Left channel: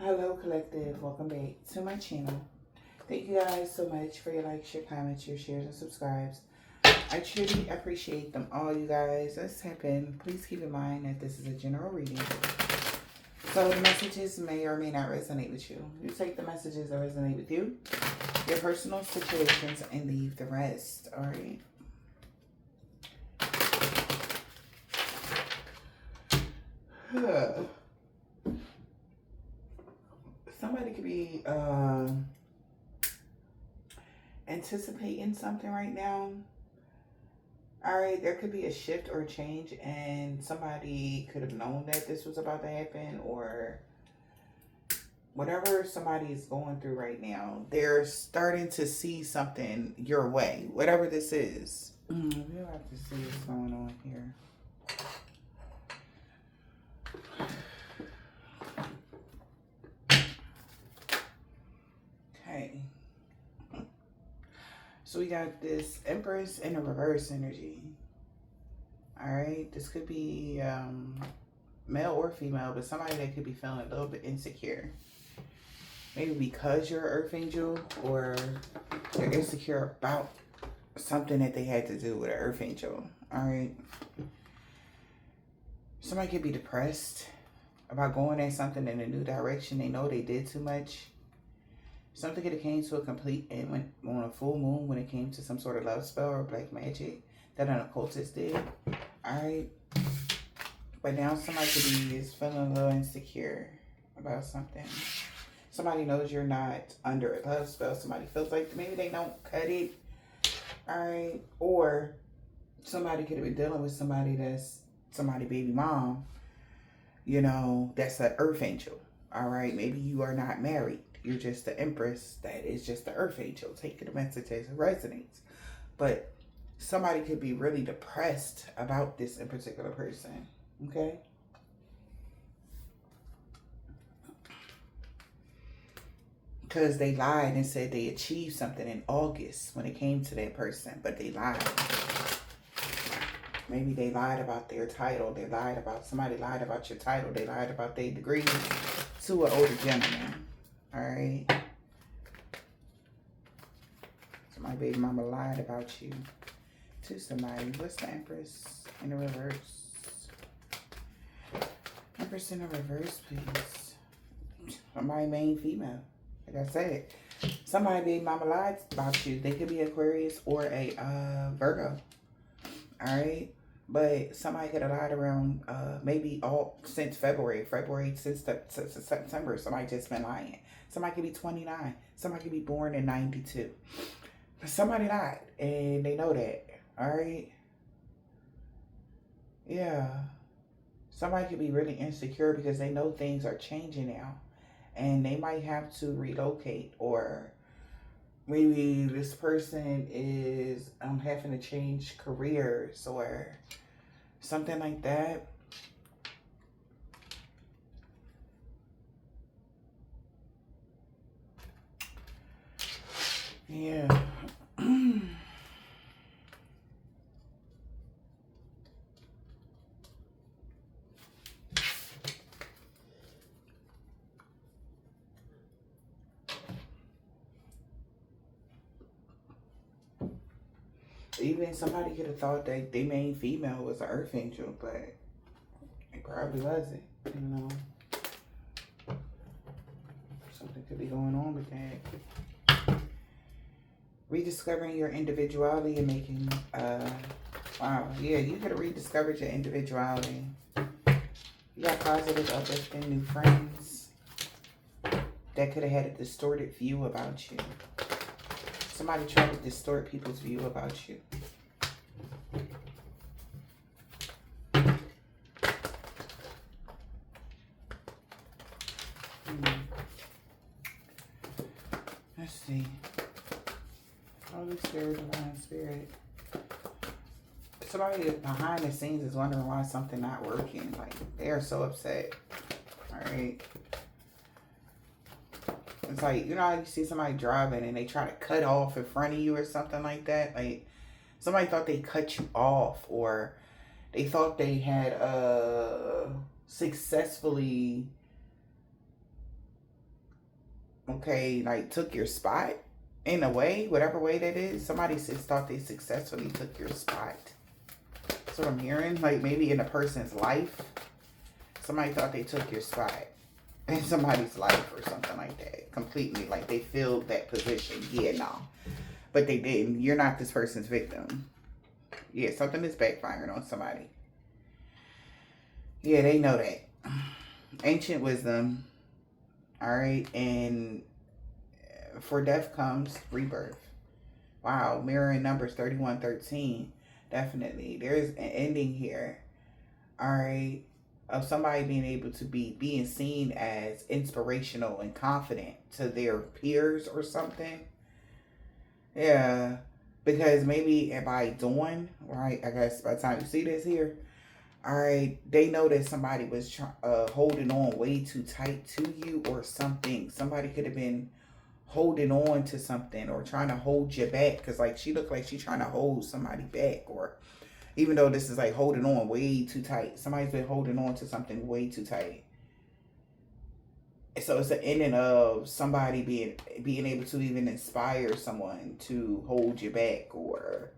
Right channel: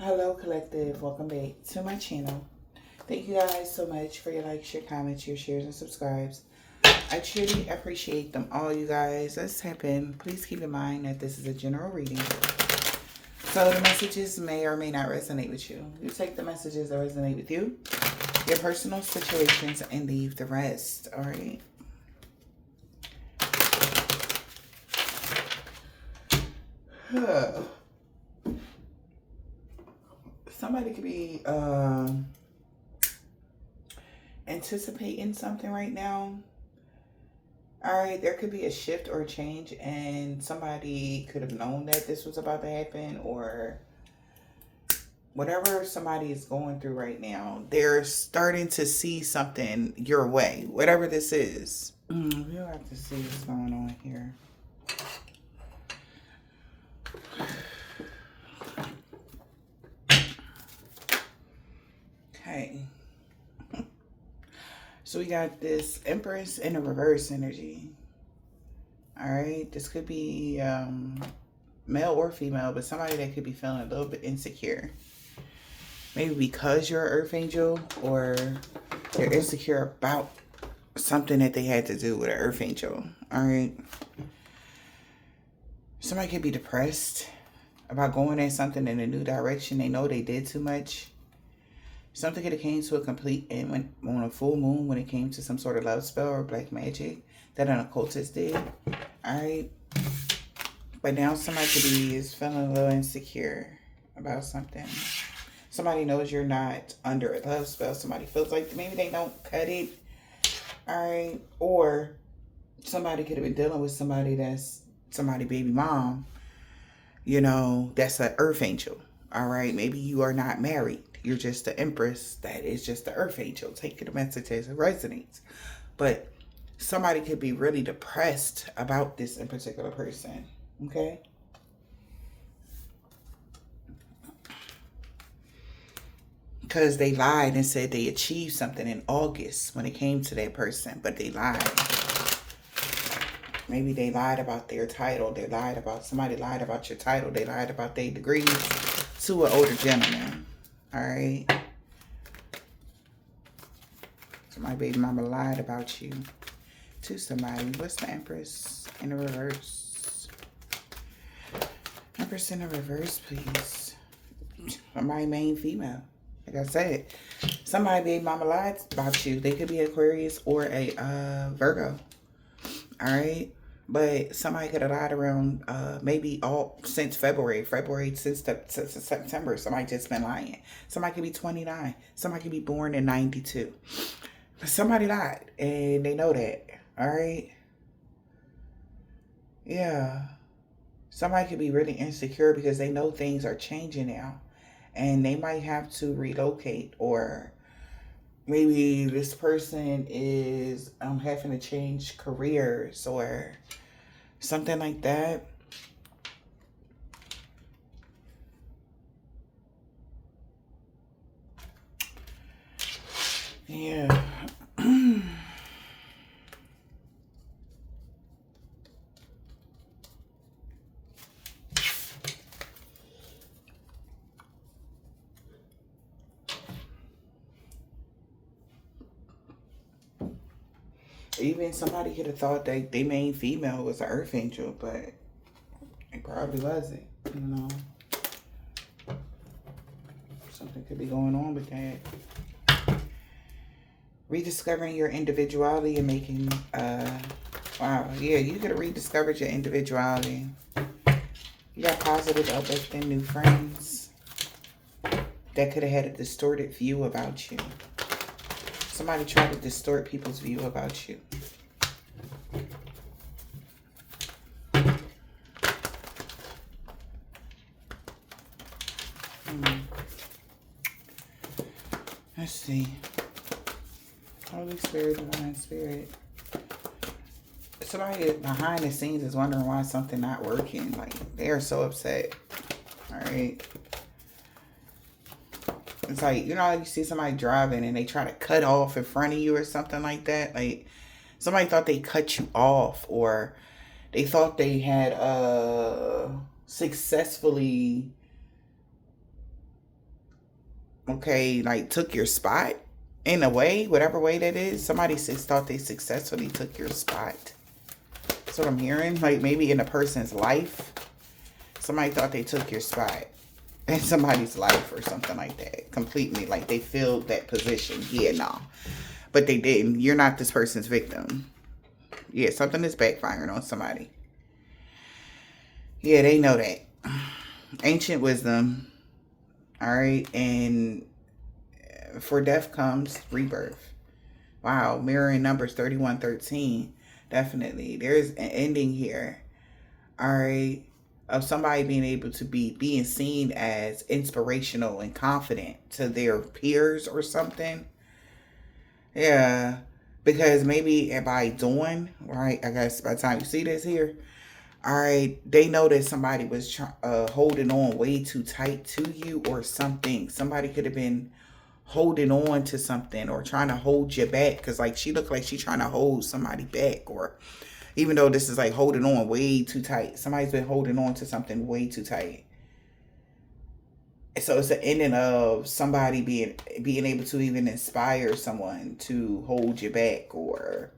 Hello, collective. Welcome back to my channel. Thank you guys so much for your likes, your comments, your shares, and subscribes. I truly appreciate them all, you guys. Let's tap in. Please keep in mind that this is a general reading. So the messages may or may not resonate with you. You take the messages that resonate with you, your personal situations, and leave the rest. All right. Somebody could be anticipating something right now. All right, there could be a shift or a change, and somebody could have known that this was about to happen, or whatever somebody is going through right now, they're starting to see something your way, whatever this is. We'll have to see what's going on here. Okay. So we got this Empress in a reverse energy. All right. This could be male or female, but somebody that could be feeling a little bit insecure. Maybe because you're an earth angel, or they're insecure about something that they had to do with an earth angel. All right. Somebody could be depressed about going at something in a new direction. They know they did too much. Something could have came to a complete end when, on a full moon, when it came to some sort of love spell or black magic that an occultist did. All right. But now somebody could be is feeling a little insecure about something. Somebody knows you're not under a love spell. Somebody feels like maybe they don't cut it. All right. Or somebody could have been dealing with somebody that's somebody baby mom. You know, that's an earth angel. All right. Maybe you are not married. You're just the Empress that is just the earth angel. Taking the message as it resonates. But somebody could be really depressed about this in particular person. Okay. Because they lied and said they achieved something in August when it came to that person, but they lied. Maybe they lied about their title. They lied about, somebody lied about your title. They lied about their degrees to an older gentleman. All right. So my baby mama lied about you to somebody. What's the Empress in the reverse? Empress in the reverse, please. My main female. Like I said, somebody baby mama lied about you. They could be Aquarius or a Virgo. All right. But somebody could have lied around maybe all since February since September. Somebody just been lying. Somebody could be 29. Somebody could be born in 92. But somebody lied and they know that. All right. Yeah. Somebody could be really insecure because they know things are changing now. And they might have to relocate, or maybe this person is having to change careers or something like that. Yeah. Even somebody could have thought that they main female was an earth angel, but it probably wasn't, you know. Something could be going on with that. Rediscovering your individuality and making, wow, yeah, you could have rediscovered your individuality. You got positive, uplifting new friends that could have had a distorted view about you. Somebody tried to distort people's view about you. Let's see. Holy Spirit, Divine Spirit. Somebody behind the scenes is wondering why something not working. Like, they are so upset. All right. It's like, you know how you see somebody driving and they try to cut off in front of you or something like that? Like, somebody thought they cut you off, or they thought they had successfully okay, like took your spot in a way, whatever way that is. Somebody says thought they successfully took your spot. That's what I'm hearing. Like maybe in a person's life, somebody thought they took your spot in somebody's life or something like that. Completely, like they filled that position. Yeah, no. But they didn't. You're not this person's victim. Yeah, something is backfiring on somebody. Yeah, they know that. Ancient wisdom. All right. And for death comes rebirth. Wow. Mirroring numbers 3113. Definitely. There's an ending here. All right. Of somebody being able to being seen as inspirational and confident to their peers or something. Yeah. Because maybe by doing, right, I guess by the time you see this here, all right, they know that somebody was holding on way too tight to you or something. Somebody could have been holding on to something or trying to hold you back. Because, like, she looked like she's trying to hold somebody back. Or even though this is, like, holding on way too tight. Somebody's been holding on to something way too tight. So it's the ending of somebody being able to even inspire someone to hold you back or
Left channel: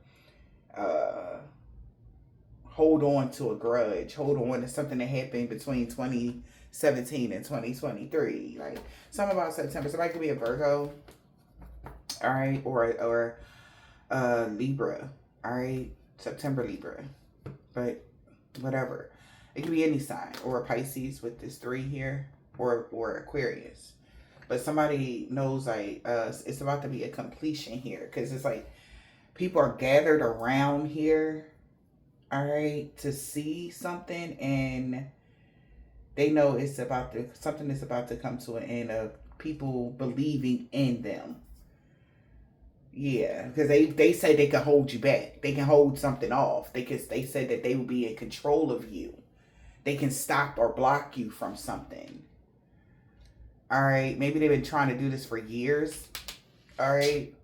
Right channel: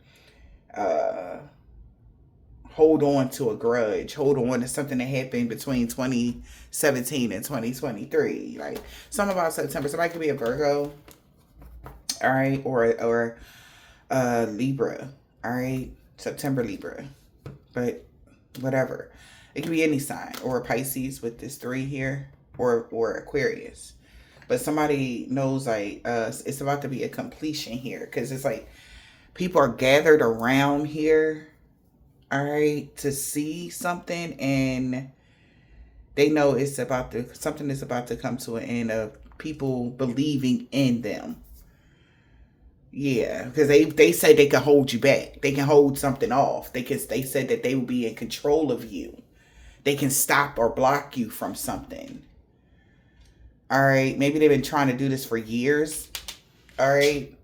hold on to a grudge, hold on to something that happened between 2017 and 2023. Like something about September. Somebody could be a Virgo, all right, or Libra, all right, September Libra, but whatever. It could be any sign or a Pisces with this 3 here. Or Aquarius, but somebody knows like it's about to be a completion here because it's like people are gathered around here, all right, to see something, and they know it's about to something is about to come to an end of people believing in them. Yeah, because they say they can hold you back, they can hold something off, they said that they will be in control of you, they can stop or block you from something. All right, maybe they've been trying to do this for years. All right,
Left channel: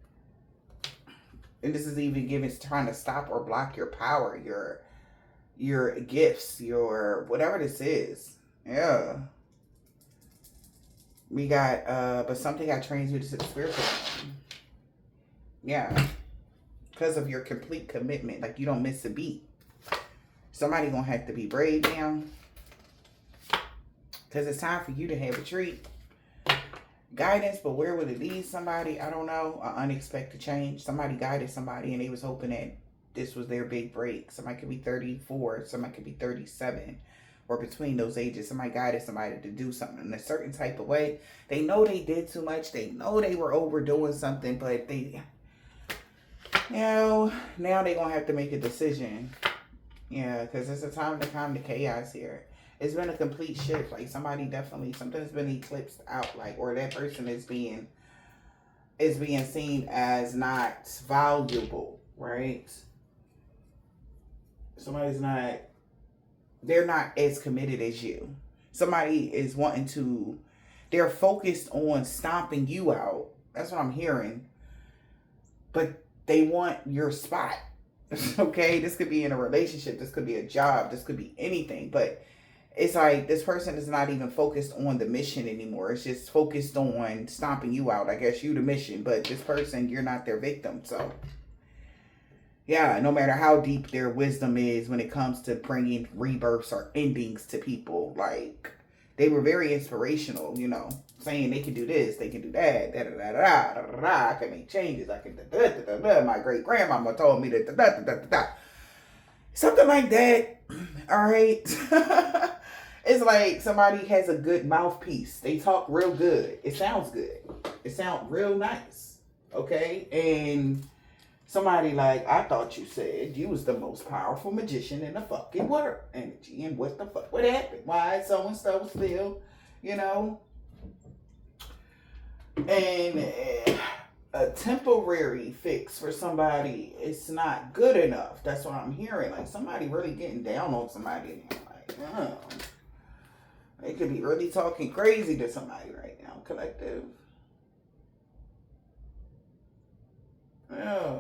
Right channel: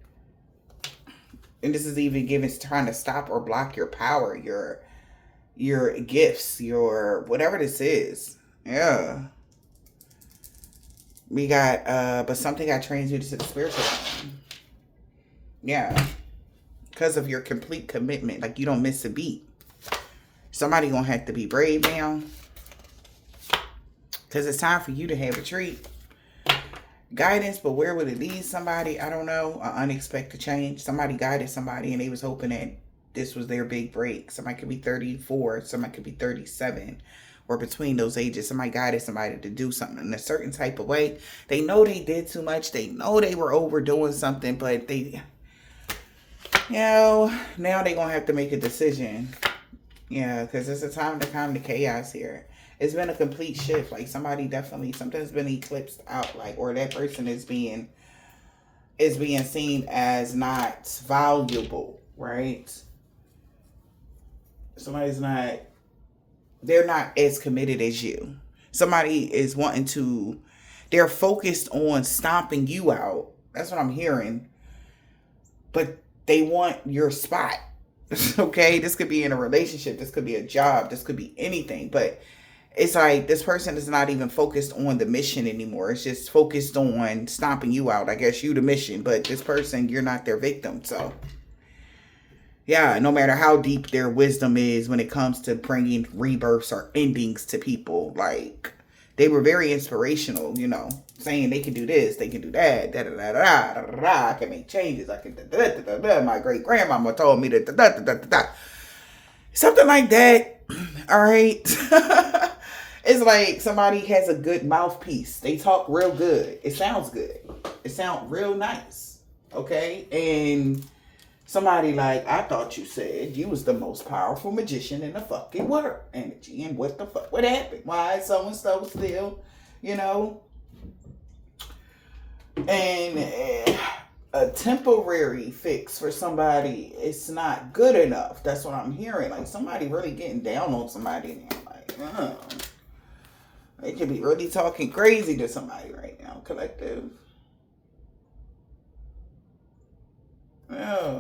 and this is even trying to stop or block your power, your gifts, your whatever this is. Yeah, we got but something got transmuted to the spiritual realm. Yeah, because of your complete commitment, like you don't miss a beat. Somebody gonna have to be brave now, because it's time for you to have a treat. Guidance, but where would it lead somebody? I don't know. An unexpected change. Somebody guided somebody and they was hoping that this was their big break. Somebody could be 34, somebody could be 37, or between those ages. Somebody guided somebody to do something in a certain type of way. They know they did too much. They know they were overdoing something, but they, now they're going to have to make a decision. Yeah, because it's a time to calm the chaos here. It's been a complete shift. Like something's been eclipsed out, like, or that person is being seen as not valuable, right? They're not as committed as you. Somebody is they're focused on stomping you out. That's what I'm hearing. But they want your spot. Okay? This could be in a relationship. This could be a job. This could be anything. But it's like this person is not even focused on the mission anymore. It's just focused on stomping you out. I guess you the mission, but this person, you're not their victim. So, yeah, no matter how deep their wisdom is when it comes to bringing rebirths or endings to people, like they were very inspirational, saying they can do this, they can do that, da da da da da da. I can make changes. I can da da da da da. My great grandmama told me that da da da da da. Something like that. All right. It's like somebody has a good mouthpiece. They talk real good. It sounds good. It sounds real nice. Okay? And somebody like, I thought you said you was the most powerful magician in the fucking world. Energy. And what the fuck? What happened? Why is so-and-so still, And a temporary fix for somebody, it's not good enough. That's what I'm hearing. Like somebody really getting down on somebody. And I'm like, oh. They could be really talking crazy to somebody right now, collective. Yeah.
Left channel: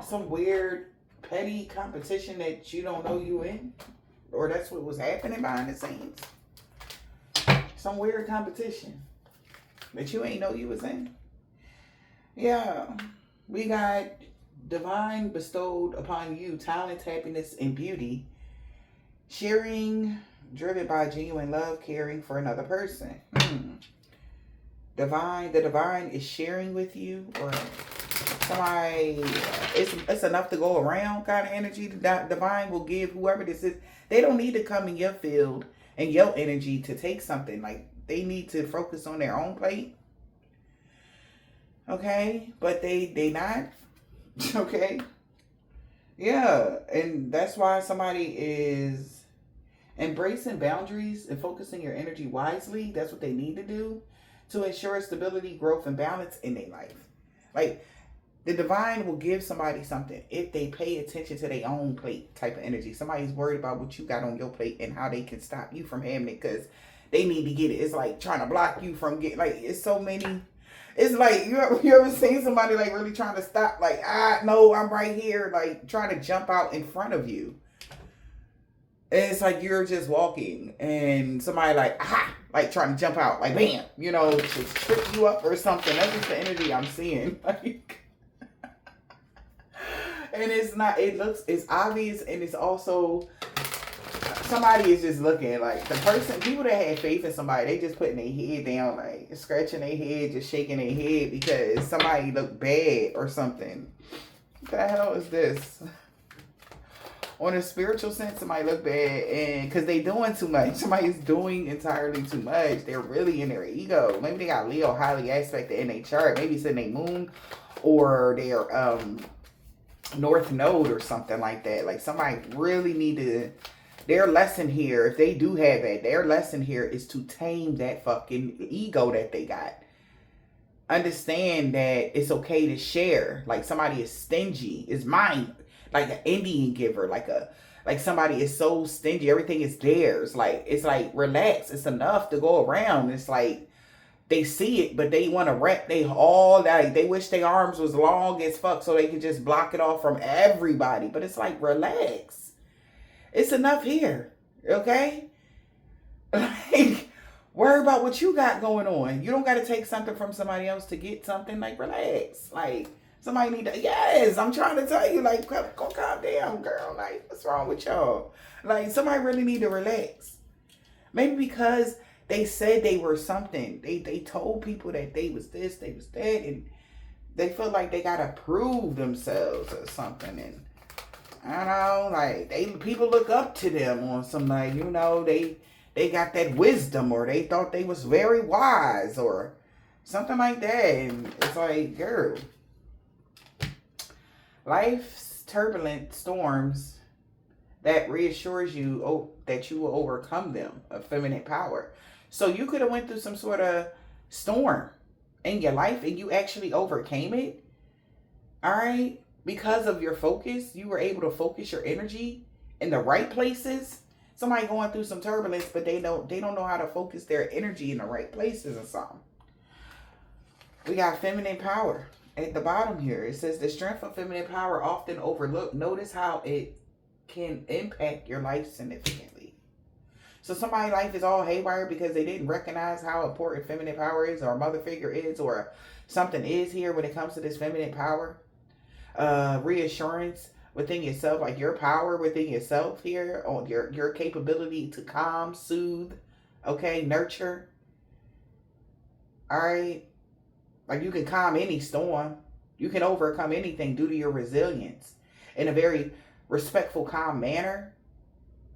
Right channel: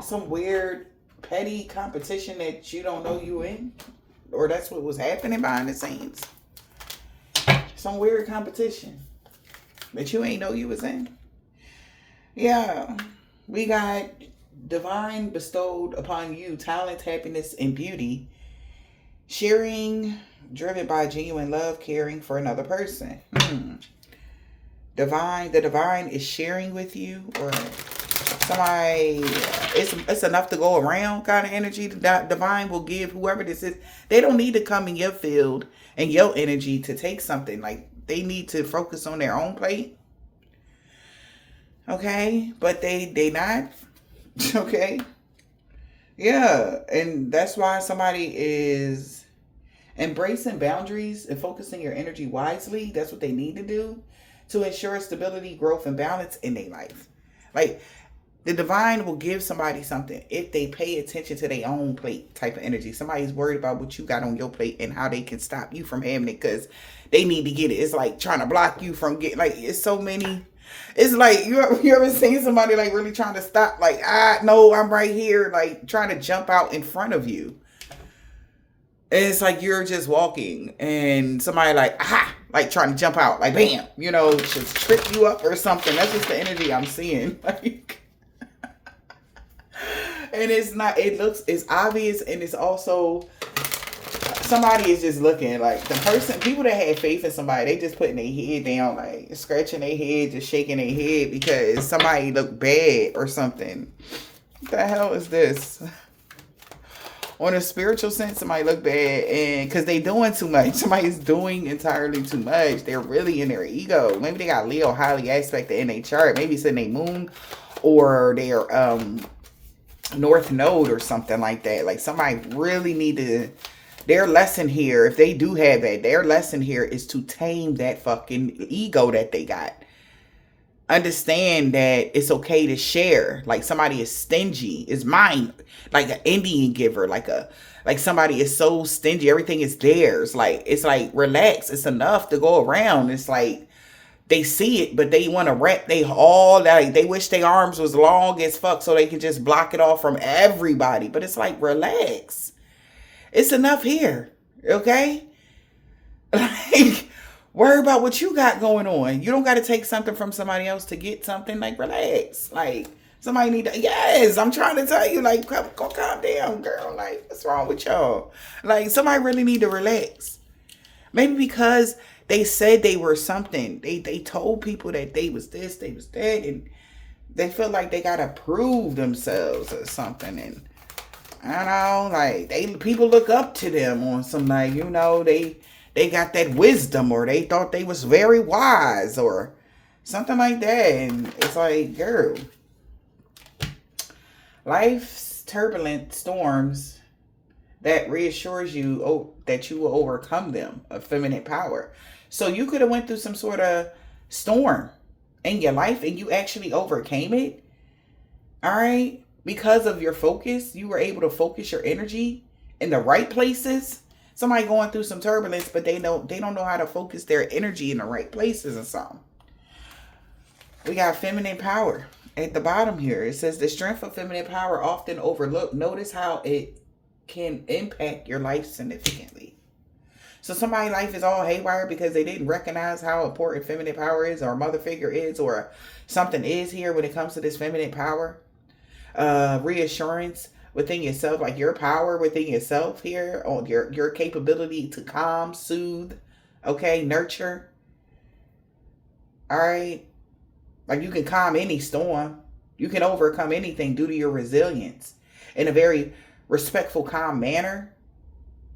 Some weird, petty competition that you don't know you in. Or that's what was happening behind the scenes. Some weird competition. that you ain't know you was in. Yeah. We got divine bestowed upon you talent, happiness, and beauty. Sharing, driven by genuine love, caring for another person. The divine is sharing with you, or somebody, it's enough to go around kind of energy. The divine will give whoever this is. They don't need to come in your field and your energy to take something. Like, they need to focus on their own plate. Okay, but they not. Okay. Yeah, and that's why somebody is embracing boundaries and focusing your energy wisely. That's what they need to do to ensure stability, growth, and balance in their life. Like, the divine will give somebody something if they pay attention to their own plate type of energy. Somebody's worried about what you got on your plate and how they can stop you from having it because they need to get it. It's like trying to block you from getting, like, it's so many. It's like, you ever seen somebody like really trying to stop, like, no, I'm right here, like trying to jump out in front of you. And it's like you're just walking and somebody like, like trying to jump out, like, bam, just trip you up or something. That's just the energy I'm seeing. Like, and it's obvious, and it's also, somebody is just looking like people that had faith in somebody, they just putting their head down, like scratching their head, just shaking their head because somebody looked bad or something. What the hell is this? On a spiritual sense, somebody look bad, and because they doing too much. Somebody's doing entirely too much. They're really in their ego. Maybe they got Leo highly aspected in their chart. Maybe it's in their moon or their North Node or something like that. Like, somebody really need to. Their lesson here, if they do have that, their lesson here is to tame that fucking ego that they got. Understand that it's okay to share. Like, somebody is stingy, is mine, like an Indian giver, like somebody is so stingy, everything is theirs. Like, it's like, relax, it's enough to go around. It's like they see it, but they want to wrap they wish their arms was long as fuck so they can just block it off from everybody. But it's like, relax. It's enough here, okay? Like, worry about what you got going on. You don't got to take something from somebody else to get something. Like, relax. Like, somebody need to, yes, I'm trying to tell you, like, go calm down, girl. Like, what's wrong with y'all? Like, somebody really need to relax. Maybe because they said they were something. They told people that they was this, they was that, and they feel like they got to prove themselves or something. And I don't know, like, people look up to them on some, like, they got that wisdom, or they thought they was very wise or something like that. And it's like, girl, life's turbulent storms that reassures you that you will overcome them, a feminine power. So you could have went through some sort of storm in your life and you actually overcame it. All right. Because of your focus, you were able to focus your energy in the right places. Somebody going through some turbulence, but they don't know how to focus their energy in the right places or something. We got feminine power at the bottom here. It says the strength of feminine power often overlooked. Notice how it can impact your life significantly. So somebody's life is all haywire because they didn't recognize how important feminine power is, or a mother figure is, or something is here when it comes to this feminine power. Reassurance within yourself, like your power within yourself here, on your capability to calm, soothe, okay, nurture. All right, like, you can calm any storm, you can overcome anything due to your resilience in a very respectful, calm manner.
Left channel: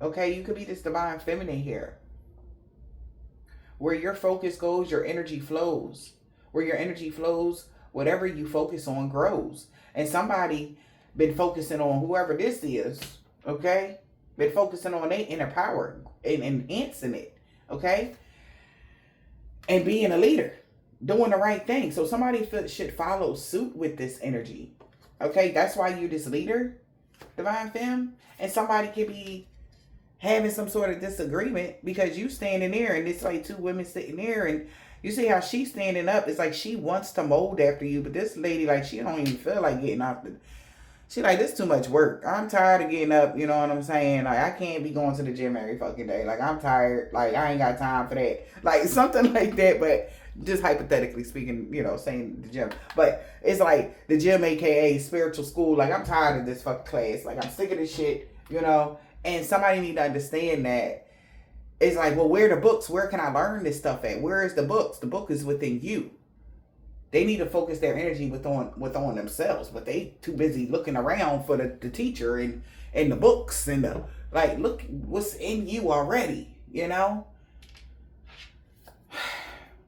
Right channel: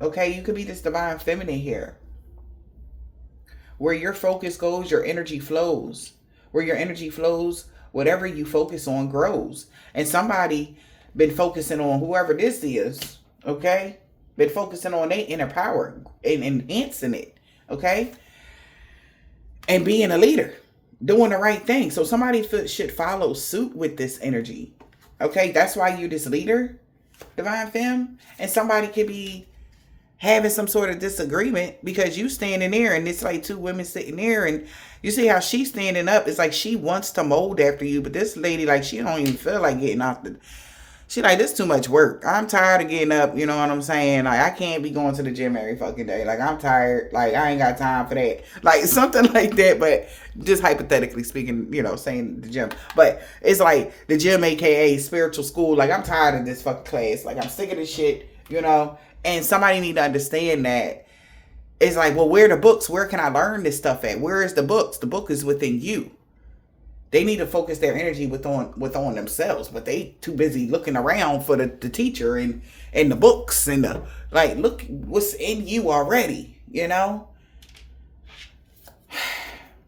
Okay, you could be this divine feminine here. Where your focus goes, your energy flows. Where your energy flows, whatever you focus on grows. And somebody been focusing on, whoever this is, okay, been focusing on their inner power and enhancing it, okay, and being a leader, doing the right thing. So somebody should follow suit with this energy, okay? That's why you're this leader, divine femme. And somebody could be having some sort of disagreement because you standing there, and it's like two women sitting there, and you see how she's standing up. It's like she wants to mold after you, but this lady, like, she don't even feel like getting out She like, this too much work. I'm tired of getting up. You know what I'm saying? Like, I can't be going to the gym every fucking day. Like, I'm tired. Like, I ain't got time for that. Like, something like that. But just hypothetically speaking, you know, saying the gym. But it's like the gym, aka spiritual school. Like, I'm tired of this fucking class. Like, I'm sick of this shit, you know? And somebody need to understand that. It's like, well, where are the books? Where can I learn this stuff at? Where is the books? The book is within you. They need to focus their energy with on themselves, but they too busy looking around for the teacher and the books and the, like, look what's in you already, you know?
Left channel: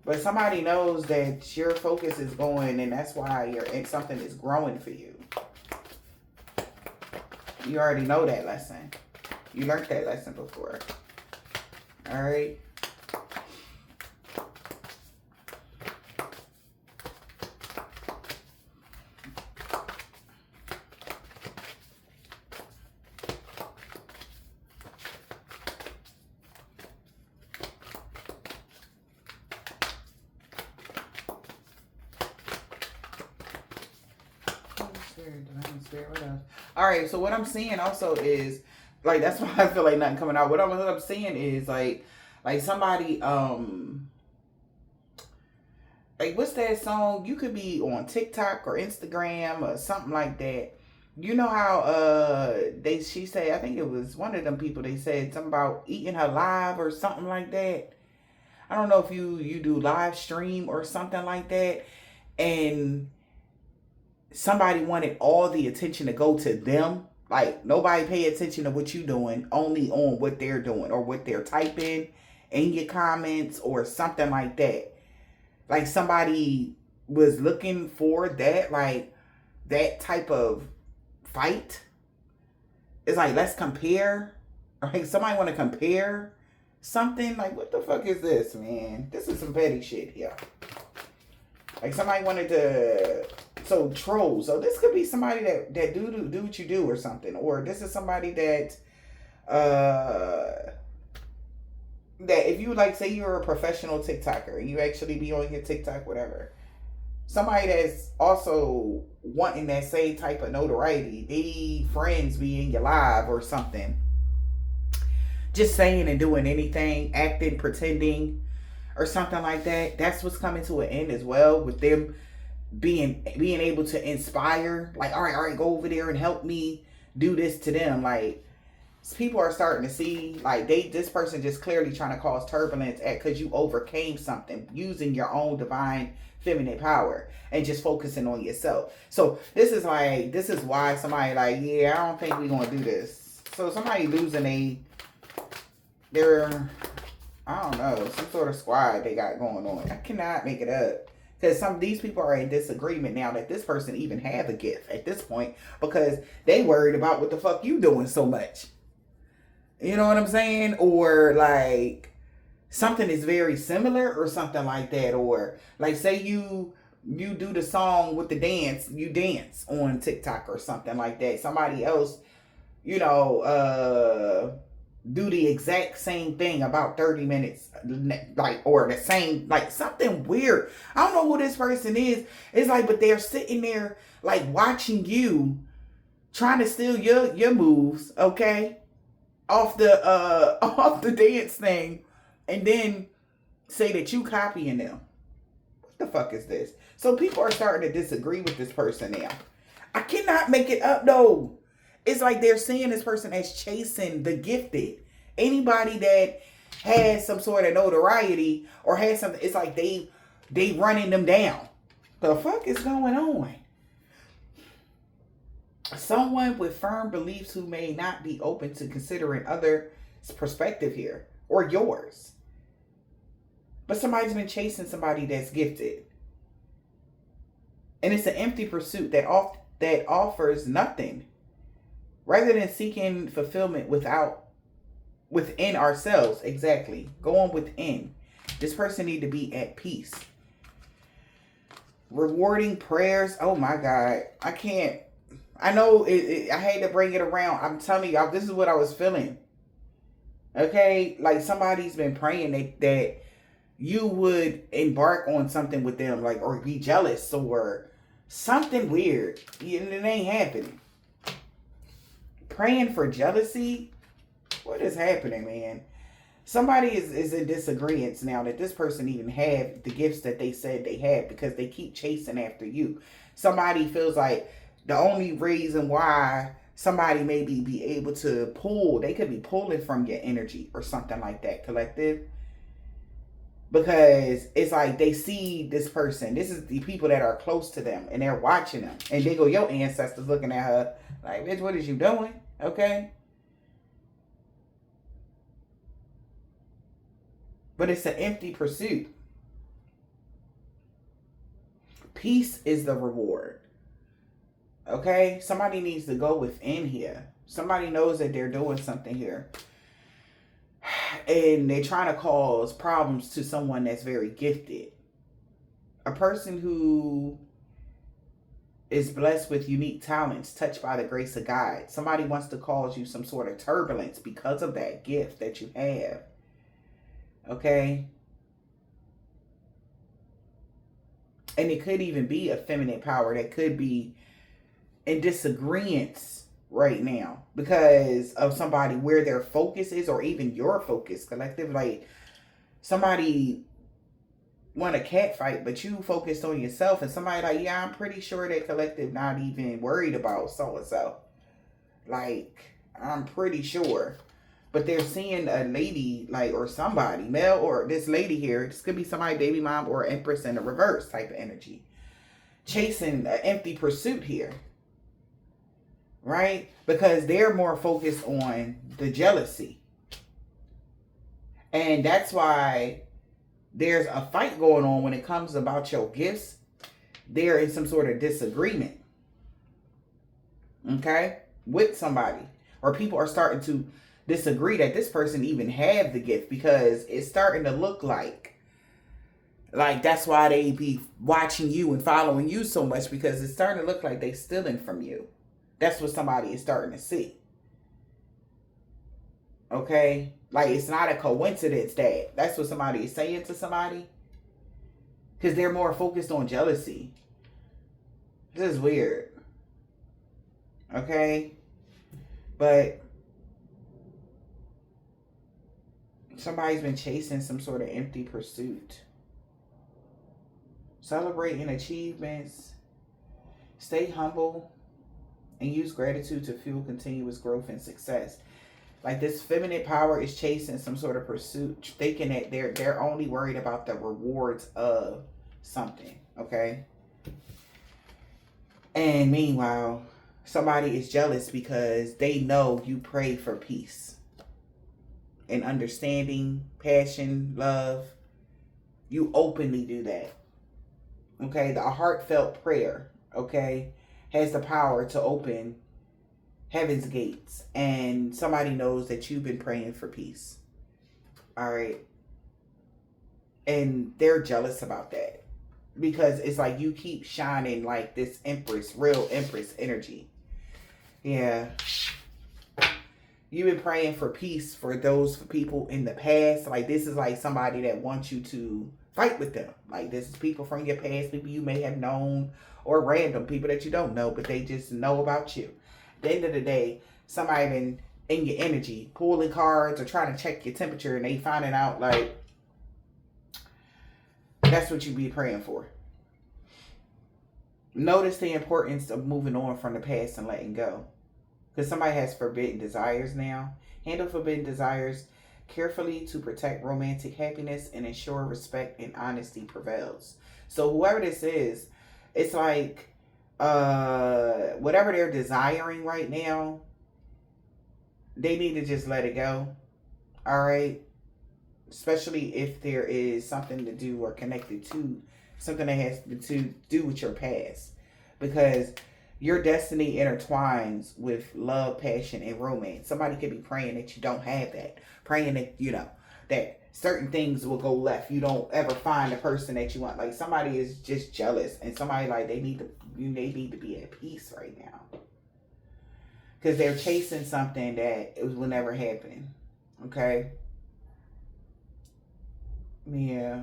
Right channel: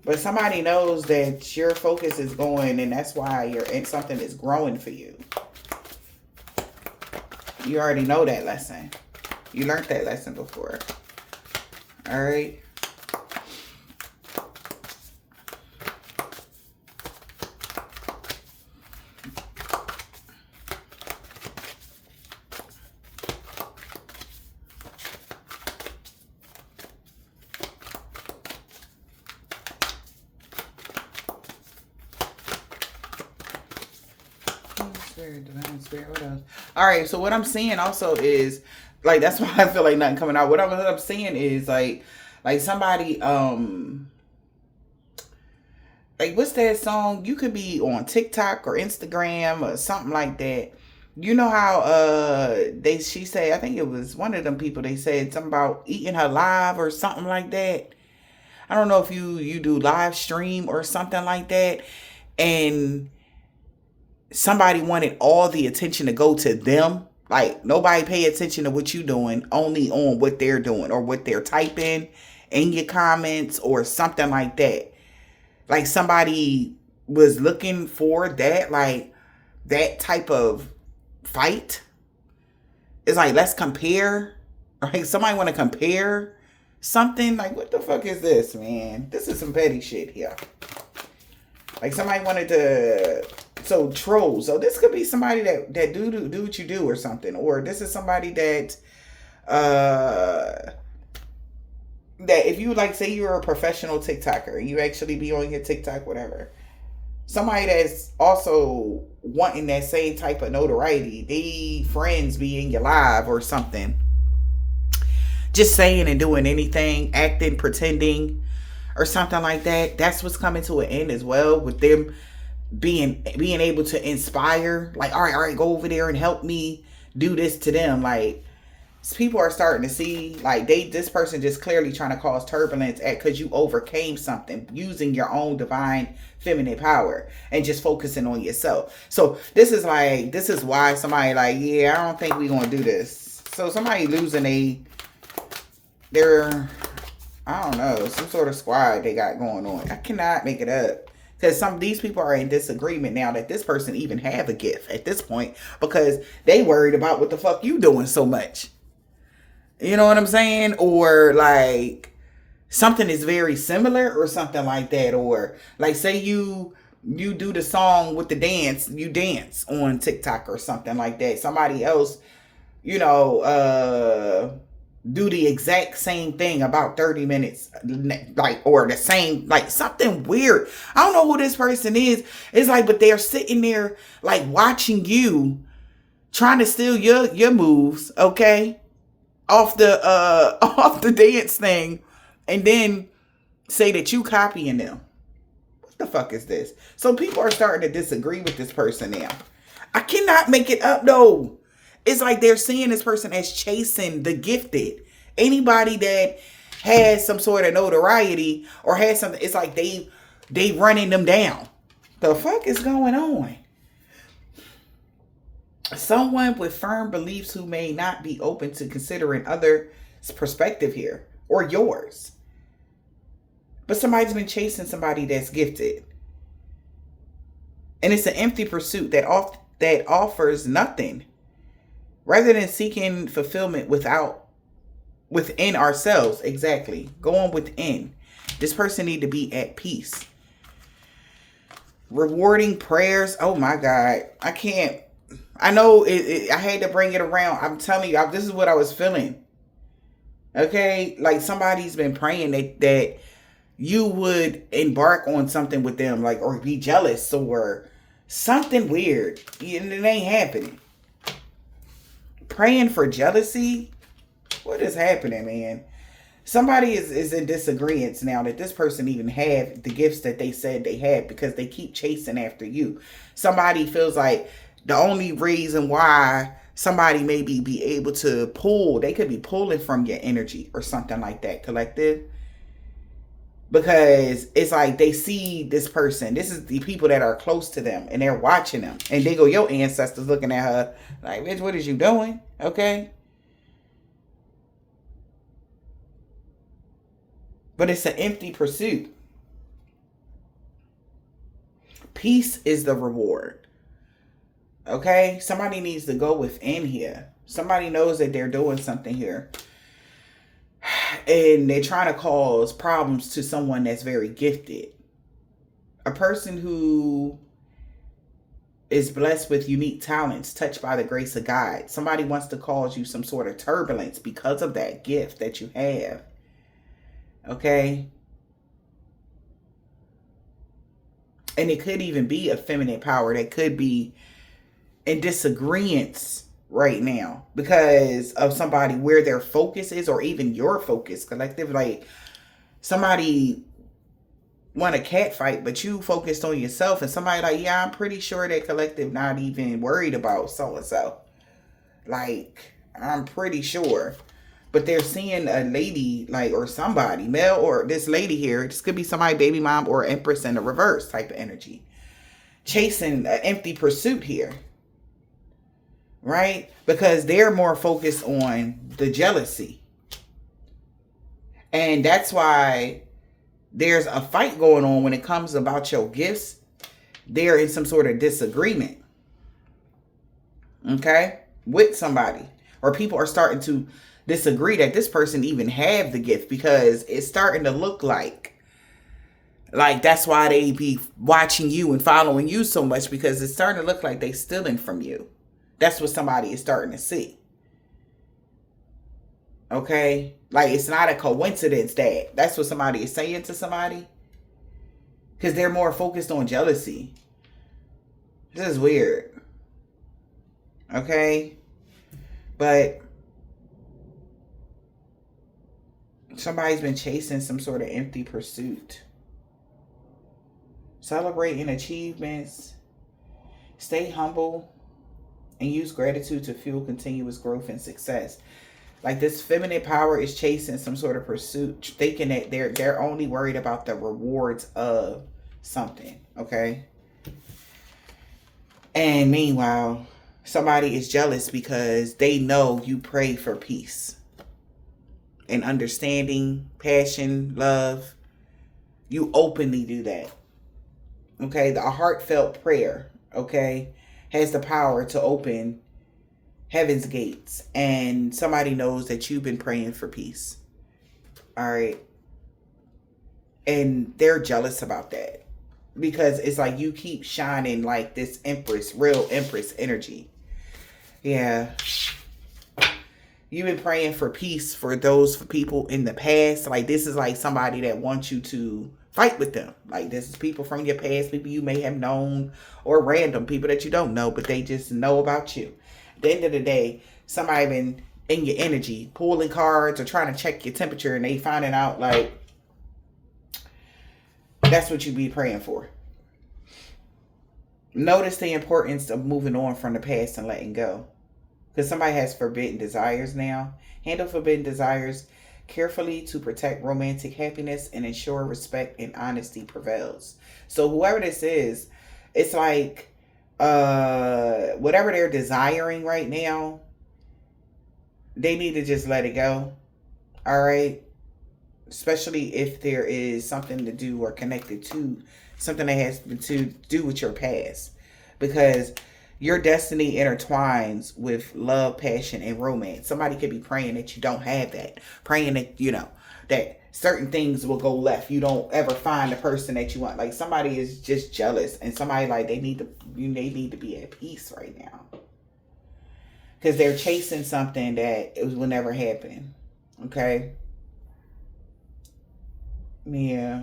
But somebody knows that your focus is going, and that's why something is growing for you. You already know that lesson. You learned that lesson before. All right. Spirit, what else? All right, so what I'm seeing also is, like, that's why I feel like nothing coming out. What I'm seeing is like somebody, like, what's that song? You could be on TikTok or Instagram or something like that. You know how she said, I think it was one of them people, they said something about eating her live or something like that. I don't know if you do live stream or something like that, and somebody wanted all the attention to go to them. Like, nobody pay attention to what you doing, only on what they're doing or what they're typing in your comments or something like that. Like, somebody was looking for that, like, that type of fight. It's like, let's compare. Like, somebody want to compare something. Like, what the fuck is this, man? This is some petty shit here. Like, somebody wanted to, so trolls. So this could be somebody that do what you do or something. Or this is somebody that if you, like, say you're a professional TikToker and you actually be on your TikTok, whatever. Somebody that's also wanting that same type of notoriety. They friends be in your live or something. Just saying and doing anything, acting, pretending, or something like that. That's what's coming to an end as well, with them being able to inspire. Like, all right, go over there and help me do this to them. Like, people are starting to see, like, this person just clearly trying to cause turbulence because you overcame something using your own divine feminine power and just focusing on yourself. So this is why somebody like, yeah, I don't think we're gonna do this. So somebody losing their, I don't know, some sort of squad they got going on. I cannot make it up. Because these people are in disagreement now that this person even have a gift at this point, because they worried about what the fuck you doing so much. You know what I'm saying? Or like something is very similar or something like that. Or like, say you do the song with the dance, you dance on TikTok or something like that. Somebody else, you know, do the exact same thing about 30 minutes, like, or the same, like, something weird. I don't know who this person is. It's like, but they're sitting there like watching you, trying to steal your moves, okay, off the dance thing, and then say that you copying them. What the fuck is this? So people are starting to disagree with this person now. I cannot make it up though. It's like they're seeing this person as chasing the gifted. Anybody that has some sort of notoriety or has something, it's like they running them down. The fuck is going on? Someone with firm beliefs who may not be open to considering others' perspective here or yours. But somebody's been chasing somebody that's gifted. And it's an empty pursuit that offers nothing. Rather than seeking fulfillment within ourselves, exactly. Going within. This person need to be at peace. Rewarding prayers. Oh my God. I can't. I know I had to bring it around. I'm telling you, this is what I was feeling. Okay? Like somebody's been praying that you would embark on something with them, like, or be jealous or something weird. And it ain't happening. praying for jealousy. What is happening, man? Somebody is in disagreement now that this person even had the gifts that they said they had, because they keep chasing after you. Somebody feels like the only reason why somebody maybe be able to pull, they could be pulling from your energy or something like that, collective. Because it's like they see this person. This is the people that are close to them, and they're watching them. And they go, your ancestors looking at her like, bitch, what is you doing? Okay? But it's an empty pursuit. Peace is the reward. Okay? Somebody needs to go within here. Somebody knows that they're doing something here. And they're trying to cause problems to someone that's very gifted. A person who is blessed with unique talents, touched by the grace of God. Somebody wants to cause you some sort of turbulence because of that gift that you have. Okay? And it could even be a feminine power that could be in disagreements right now because of somebody, where their focus is, or even your focus, collective. Like, somebody want a cat fight, but you focused on yourself, and somebody like, yeah, I'm pretty sure that collective not even worried about so and so. Like, I'm pretty sure. But they're seeing a lady, like, or somebody, male, or this lady here, this could be somebody, baby mom, or empress in the reverse type of energy, chasing an empty pursuit here. Right? Because they're more focused on the jealousy. And that's why there's a fight going on when it comes about your gifts. They're in some sort of disagreement. Okay? With somebody. Or people are starting to disagree that this person even have the gift, because it's starting to look like that's why they be watching you and following you so much, because it's starting to look like they stealing from you. That's what somebody is starting to see. Okay? Like, it's not a coincidence that that's what somebody is saying to somebody. Because they're more focused on jealousy. This is weird. Okay? But somebody's been chasing some sort of empty pursuit. Celebrating achievements. Stay humble. And use gratitude to fuel continuous growth and success. Like, this feminine power is chasing some sort of pursuit, thinking that they're only worried about the rewards of something. Okay? And meanwhile, somebody is jealous because they know you pray for peace and understanding, passion, love. You openly do that. Okay? The heartfelt prayer, okay, has the power to open heaven's gates. And somebody knows that you've been praying for peace. All right? And they're jealous about that. Because it's like you keep shining like this empress, real empress energy. Yeah. You've been praying for peace for people in the past. Like, this is like somebody that wants you to fight with them. Like, this is people from your past, people you may have known, or random people that you don't know, but they just know about you. At the end of the day, somebody been in your energy, pulling cards or trying to check your temperature, and they finding out, like, that's what you be praying for. Notice the importance of moving on from the past and letting go. Because somebody has forbidden desires now. Handle forbidden desires carefully to protect romantic happiness and ensure respect and honesty prevails. So whoever this is, it's like whatever they're desiring right now, they need to just let it go. All right? Especially if there is something to do or connected to something that has to do with your past. Because your destiny intertwines with love, passion, and romance. Somebody could be praying that you don't have that. Praying that, that certain things will go left. You don't ever find the person that you want. Like, somebody is just jealous. And somebody, like, they need to be at peace right now. Because they're chasing something that will never happen. Okay? Yeah.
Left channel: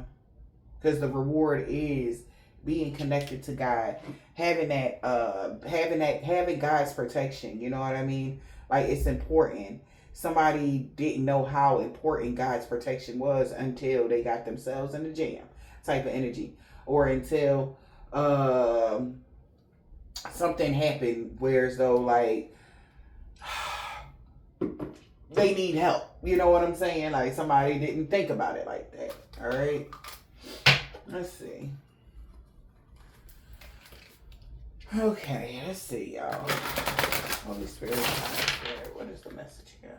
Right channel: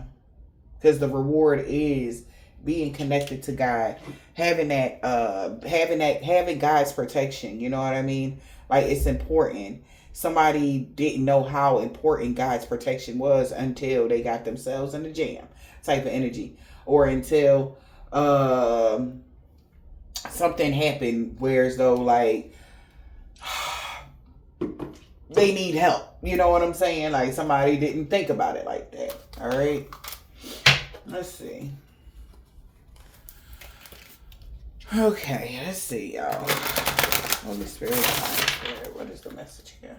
Because the reward is being connected to God, having God's protection, you know what I mean? Like, it's important. Somebody didn't know how important God's protection was until they got themselves in the jam type of energy. Or until something happened where as though like they need help. You know what I'm saying? Like somebody didn't think about it like that. All right. Let's see. Okay, let's see, y'all. Holy Spirit, what is the message here?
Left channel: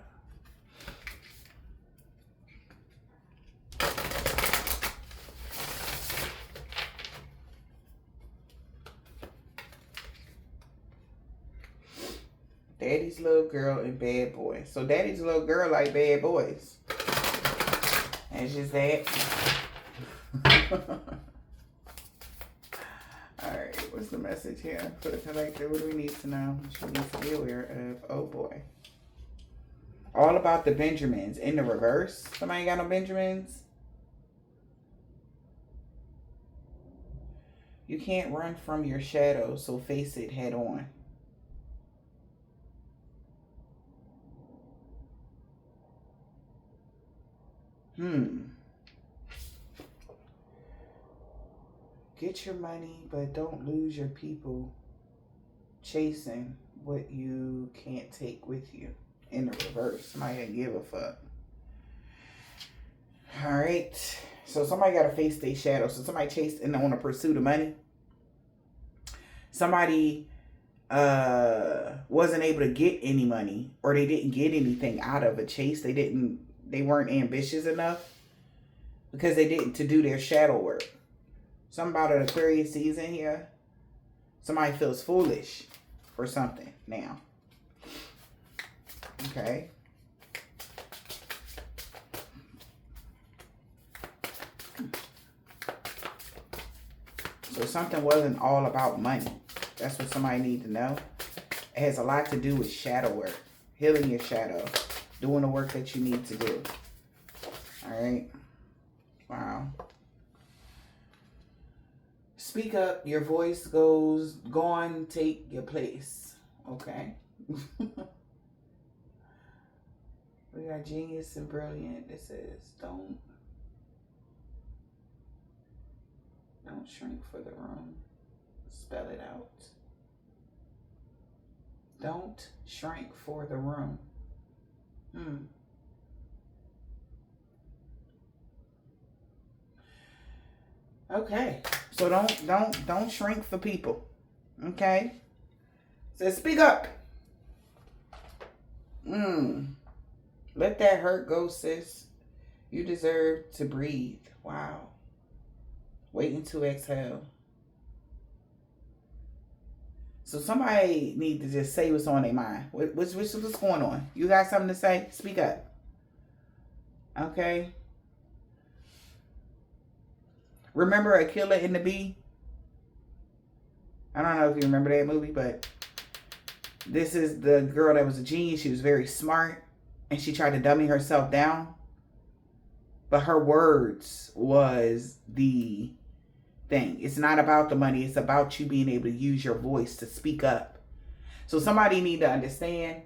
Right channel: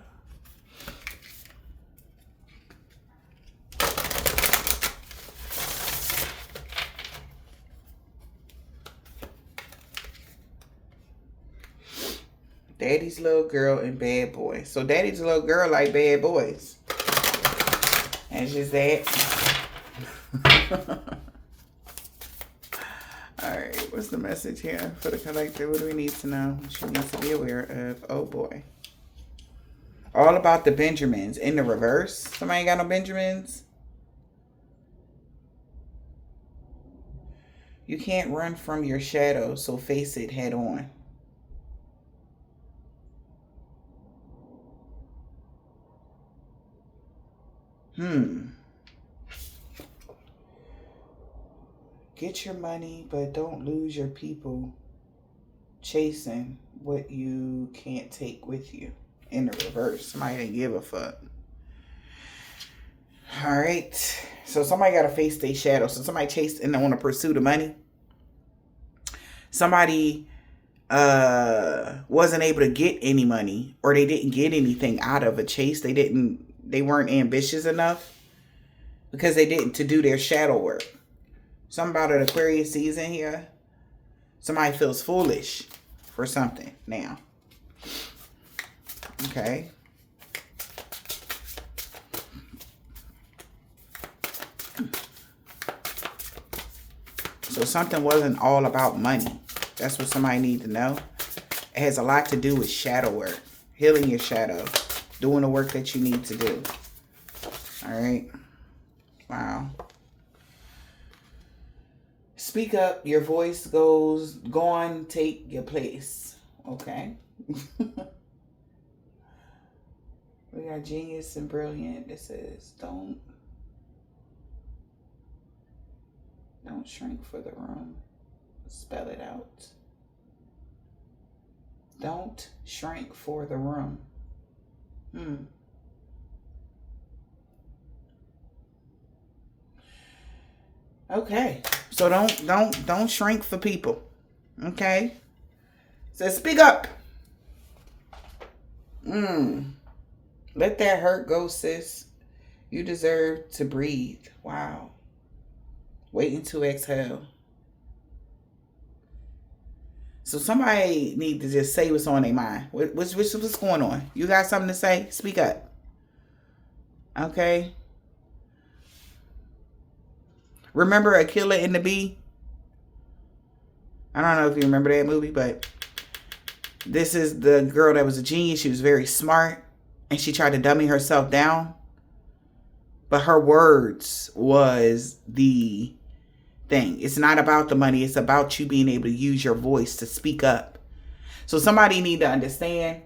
Daddy's little girl and bad boy. So daddy's little girl like bad boys. That's just that. Alright, what's the message here for the collective? What do we need to know? She needs to be aware of. Oh boy. All about the Benjamins. In the reverse. Somebody ain't got no Benjamins? You can't run from your shadow, so face it head on. Get your money, but don't lose your people chasing what you can't take with you. In the reverse. Somebody ain't give a fuck. Alright. So somebody got to face their shadow. So somebody chased and on a pursuit of money. Somebody wasn't able to get any money, or they didn't get anything out of a chase. They weren't ambitious enough because they didn't to do their shadow work. Something about an Aquarius season here. Somebody feels foolish for something now. Okay. So something wasn't all about money. That's what somebody needs to know. It has a lot to do with shadow work. Healing your shadow. Doing the work that you need to do. All right. Wow. Speak up. Your voice goes. Go on, take your place. Okay. We got genius and brilliant. It says, don't shrink for the room. Spell it out. Don't shrink for the room. Okay. So don't shrink for people. Okay. Says speak up. Let that hurt go, sis. You deserve to breathe. Wow. Waiting to exhale. So somebody need to just say what's on their mind. What's going on? You got something to say? Speak up. Okay. Remember Aquila and the Bee? I don't know if you remember that movie, but this is the girl that was a genius. She was very smart, and she tried to dummy herself down. But her words was the thing. It's not about the money. It's about you being able to use your voice to speak up. So somebody need to understand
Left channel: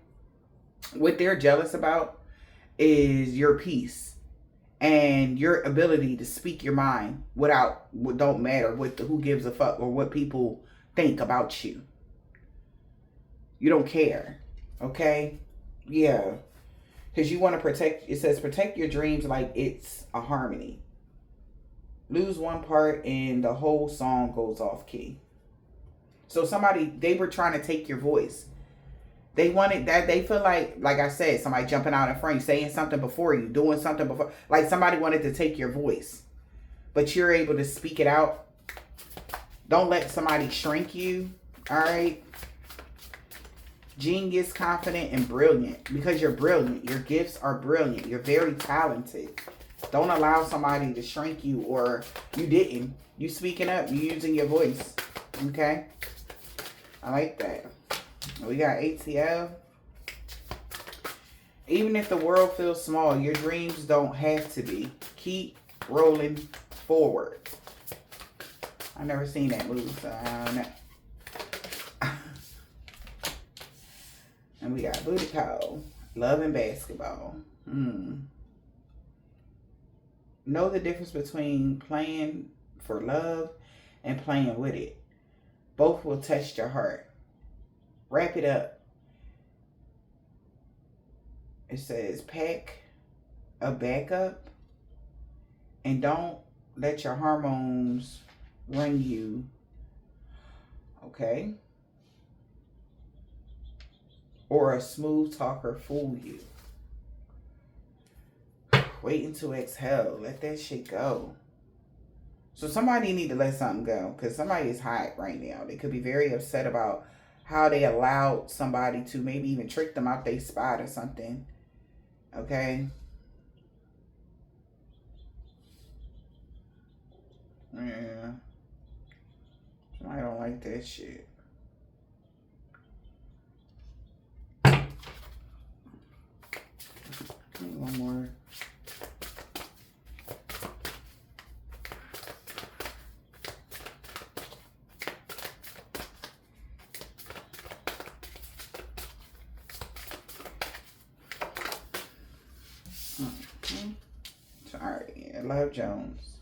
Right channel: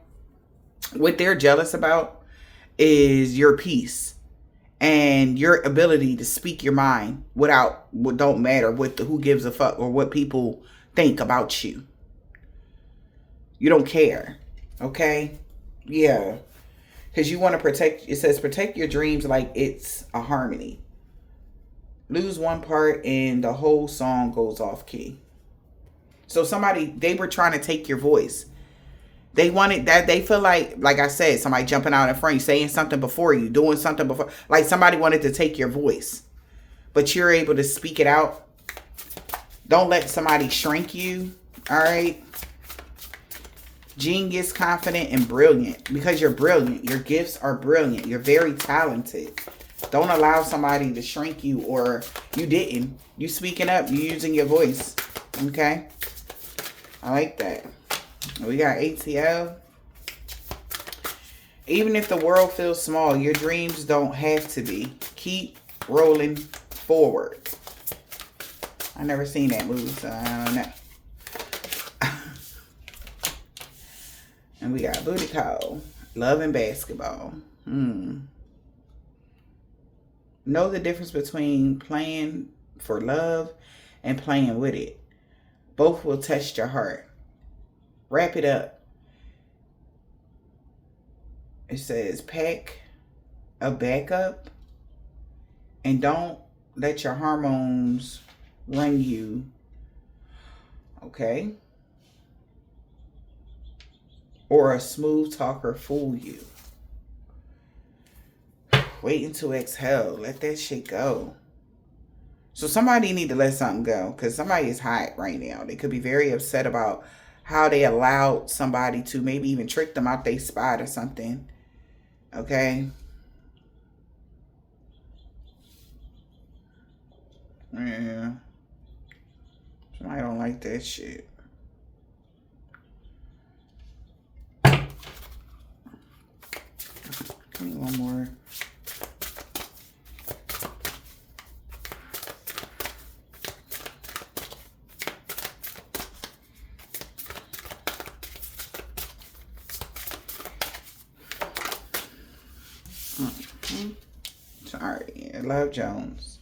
what they're jealous about is your peace and your ability to speak your mind without what don't matter what who gives a fuck or what people think about you. You don't care. Okay? Yeah. Because you want to protect, it says protect your dreams like it's a harmony. Lose one part and the whole song goes off key. So they were trying to take your voice. They wanted that. They feel like I said, somebody jumping out in front of you, saying something before you, doing something before. Like somebody wanted to take your voice. But you're able to speak it out. Don't let somebody shrink you. All right. Genius, confident, and brilliant. Because you're brilliant. Your gifts are brilliant. You're very talented. Don't allow somebody to shrink you, or you didn't. You speaking up. You using your voice. Okay? I like that. We got ATL. Even if the world feels small, your dreams don't have to be. Keep rolling forward. I never seen that movie, so I don't know. And we got booty call. Love and basketball. Know the difference between playing for love and playing with it. Both will test your heart. Wrap it up. It says pack a backup and don't let your hormones run you. Okay? Or a smooth talker fool you. Waiting to exhale. Let that shit go. So somebody need to let something go, because somebody is hot right now. They could be very upset about how they allowed somebody to maybe even trick them out their spot or something. Okay? Yeah. I don't like that shit. Give me one more. Sorry, I love Jones.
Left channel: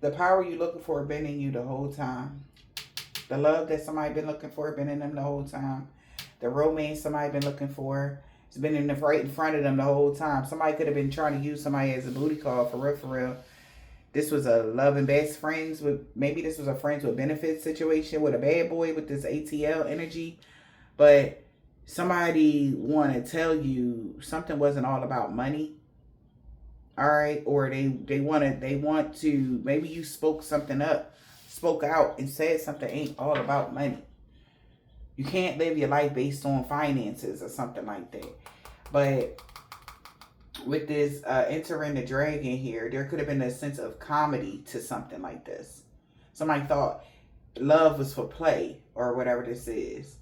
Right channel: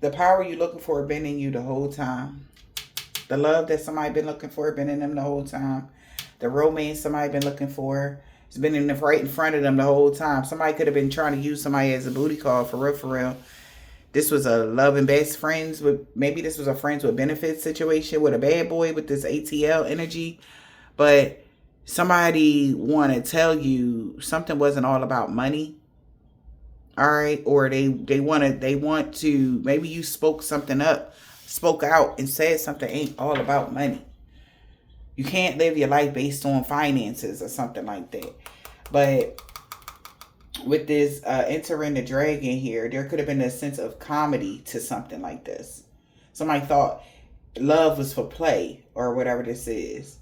The power you looking for been in you the whole time. The love that somebody been looking for been in them the whole time. The romance somebody been looking for, it's been in the, right in front of them the whole time. Somebody could have been trying to use somebody as a booty call, for real, for real. This was a love and best friends with, maybe this was a friends with benefits situation with a bad boy with this ATL energy. But somebody want to tell you something wasn't all about money. All right. Or they want to, maybe you spoke something up, spoke out and said something ain't all about money. You can't live your life based on finances or something like that. But with this entering the dragon here, there could have been a sense of comedy to something like this. Somebody thought love was for play or whatever this is.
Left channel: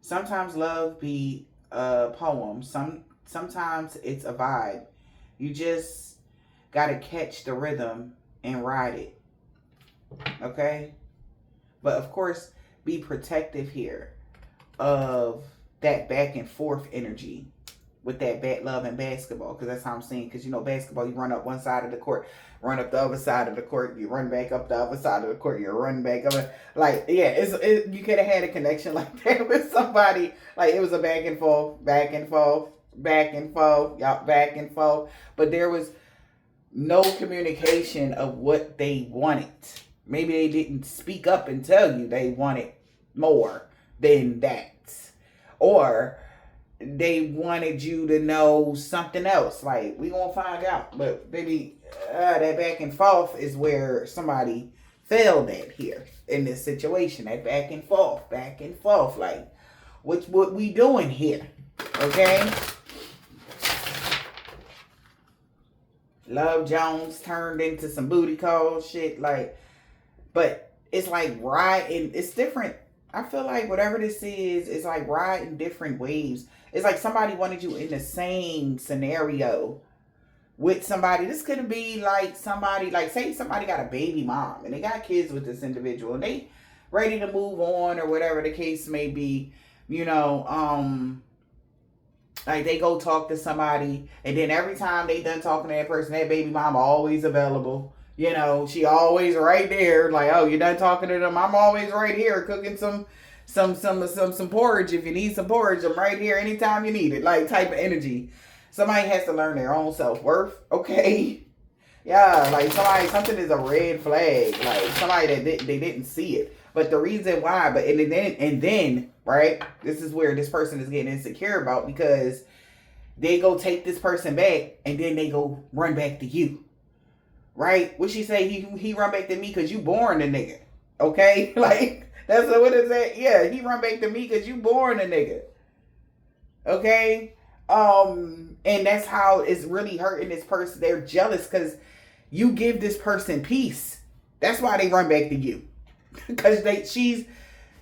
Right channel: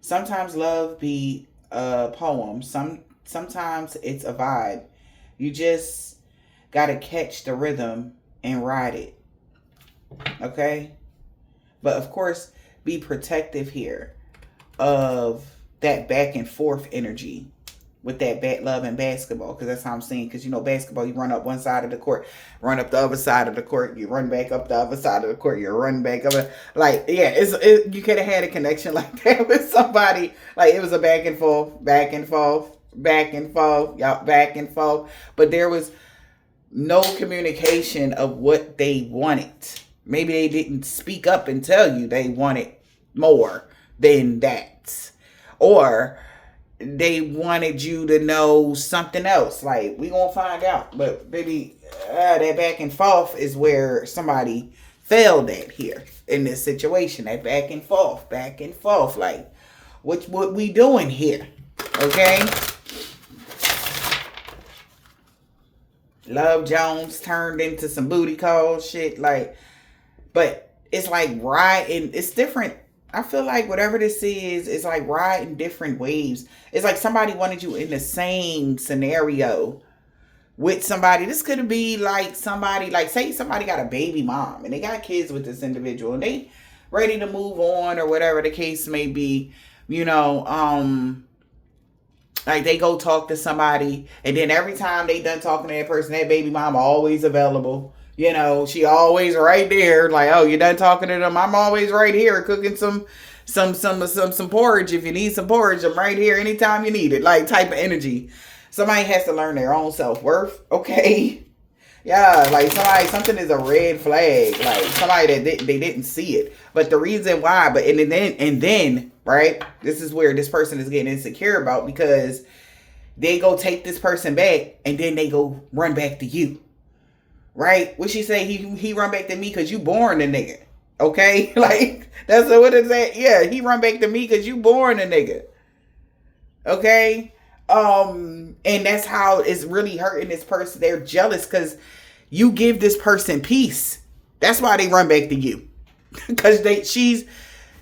Sometimes love be a poem. Sometimes it's a vibe. You just gotta catch the rhythm and ride it. Okay? But of course, be protective here of that back and forth energy with that love and basketball, because that's how I'm saying. Because you know, basketball, you run up one side of the court, run up the other side of the court, you run back up the other side of the court, you run back up. Like, yeah, you could have had a connection like that with somebody. Like, it was a back and forth, back and forth, back and forth, y'all, back and forth. But there was no communication of what they wanted. Maybe they didn't speak up and tell you they wanted more than that. Or they wanted you to know something else. Like, we gonna find out. But baby, that back and forth is where somebody failed at here in this situation. That back and forth, back and forth. Like, what we doing here? Okay? Love Jones turned into some booty call shit. Like, but it's like riding. It's different. I feel like whatever this is, it's like riding different waves. It's like somebody wanted you in the same scenario with somebody. This could be like somebody, like say somebody got a baby mom and they got kids with this individual and they ready to move on or whatever the case may be. You know, like they go talk to somebody and then every time they done talking to that person, that baby mama always available. You know, she always right there. Like, oh, you done talking to them? I'm always right here cooking some porridge. If you need some porridge, I'm right here anytime you need it. Like, type of energy. Somebody has to learn their own self-worth. Okay. Yeah, like something is a red flag. Like somebody that they didn't see it. But the reason why, and then, right? This is where this person is getting insecure about, because they go take this person back and then they go run back to you. Right? What she say? He run back to me because you born a nigga. Okay? Like, that's what it said. Yeah, he run back to me because you born a nigga. Okay? And that's how it's really hurting this person. They're jealous because you give this person peace. That's why they run back to you. Because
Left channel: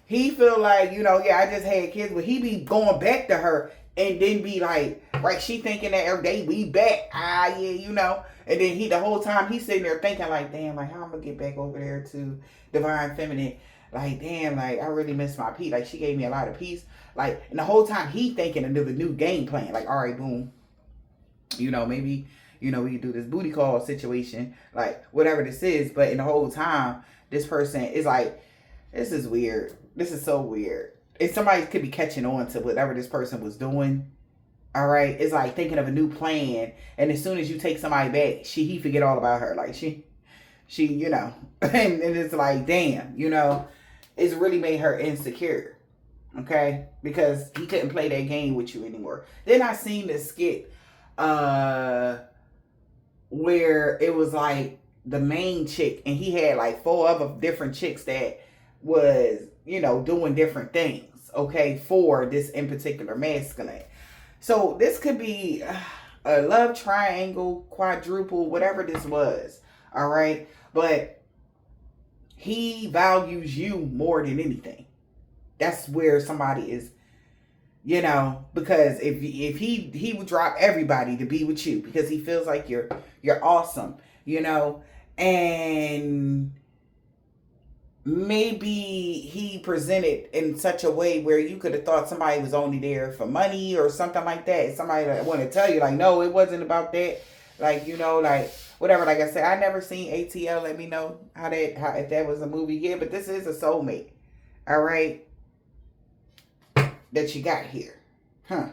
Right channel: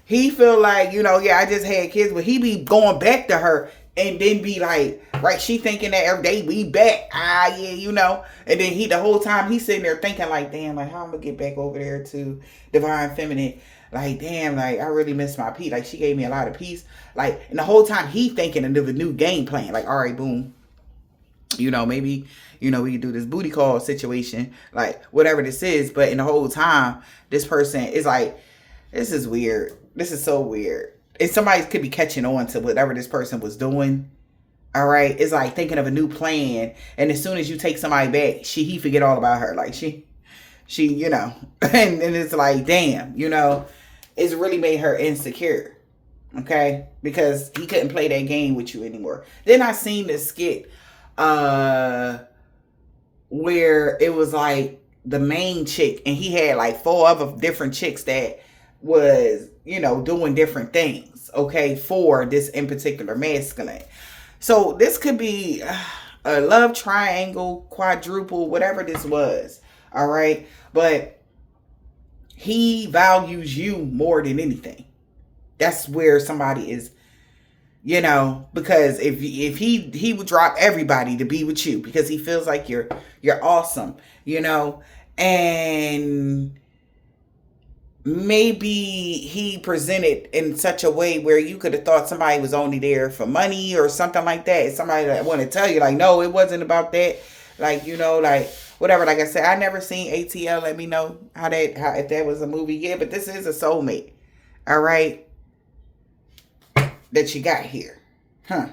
he feel like, you know, yeah, I just had kids, but he be going back to her and then be like, right? She thinking that every day we back. Ah, yeah, you know. And then the whole time he's sitting there thinking like, damn, like how I'm gonna get back over there to divine feminine. Like, damn, like I really miss my peace. Like she gave me a lot of peace. Like, and the whole time he thinking of a new game plan. Like, all right, boom. You know, maybe, you know, we can do this booty call situation, like whatever this is. But in the whole time, this person is like, this is weird. This is so weird. And somebody could be catching on to whatever this person was doing. All right. It's like thinking of a new plan. And as soon as you take somebody back, he forget all about her. Like she, you know, and it's like, damn, you know, it's really made her insecure. Okay. Because he couldn't play that game with you anymore. Then I seen this skit where it was like the main chick and he had like 4 other different chicks that was, you know, doing different things, okay, for this in particular masculine. So this could be a love triangle, quadruple, whatever this was, all right? But he values you more than anything. That's where somebody is, you know, because if he would drop everybody to be with you because he feels like you're awesome, you know, and maybe he presented in such a way where you could have thought somebody was only there for money or something like that. Somebody that want to tell you like, no, it wasn't about that. Like, you know, like whatever. Like I said, I never seen ATL. Let me know how if that was a movie. Yeah, but this is a soulmate. All right. That you got here. Huh.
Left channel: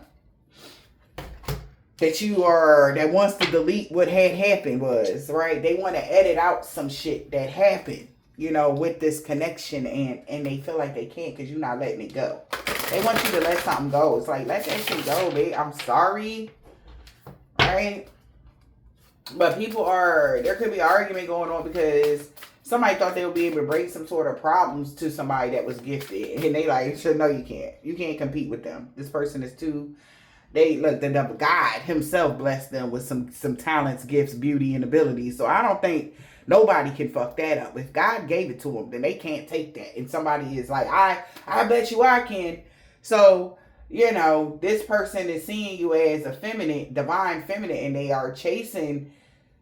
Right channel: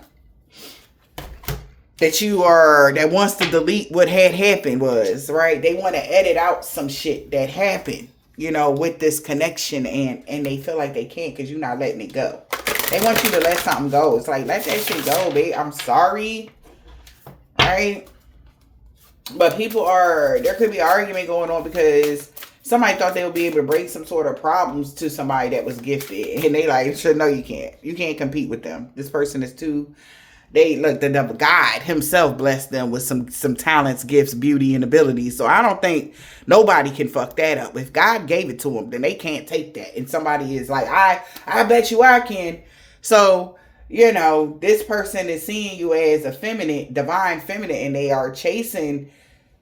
That wants to delete what had happened was, right? They want to edit out some shit that happened, you know, with this connection and they feel like they can't because you're not letting it go. They want you to let something go. It's like, let that shit go, babe. I'm sorry. Right? But there could be an argument going on because somebody thought they would be able to bring some sort of problems to somebody that was gifted. And they like, sure, no, you can't. You can't compete with them. This person is too... the God himself blessed them with some talents, gifts, beauty, and abilities. So I don't think nobody can fuck that up. If God gave it to them, then they can't take that. And somebody is like, I bet you I can. So, you know, this person is seeing you as a feminine, divine feminine, and they are chasing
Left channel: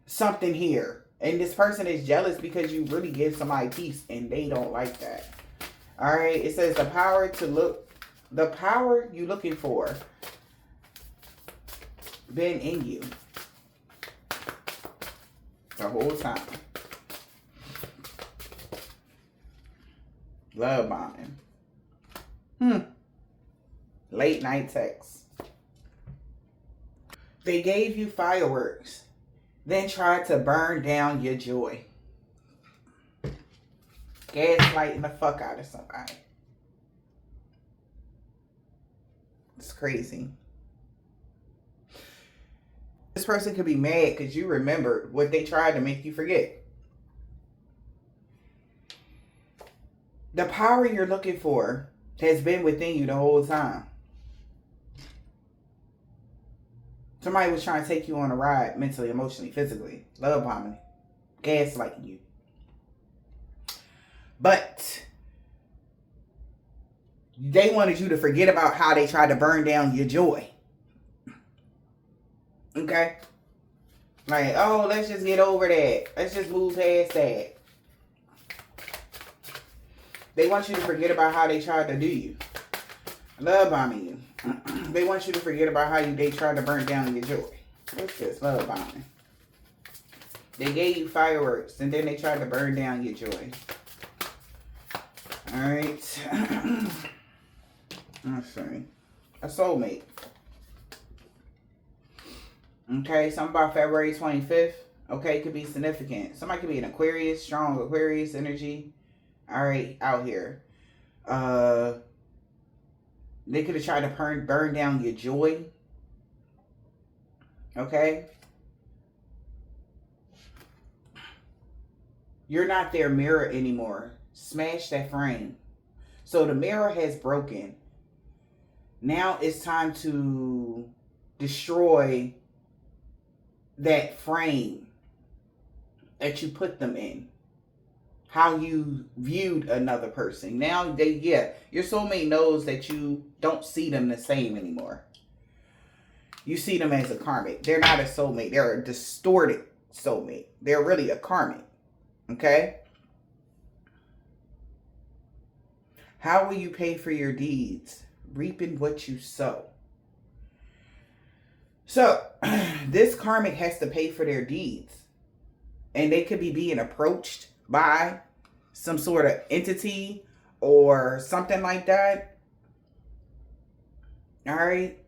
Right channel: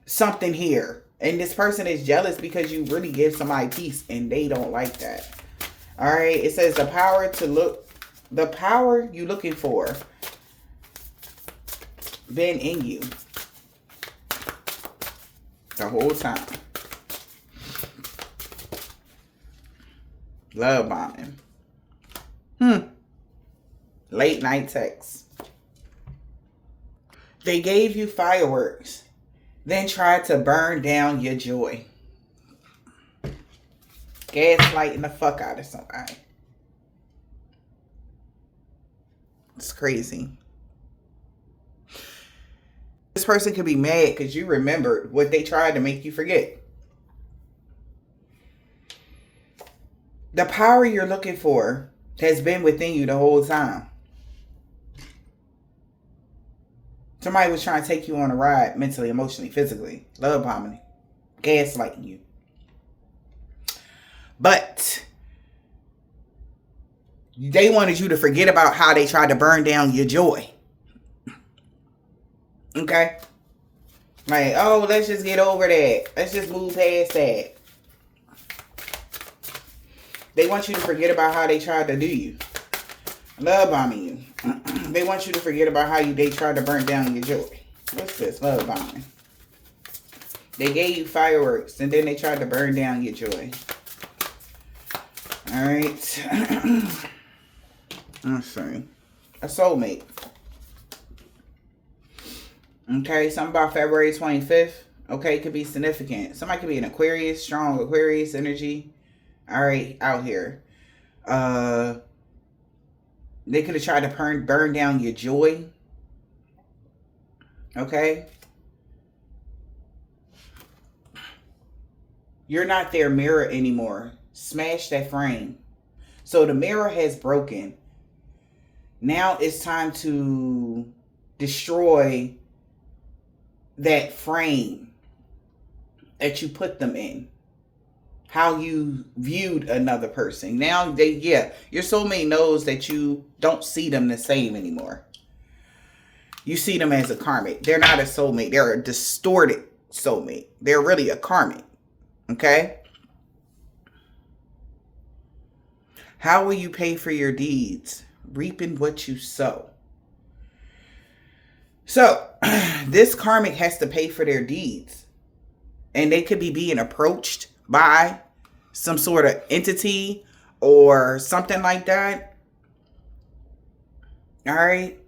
something here. And this person is jealous because you really give somebody peace, and they don't like that. All right. It says the power you're looking for been in you the whole time. Love bombing. Late night texts. They gave you fireworks, then tried to burn down your joy. Gaslighting the fuck out of somebody. It's crazy. This person could be mad because you remembered what they tried to make you forget. The power you're looking for has been within you the whole time. Somebody was trying to take you on a ride mentally, emotionally, physically. Love bombing. Gaslighting you. But they wanted you to forget about how they tried to burn down your joy. Okay? Like, oh, let's just get over that. Let's just move past that. They want you to forget about how they tried to do you. Love bombing you. They want you to forget about how they tried to burn down your joy. What's this? Love bombing. They gave you fireworks and then they tried to burn down your joy. Alright. Let's see. A soulmate. Okay, something about February 25th. Okay, could be significant. Somebody could be an Aquarius, strong Aquarius energy. All right, out here. They could have tried to burn down your joy. Okay. You're not their mirror anymore. Smash that frame. So the mirror has broken. Now it's time to destroy that frame that you put them in. How you viewed another person. Now your soulmate knows that you don't see them the same anymore. You see them as a karmic. They're not a soulmate. They're a distorted soulmate. They're really a karmic. Okay? How will you pay for your deeds? Reaping what you sow. So, this karmic has to pay for their deeds. And they could be being approached by some sort of entity or something like that. All right.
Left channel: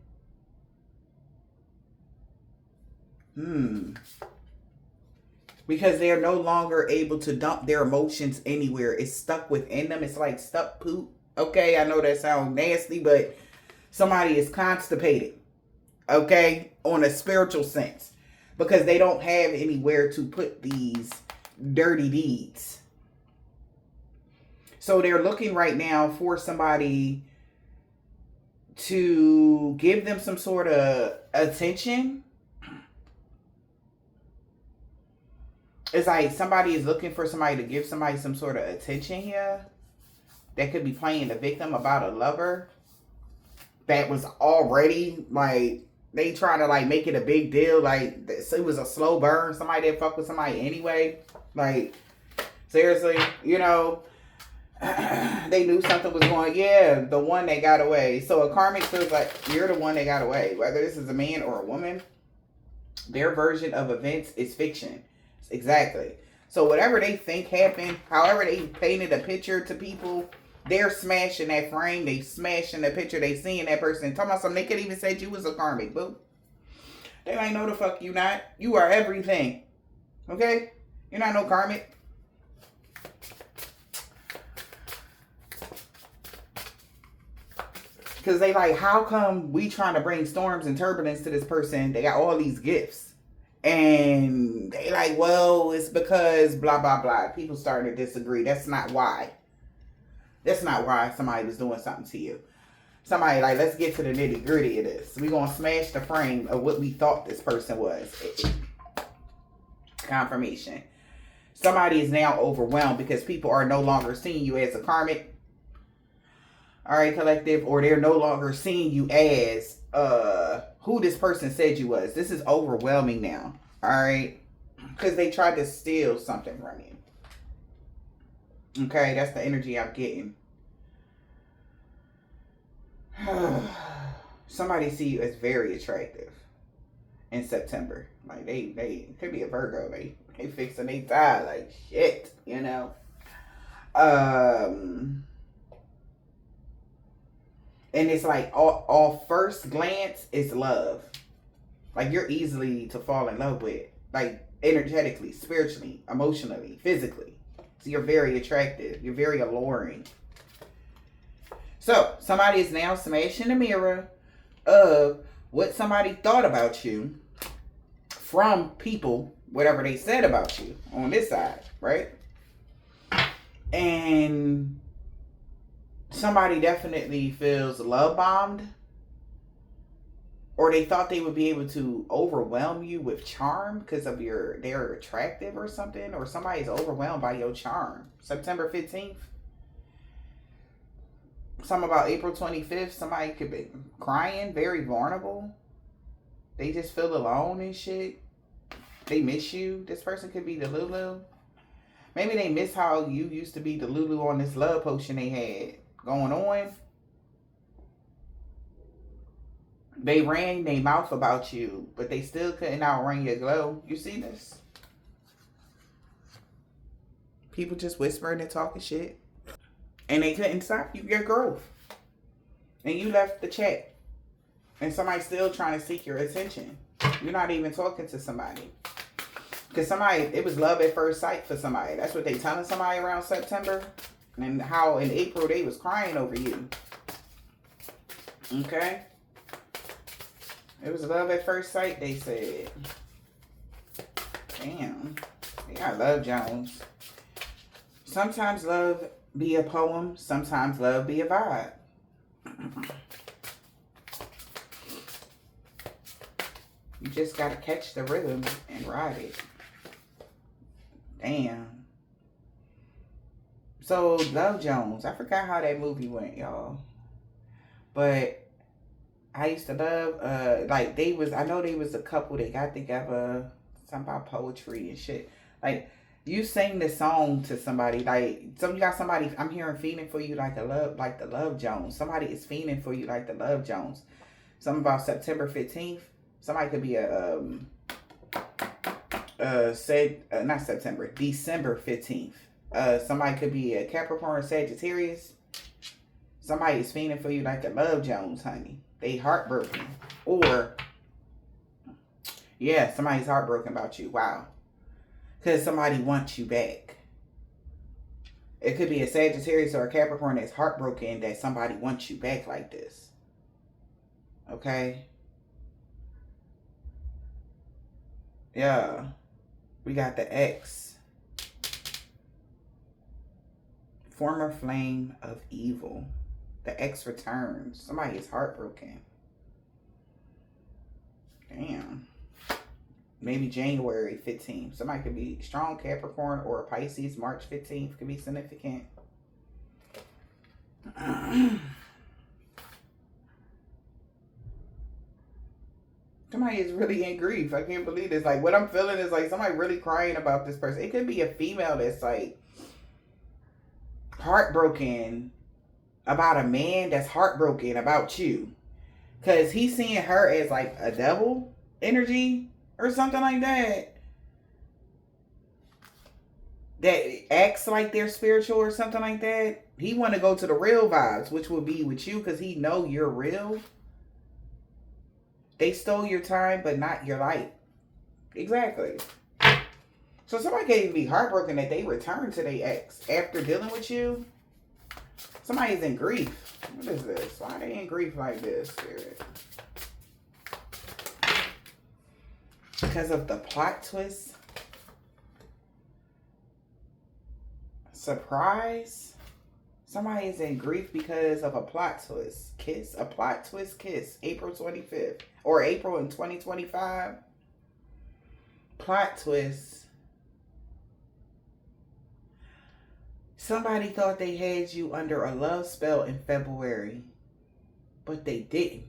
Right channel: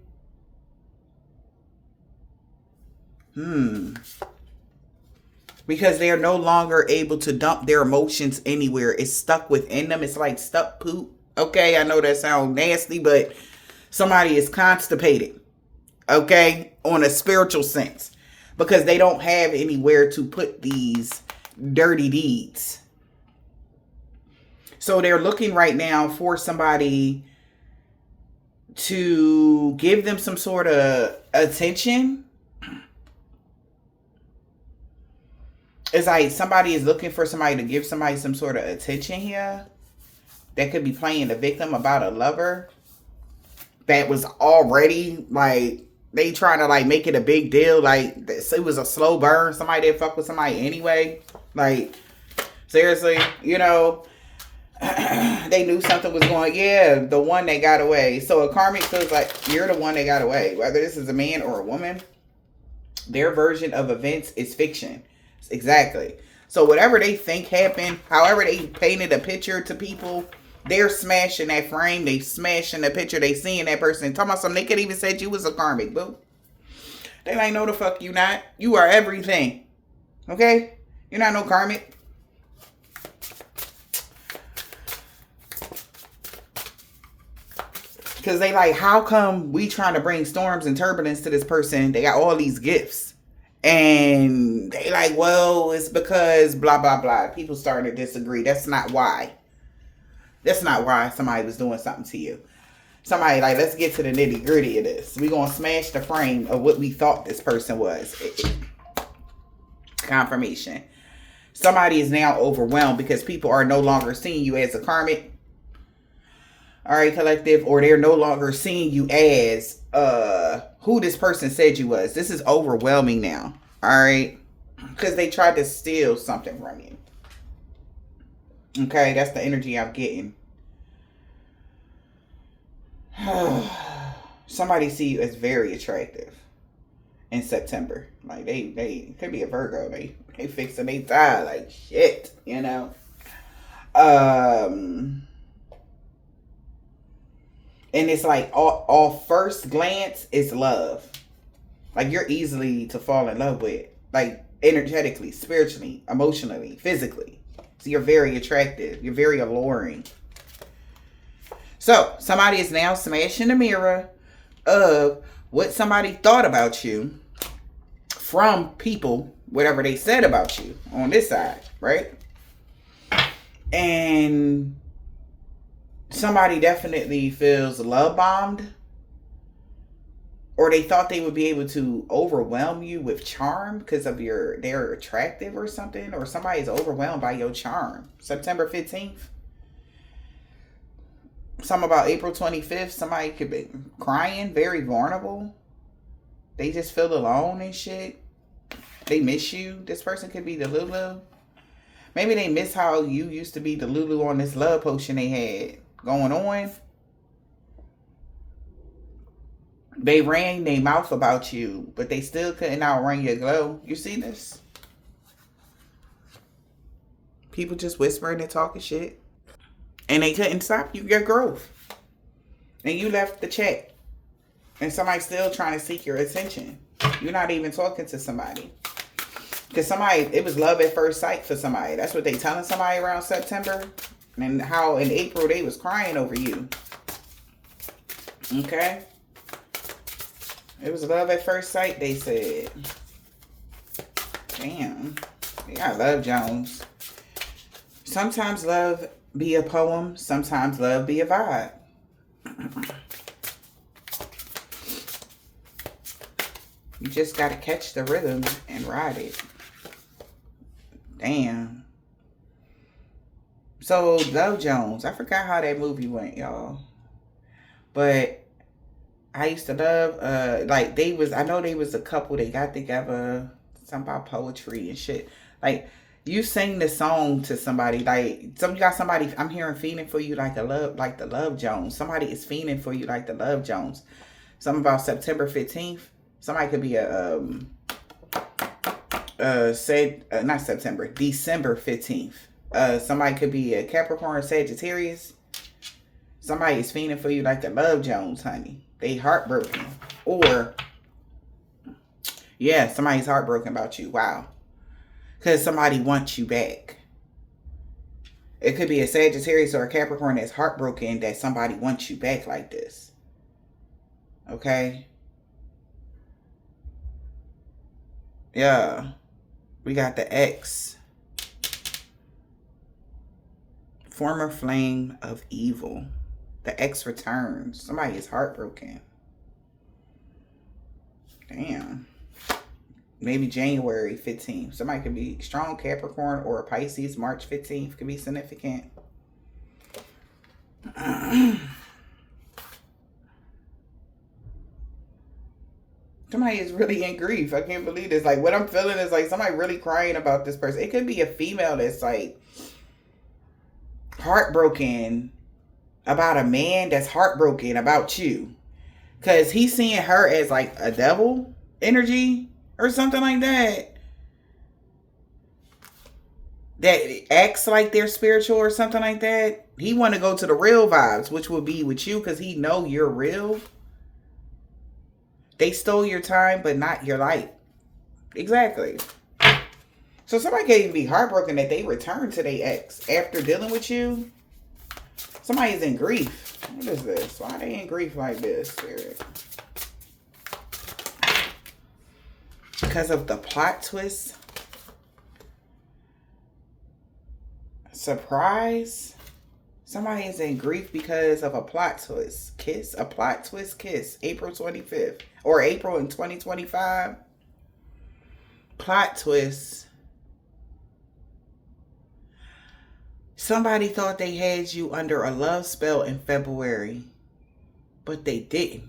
Because they are no longer able to dump their emotions anywhere. It's stuck within them. It's like stuck poop. Okay, I know that sounds nasty, but somebody is constipated. Okay, on a spiritual sense. Because they don't have anywhere to put these dirty deeds. So they're looking right now for somebody to give them some sort of attention. It's like somebody is looking for somebody to give somebody some sort of attention here. That could be playing the victim about a lover that was already like, they trying to like make it a big deal. Like it was a slow burn. Somebody didn't fuck with somebody anyway. Like seriously, you know, they knew something was going. Yeah, the one that got away. So a karmic feels like you're the one that got away. Whether this is a man or a woman, their version of events is fiction. Exactly. So whatever they think happened, however they painted a picture to people, they're smashing that frame. They smashing the picture. They seeing that person. Talking about something. They could even said you was a karmic, boo. They like, no the fuck you not. You are everything. Okay? You're not no karmic. Because they like, how come we trying to bring storms and turbulence to this person? They got all these gifts. And they like, well, it's because blah, blah, blah. People starting to disagree. That's not why. That's not why somebody was doing something to you. Somebody like, let's get to the nitty gritty of this. We're going to smash the frame of what we thought this person was. Confirmation. Somebody is now overwhelmed because people are no longer seeing you as a karmic. All right, collective. Or they're no longer seeing you as who this person said you was. This is overwhelming now. All right. Because they tried to steal something from you. Okay, that's the energy I'm getting. Somebody see you as very attractive in September. Like they could be a Virgo. They fixing they tie like shit, you know. And it's like all first glance is love. Like you're easily to fall in love with. Like energetically, spiritually, emotionally, physically. So you're very attractive. You're very alluring. So somebody is now smashing the mirror of what somebody thought about you from people, whatever they said about you on this side, right? And somebody definitely feels love bombed, or they thought they would be able to overwhelm you with charm because of they're attractive or something, or somebody's overwhelmed by your charm. September 15th. Something about April 25th. Somebody could be crying, very vulnerable. They just feel alone and shit. They miss you. This person could be the Lulu. Maybe they miss how you used to be the Lulu on this love potion they had going on. They ran their mouth about you, but they still couldn't outrun your glow. You see this? People just whispering and talking shit. And they couldn't stop your growth. And you left the chat. And somebody's still trying to seek your attention. You're not even talking to somebody. Because somebody, it was love at first sight for somebody. That's what they telling somebody around September. And how in April they was crying over you. Okay? It was love at first sight, they said. Damn. Yeah, I love Jones. Sometimes love be a poem. Sometimes love be a vibe. You just got to catch the rhythm and ride it. Damn. So, Love Jones. I forgot how that movie went, y'all. But I used to love, like I know they was a couple, they got together, something about poetry and shit. Like, you sing the song to somebody, like, you got somebody, I'm hearing fiending for you like the Love Jones. Somebody is fiending for you like the Love Jones. Something about September 15th. Somebody could be not September, December 15th. Somebody could be a Capricorn, Sagittarius. Somebody is fiending for you like the Love Jones, honey. They heartbroken. Or, yeah, somebody's heartbroken about you. Wow. Because somebody wants you back. It could be a Sagittarius or a Capricorn that's heartbroken that somebody wants you back like this. Okay? Yeah. We got the X. Former flame of evil. The X returns. Somebody is heartbroken. Damn. Maybe January 15th. Somebody could be strong Capricorn or a Pisces. March 15th could be significant. Somebody is really in grief. I can't believe this. Like, what I'm feeling is like somebody really crying about this person. It could be a female that's like heartbroken about a man that's heartbroken about you. Because he's seeing her as like a devil energy or something like that. That acts like they're spiritual or something like that. He want to go to the real vibes, which will be with you because he know you're real. They stole your time, but not your light. Exactly. So somebody can even be heartbroken that they return to their ex after dealing with you. Somebody is in grief. What is this? Why are they in grief like this, Spirit? Because of the plot twist. Surprise. Somebody is in grief because of a plot twist. Kiss. A plot twist kiss. April 25th. Or April in 2025. Plot twist. Somebody thought they had you under a love spell in February. But they didn't.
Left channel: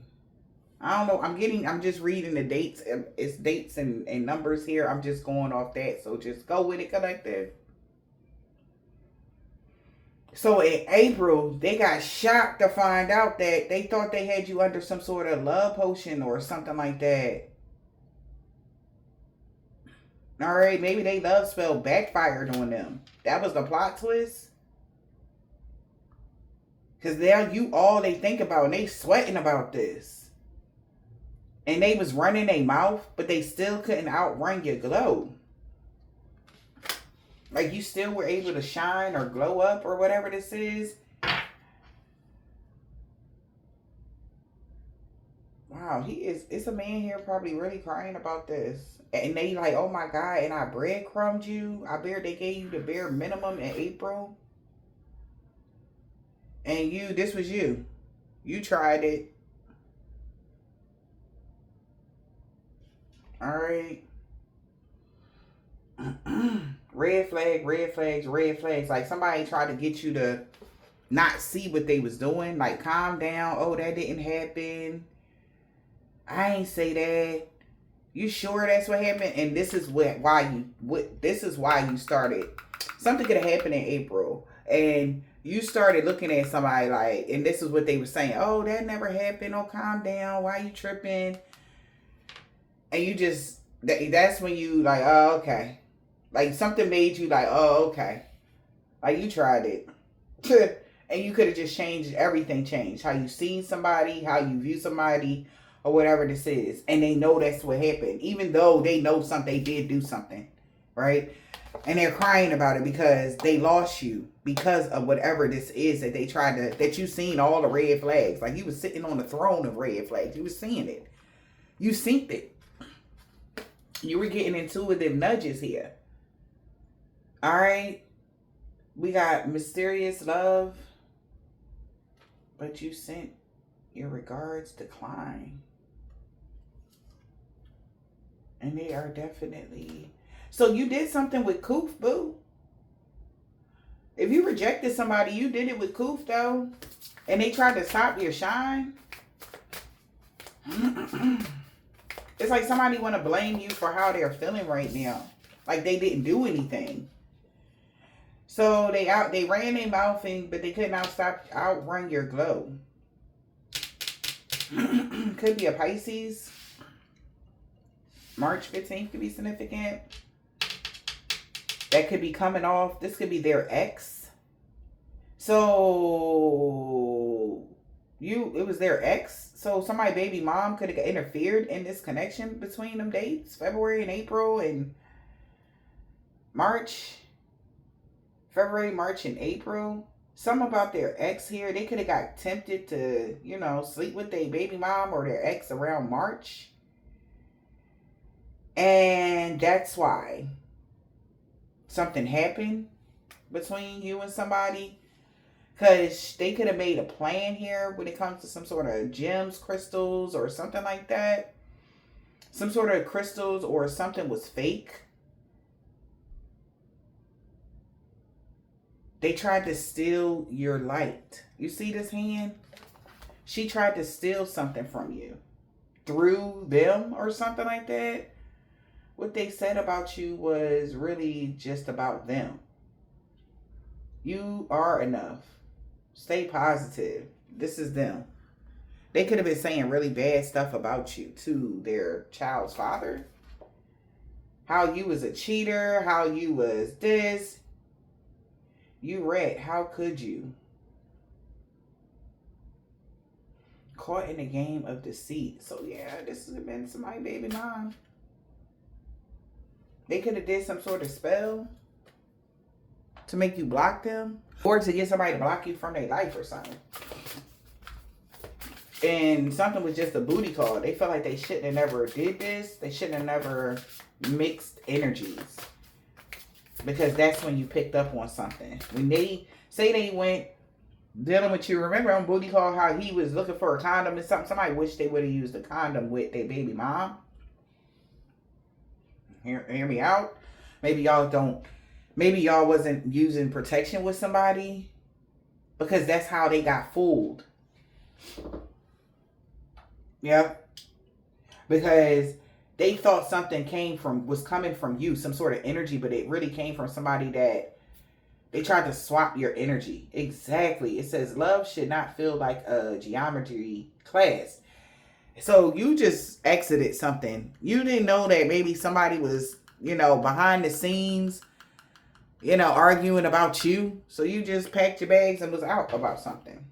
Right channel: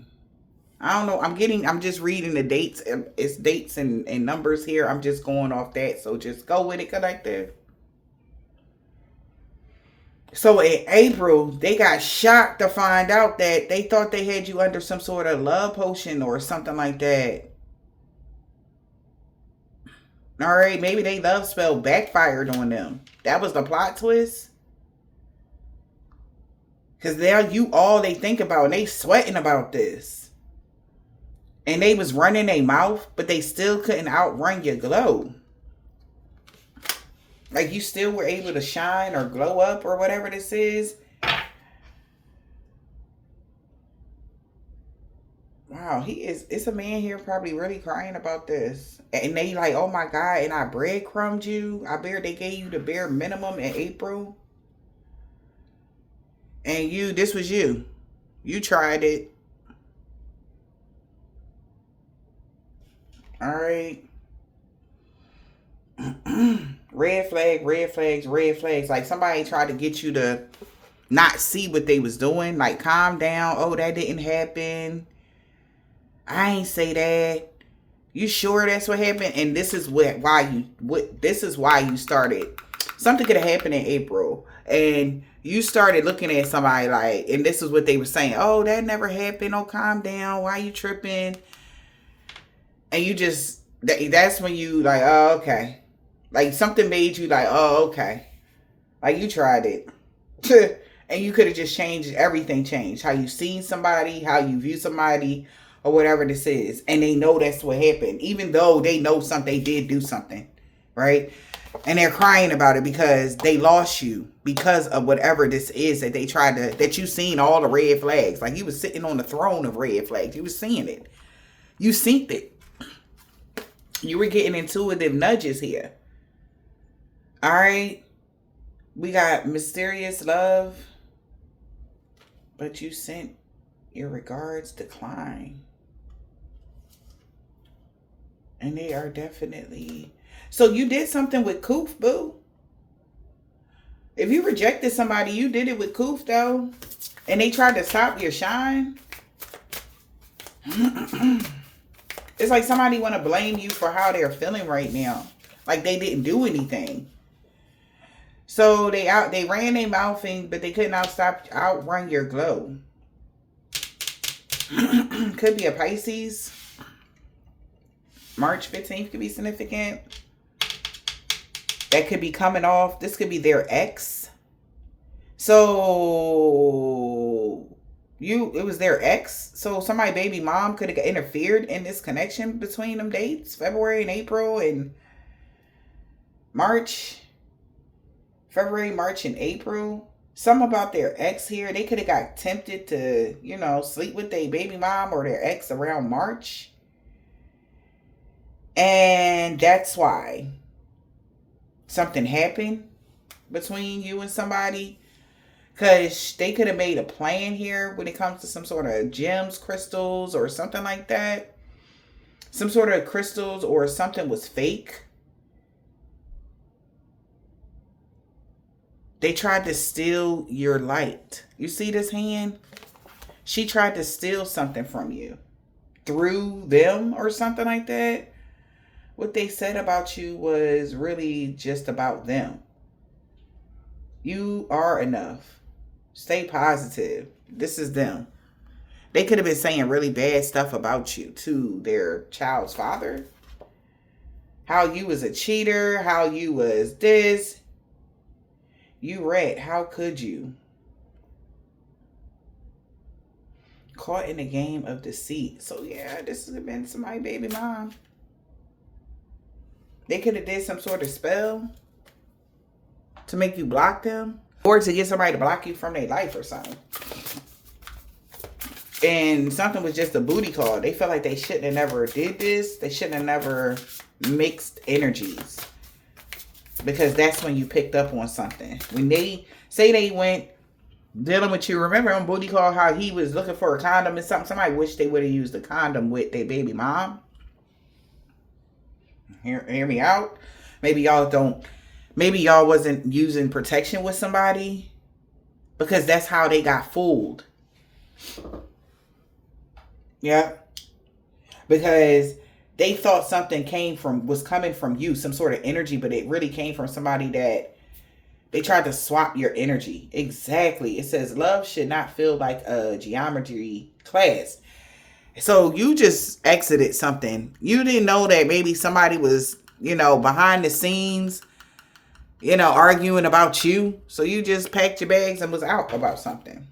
I don't know. I'm just reading the dates. It's dates and numbers here. I'm just going off that. So just go with it, collective. So in April, they got shocked to find out that they thought they had you under some sort of love potion or something like that. All right, maybe they love spell backfired on them. That was the plot twist. Because now you all they think about, and they sweating about this. And they was running their mouth, but they still couldn't outrun your glow. Like you still were able to shine or glow up or whatever this is. Wow, it's a man here probably really crying about this. And they like, oh my God, and I breadcrumbed you. They gave you the bare minimum in April. And this was you. You tried it. All right. Red flag, red flags, red flags. Like somebody tried to get you to not see what they was doing. Like calm down. Oh, that didn't happen. I ain't say that. You sure that's what happened? And this is why you started. Something could have happened in April. And you started looking at somebody like, and this is what they were saying. Oh, that never happened. Oh, calm down. Why you tripping? And you just, that's when you like, oh, okay. Like something made you like, oh, okay. Like you tried it. And you could have just changed, everything changed. How you seen somebody, how you view somebody, or whatever this is. And they know that's what happened. Even though they know something, they did do something. Right? And they're crying about it because they lost you. Because of whatever this is that they tried to, that you seen all the red flags. Like you was sitting on the throne of red flags. You was seeing it. You synced it. You were getting intuitive nudges here. All right. We got mysterious love. But you sent your regards decline. And they are definitely... So you did something with Koof, boo. If you rejected somebody, you did it with Koof, though. And they tried to stop your shine. It's like somebody want to blame you for how they're feeling right now. Like they didn't do anything. So they ran their mouth in, but they couldn't outrun your glow. Could be a Pisces. March 15th could be significant. That could be coming off. This could be their ex. So it was their ex. So somebody baby mom could have interfered in this connection between them dates, February and April and March. February, March, and April. Something about their ex here. They could have got tempted to, sleep with their baby mom or their ex around March. And that's why something happened between you and somebody. Because they could have made a plan here when it comes to some sort of gems, crystals, or something like that. Some sort of crystals or something was fake. They tried to steal your light. You see this hand? She tried to steal something from you through them or something like that. What they said about you was really just about them. You are enough. Stay positive. This is them. They could have been saying really bad stuff about you to their child's father. How you was a cheater. How you was this. You rat, how could you? Caught in a game of deceit. So yeah, this has been somebody baby mom. They could have did some sort of spell to make you block them. Or to get somebody to block you from their life or something. And something was just a booty call. They felt like they shouldn't have never did this. They shouldn't have never mixed energies. Because that's when you picked up on something. When they say they went dealing with you. Remember on Booty Call how he was looking for a condom and something? Somebody wish they would have used a condom with their baby mom. Hear me out. Maybe y'all wasn't using protection with somebody. Because that's how they got fooled. Yeah. Because they thought something was coming from you, some sort of energy, but it really came from somebody that they tried to swap your energy. Exactly. It says love should not feel like a geometry class. So you just exited something. You didn't know that maybe somebody was, behind the scenes, arguing about you. So you just packed your bags and was out about something.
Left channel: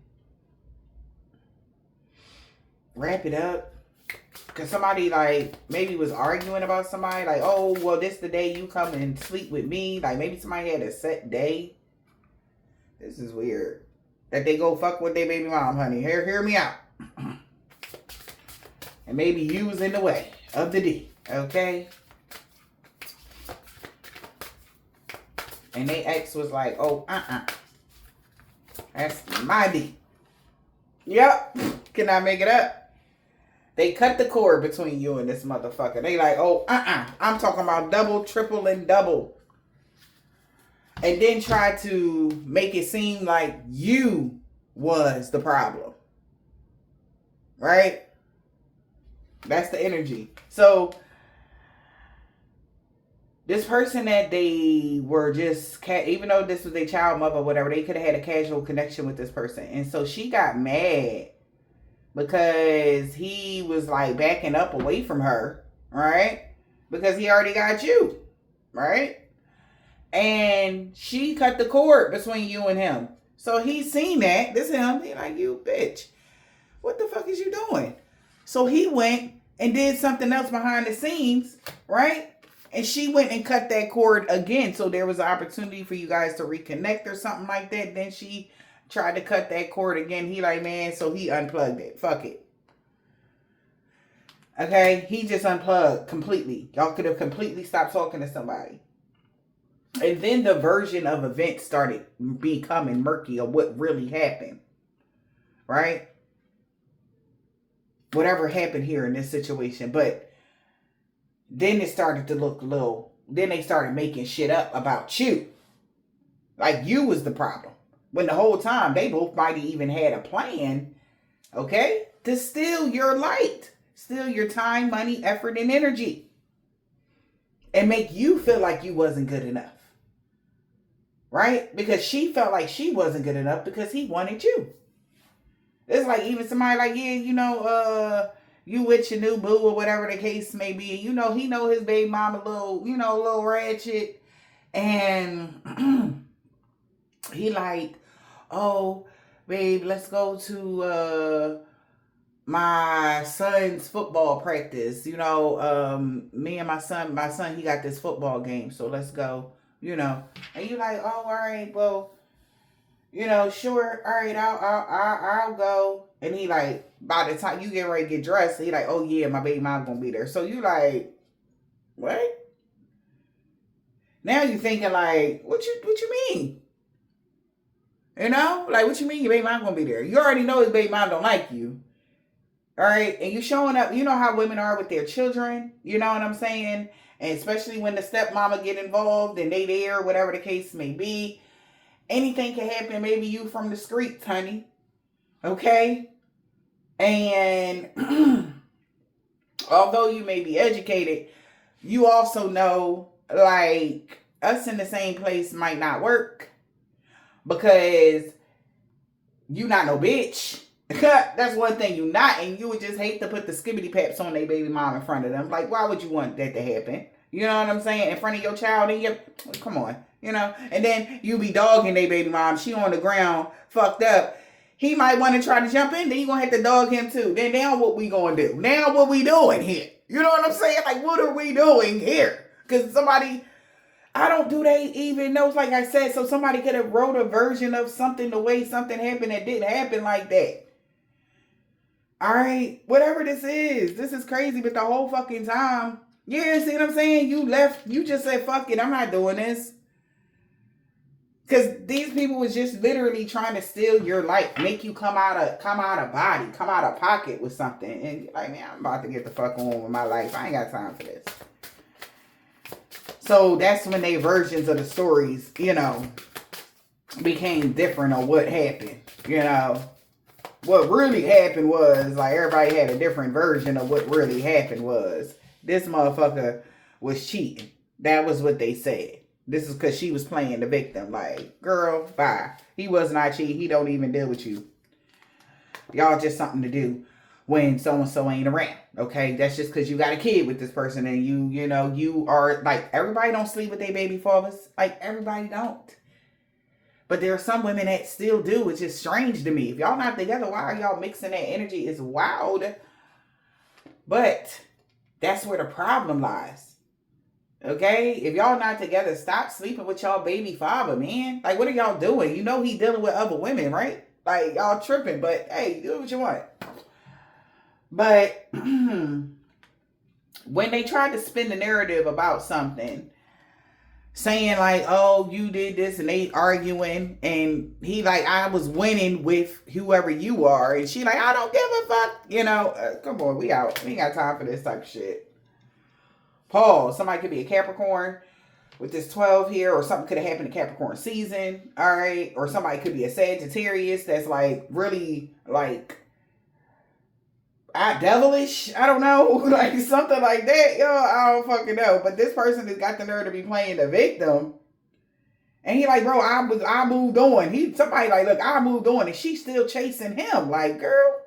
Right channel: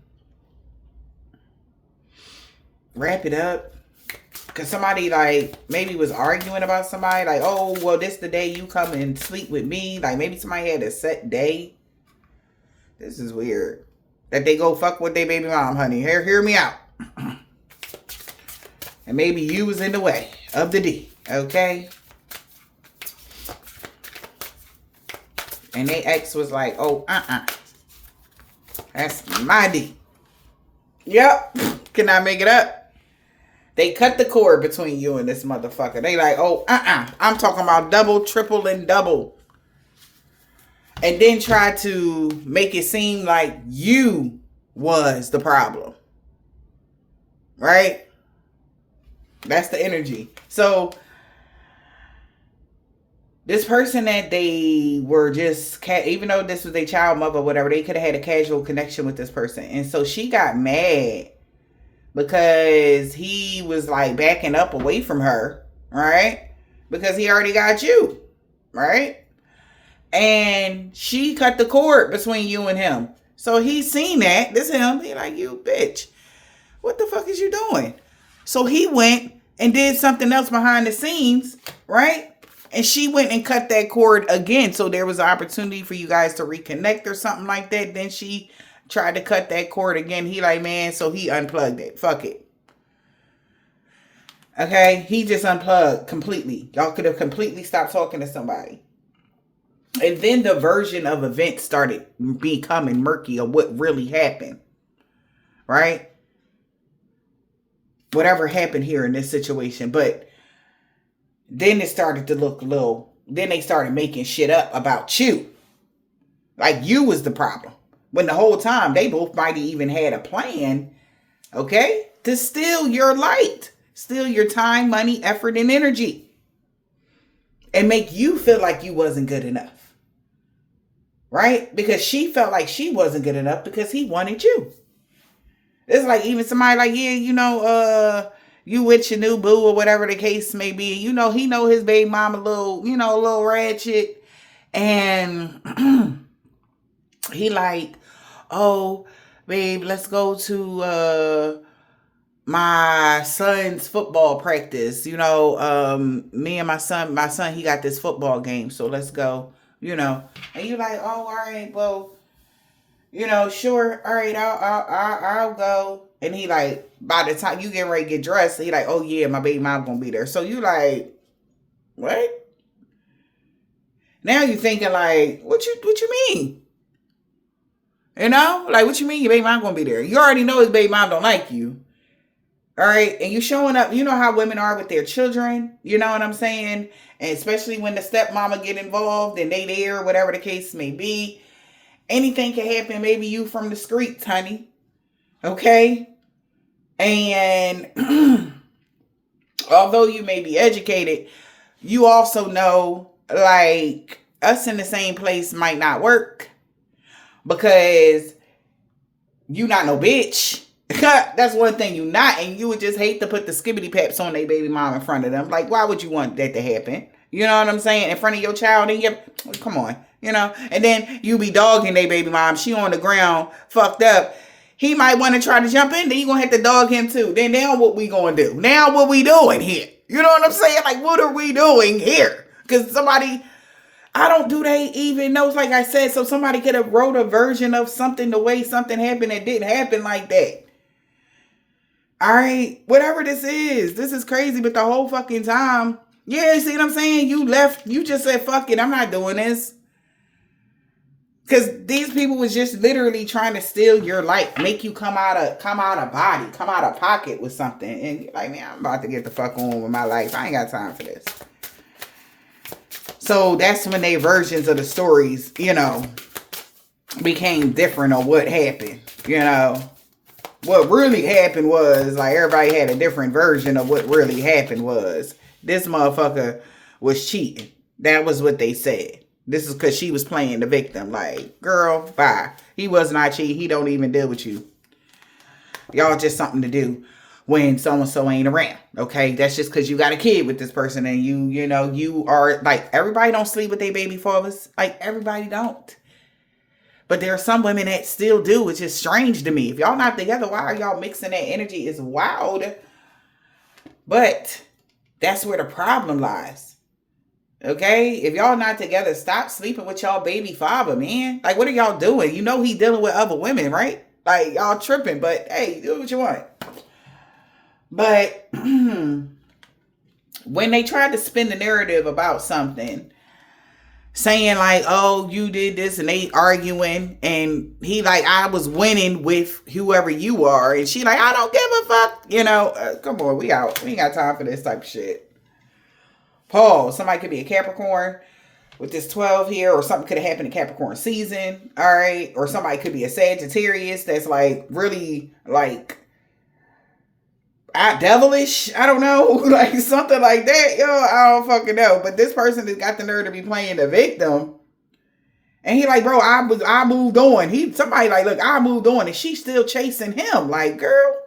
Wrap it up. Because somebody, maybe was arguing about somebody. Oh, well, this the day you come and sleep with me. Maybe somebody had a set day. This is weird. That they go fuck with their baby mom, honey. Hear me out. And maybe you was in the way of the D. Okay? And they ex was like, oh, that's my D. Yep. Can I make it up? They cut the cord between you and this motherfucker. They like, oh, I'm talking about double, triple, and double. And then try to make it seem like you was the problem. Right? That's the energy. So, this person that they were just, even though this was a child mother or whatever, they could have had a casual connection with this person. And so she got mad. Because he was backing up away from her, right? Because he already got you, right? And she cut the cord between you and him. So he seen that. This him. He like, you bitch. What the fuck is you doing? So he went and did something else behind the scenes, right? And she went and cut that cord again. So there was an opportunity for you guys to reconnect or something like that. Then she tried to cut that cord again. He like, man, so he unplugged it. Fuck it. Okay? He just unplugged completely. Y'all could have completely stopped talking to somebody. And then the version of events started becoming murky of what really happened. Right? Whatever happened here in this situation. But then it started to look a little, then they started making shit up about you. Like you was the problem. When the whole time they both might have even had a plan, okay, to steal your light. steal your time, money, effort, and energy, and make you feel like you wasn't good enough. Right? Because she felt like she wasn't good enough because he wanted you. It's like even somebody like, yeah, you with your new boo or whatever the case may be. He know his baby mama a little ratchet. And he like, oh, babe, let's go to my son's football practice. Me and my son, he got this football game, so let's go. And you like, oh, all right, well, sure, all right, I'll go. And he like, by the time you get ready to get dressed, he like, oh yeah, my baby mom gonna be there. So you like, what? Now you thinking like, what you mean? Like, what you mean your baby mom gonna be there? You already know his baby mom don't like you. All right, and you showing up. You know how women are with their children. You know what I'm saying? And especially when the stepmama get involved and they there, whatever the case may be. Anything can happen. Maybe you from the streets, honey. Okay? And although you may be educated, you also know, like, us in the same place might not work because you not no bitch. That's one thing you not, and you would just hate to put the skibbity paps on their baby mom in front of them. Like, why would you want that to happen? You know what I'm saying? In front of your child, and come on, and then you be dogging their baby mom. She on the ground, fucked up. He might want to try to jump in, then you gonna have to dog him too. Then now what we gonna do? Now what we doing here? You know what I'm saying? Like, what are we doing here? Because somebody, they even know, like I said, so somebody could have wrote a version of something the way something happened that didn't happen like that. All right, whatever this is crazy, but the whole fucking time, yeah, see what I'm saying? You left, you just said, fuck it, I'm not doing this. Because these people was just literally trying to steal your life, make you come out of body, come out of pocket with something. And you're like, man, I'm about to get the fuck on with my life. I ain't got time for this. So that's when they versions of the stories, became different on what happened, What really happened was, like, everybody had a different version of what really happened was. This motherfucker was cheating. That was what they said. This is because she was playing the victim. Like, girl, bye. He was not cheating. He don't even deal with you. Y'all just something to do when so-and-so ain't around. Okay? That's just because you got a kid with this person and you are, like, everybody don't sleep with their baby fathers. Like, everybody don't. But there are some women that still do, which is strange to me. If y'all not together, why are y'all mixing that energy? It's wild. But that's where the problem lies. Okay? If y'all not together, stop sleeping with y'all baby father, man. Like, what are y'all doing? You know he dealing with other women, right? Like, y'all tripping. But, hey, do what you want. But when they tried to spin the narrative about something, saying like, oh, you did this, and they arguing, and he like, I was winning with whoever you are, and she like, I don't give a fuck, come on, we out. We ain't got time for this type of shit. Pause. Somebody could be a Capricorn with this 12 here, or something could have happened in Capricorn season, all right? Or somebody could be a Sagittarius that's like really like devilish, I don't know, like something like that, I don't fucking know. But this person has got the nerve to be playing the victim, and he like, bro, I moved on. Somebody like, look, I moved on, and she's still chasing him, like, girl,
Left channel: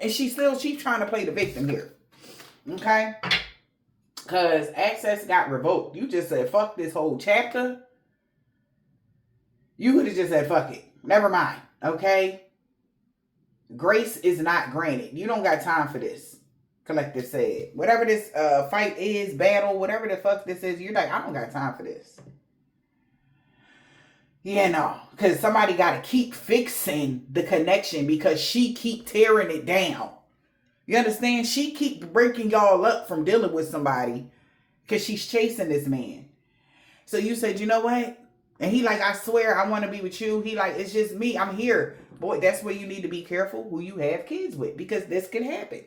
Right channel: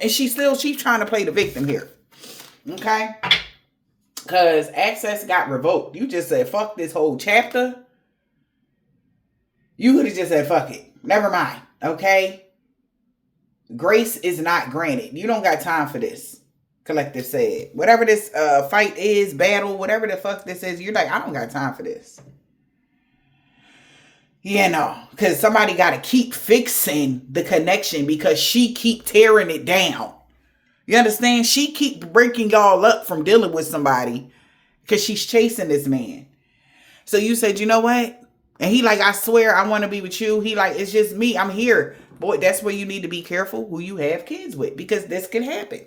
and she's trying to play the victim here, okay? Because access got revoked. You just said fuck this whole chapter. You could have just said fuck it, never mind, okay? Grace is not granted. You don't got time for this. Collective said. Whatever this fight is, battle, whatever the fuck this is, you're like, I don't got time for this. Because somebody got to keep fixing the connection because she keep tearing it down. You understand? She keep breaking y'all up from dealing with somebody because she's chasing this man. So you said, you know what? And he like, I swear I want to be with you. He like, it's just me. I'm here. Boy, that's where you need to be careful who you have kids with, because this can happen.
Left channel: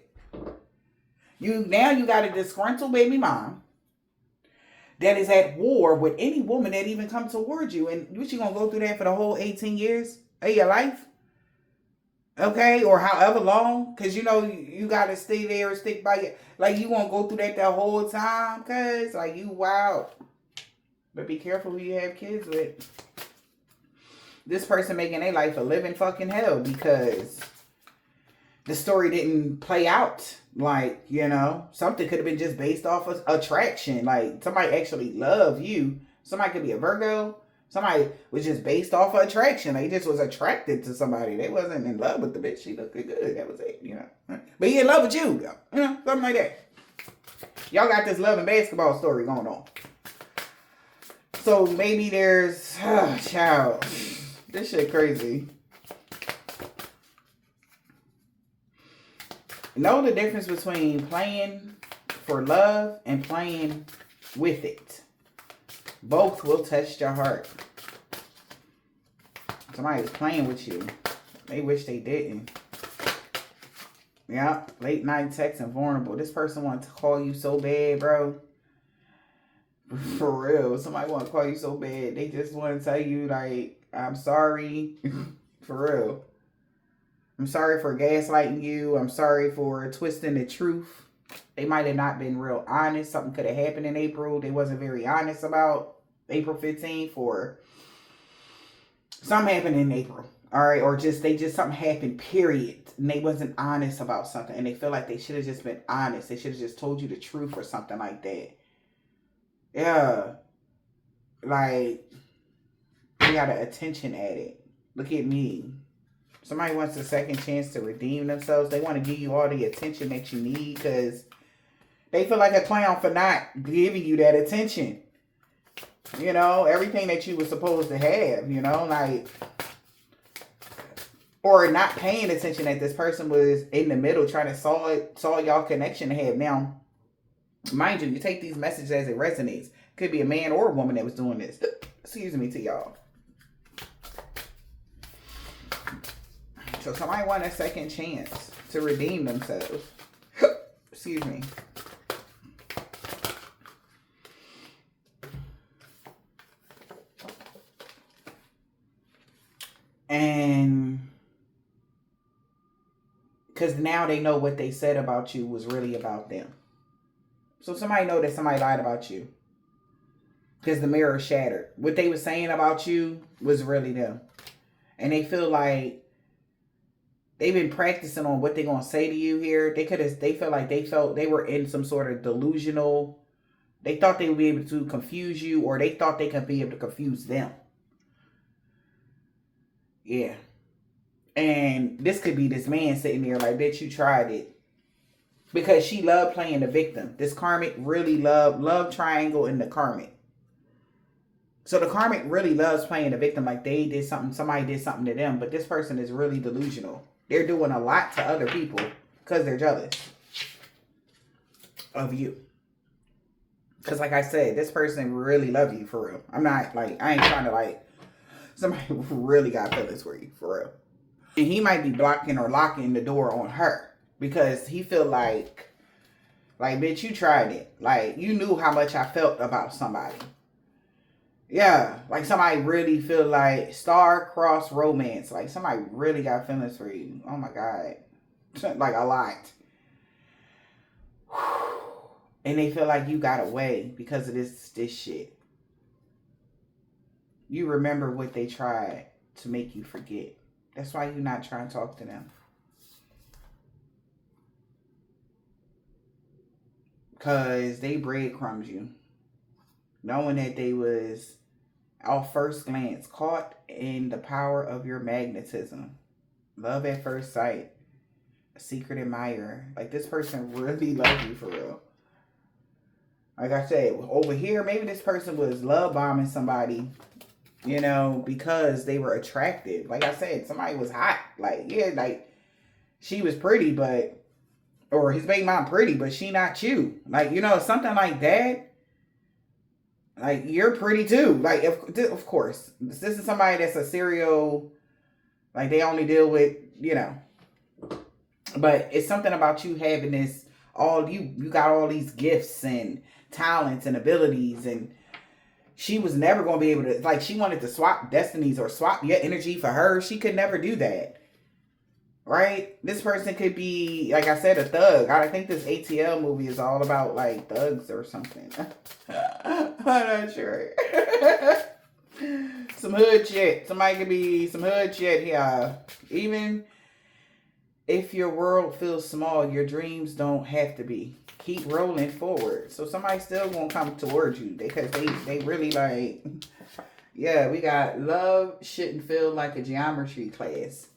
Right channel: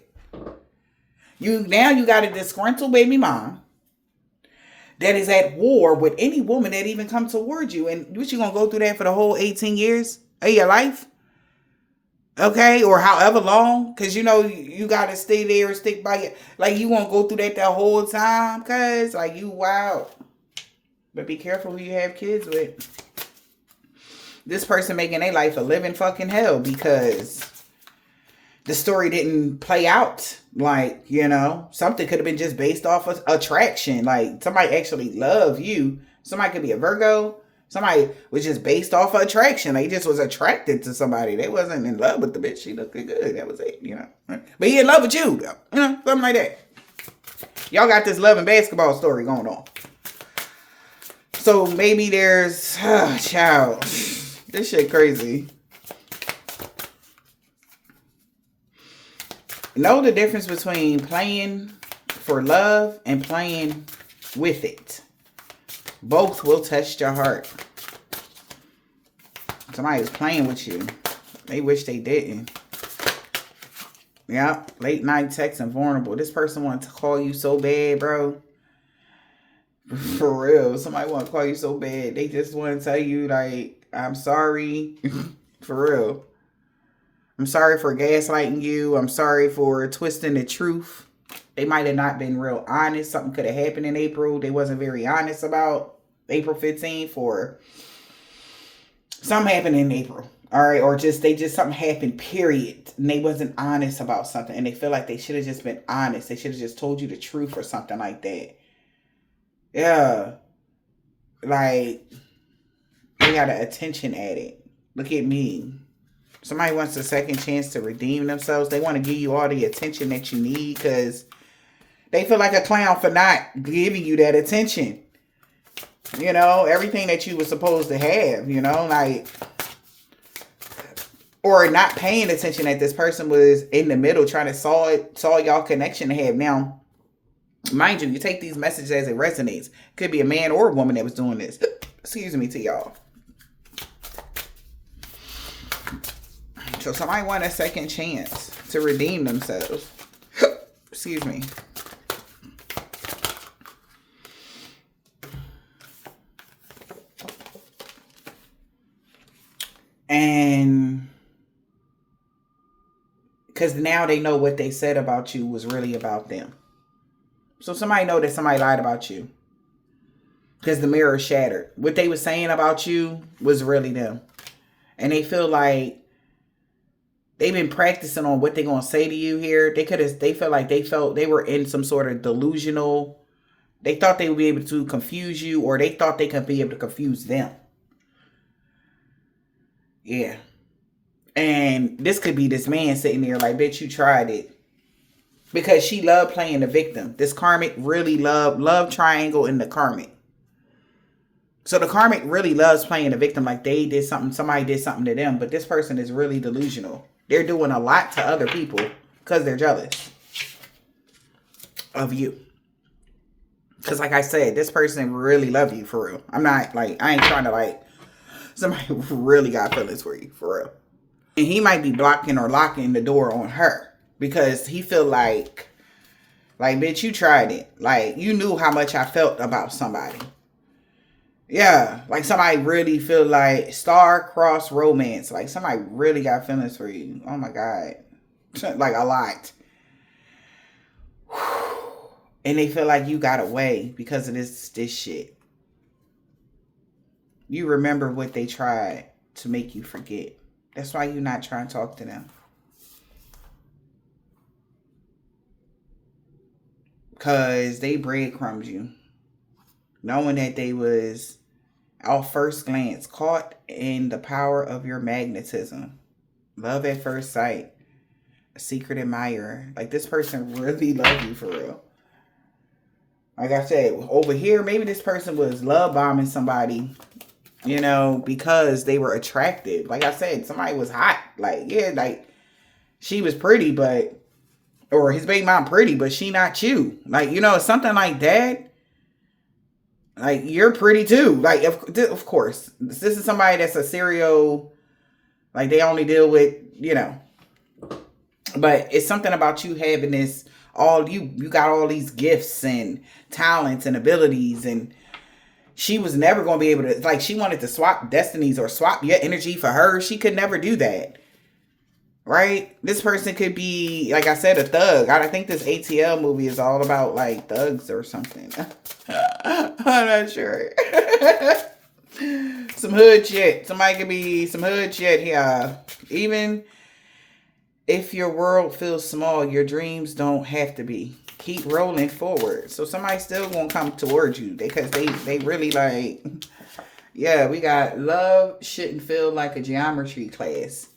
Now you got a disgruntled baby mom that is at war with any woman that even comes towards you. And what, you going to go through that for the whole 18 years of your life? Okay, or however long, because you know you gotta stay there and stick by it. Like you won't go through that whole time, cause like you wild. But be careful who you have kids with. This person making their life a living fucking hell because the story didn't play out. Like, you know, something could have been just based off of attraction. Like somebody actually love you. Somebody could be a Virgo. Somebody was just based off of attraction. They just was attracted to somebody. They wasn't in love with the bitch. She looked good. That was it, you know. But he in love with you, though. You know, something like that. Y'all got this love and basketball story going on. So maybe there's, child, this shit crazy. Know the difference between playing for love and playing with it. Both will touch your heart. Somebody's playing with you. They wish they didn't. Yeah, late night text and vulnerable. This person wanted to call you so bad, bro. For real. Somebody want to call you so bad. They just want to tell you, like, I'm sorry. For real. I'm sorry for gaslighting you. I'm sorry for twisting the truth. They might have not been real honest. Something could have happened in April. They wasn't very honest about April 15th, or something happened in April. All right. Or something happened, period. And they wasn't honest about something. And they feel like they should have just been honest. They should have just told you the truth or something like that. Yeah. Like, they got an attention addict. Look at me. Somebody wants a second chance to redeem themselves. They want to give you all the attention that you need because they feel like a clown for not giving you that attention. You know, everything that you were supposed to have, you know, like, or not paying attention that this person was in the middle trying to saw y'all connection to have. Now, mind you, you take these messages as it resonates. Could be a man or a woman that was doing this. Excuse me to y'all. So somebody want a second chance to redeem themselves. Excuse me. And because now they know what they said about you was really about them. So somebody know that somebody lied about you. Because the mirror shattered. What they were saying about you was really them. And they feel like they've been practicing on what they're going to say to you here. They felt they were in some sort of delusional. They thought they would be able to confuse you, or they thought they could be able to confuse them. Yeah. And this could be this man sitting there like, bitch, you tried it. Because she loved playing the victim. This karmic really love triangle in the karmic. So the karmic really loves playing the victim, like they did something, somebody did something to them. But this person is really delusional. They're doing a lot to other people because they're jealous of you. Because like I said, this person really love you for real. I ain't trying to like, somebody really got feelings for you for real. And he might be blocking or locking the door on her because he feel like, bitch, you tried it. Like, you knew how much I felt about somebody. Yeah, like somebody really feel like star-crossed romance. Like somebody really got feelings for you. Oh my God. Like a lot. And they feel like you got away because of this shit. You remember what they tried to make you forget. That's why you're not trying to talk to them. Because they breadcrumbed you. Knowing that they was, at first glance, caught in the power of your magnetism. Love at first sight. A secret admirer. Like, this person really loved you for real. Like I said, over here, maybe this person was love bombing somebody, you know, because they were attractive. Like I said, somebody was hot. Like, yeah, like, she was pretty, but, or his baby mom pretty, but she not you. Like, you know, something like that. Like, you're pretty too. Like, of course, this is somebody that's a serial, like, they only deal with, you know. But it's something about you having this, you got all these gifts and talents and abilities. And she was never going to be able to, like, she wanted to swap destinies or swap your energy for her. She could never do that. right? This person could be, like I said, a thug. I think this ATL movie is all about like thugs or something. I'm not sure. Some hood shit. Somebody could be some hood shit here. Even if your world feels small, your dreams don't have to be. Keep rolling forward. So somebody still gonna come towards you because they really like, yeah, we got love shouldn't feel like a geometry class.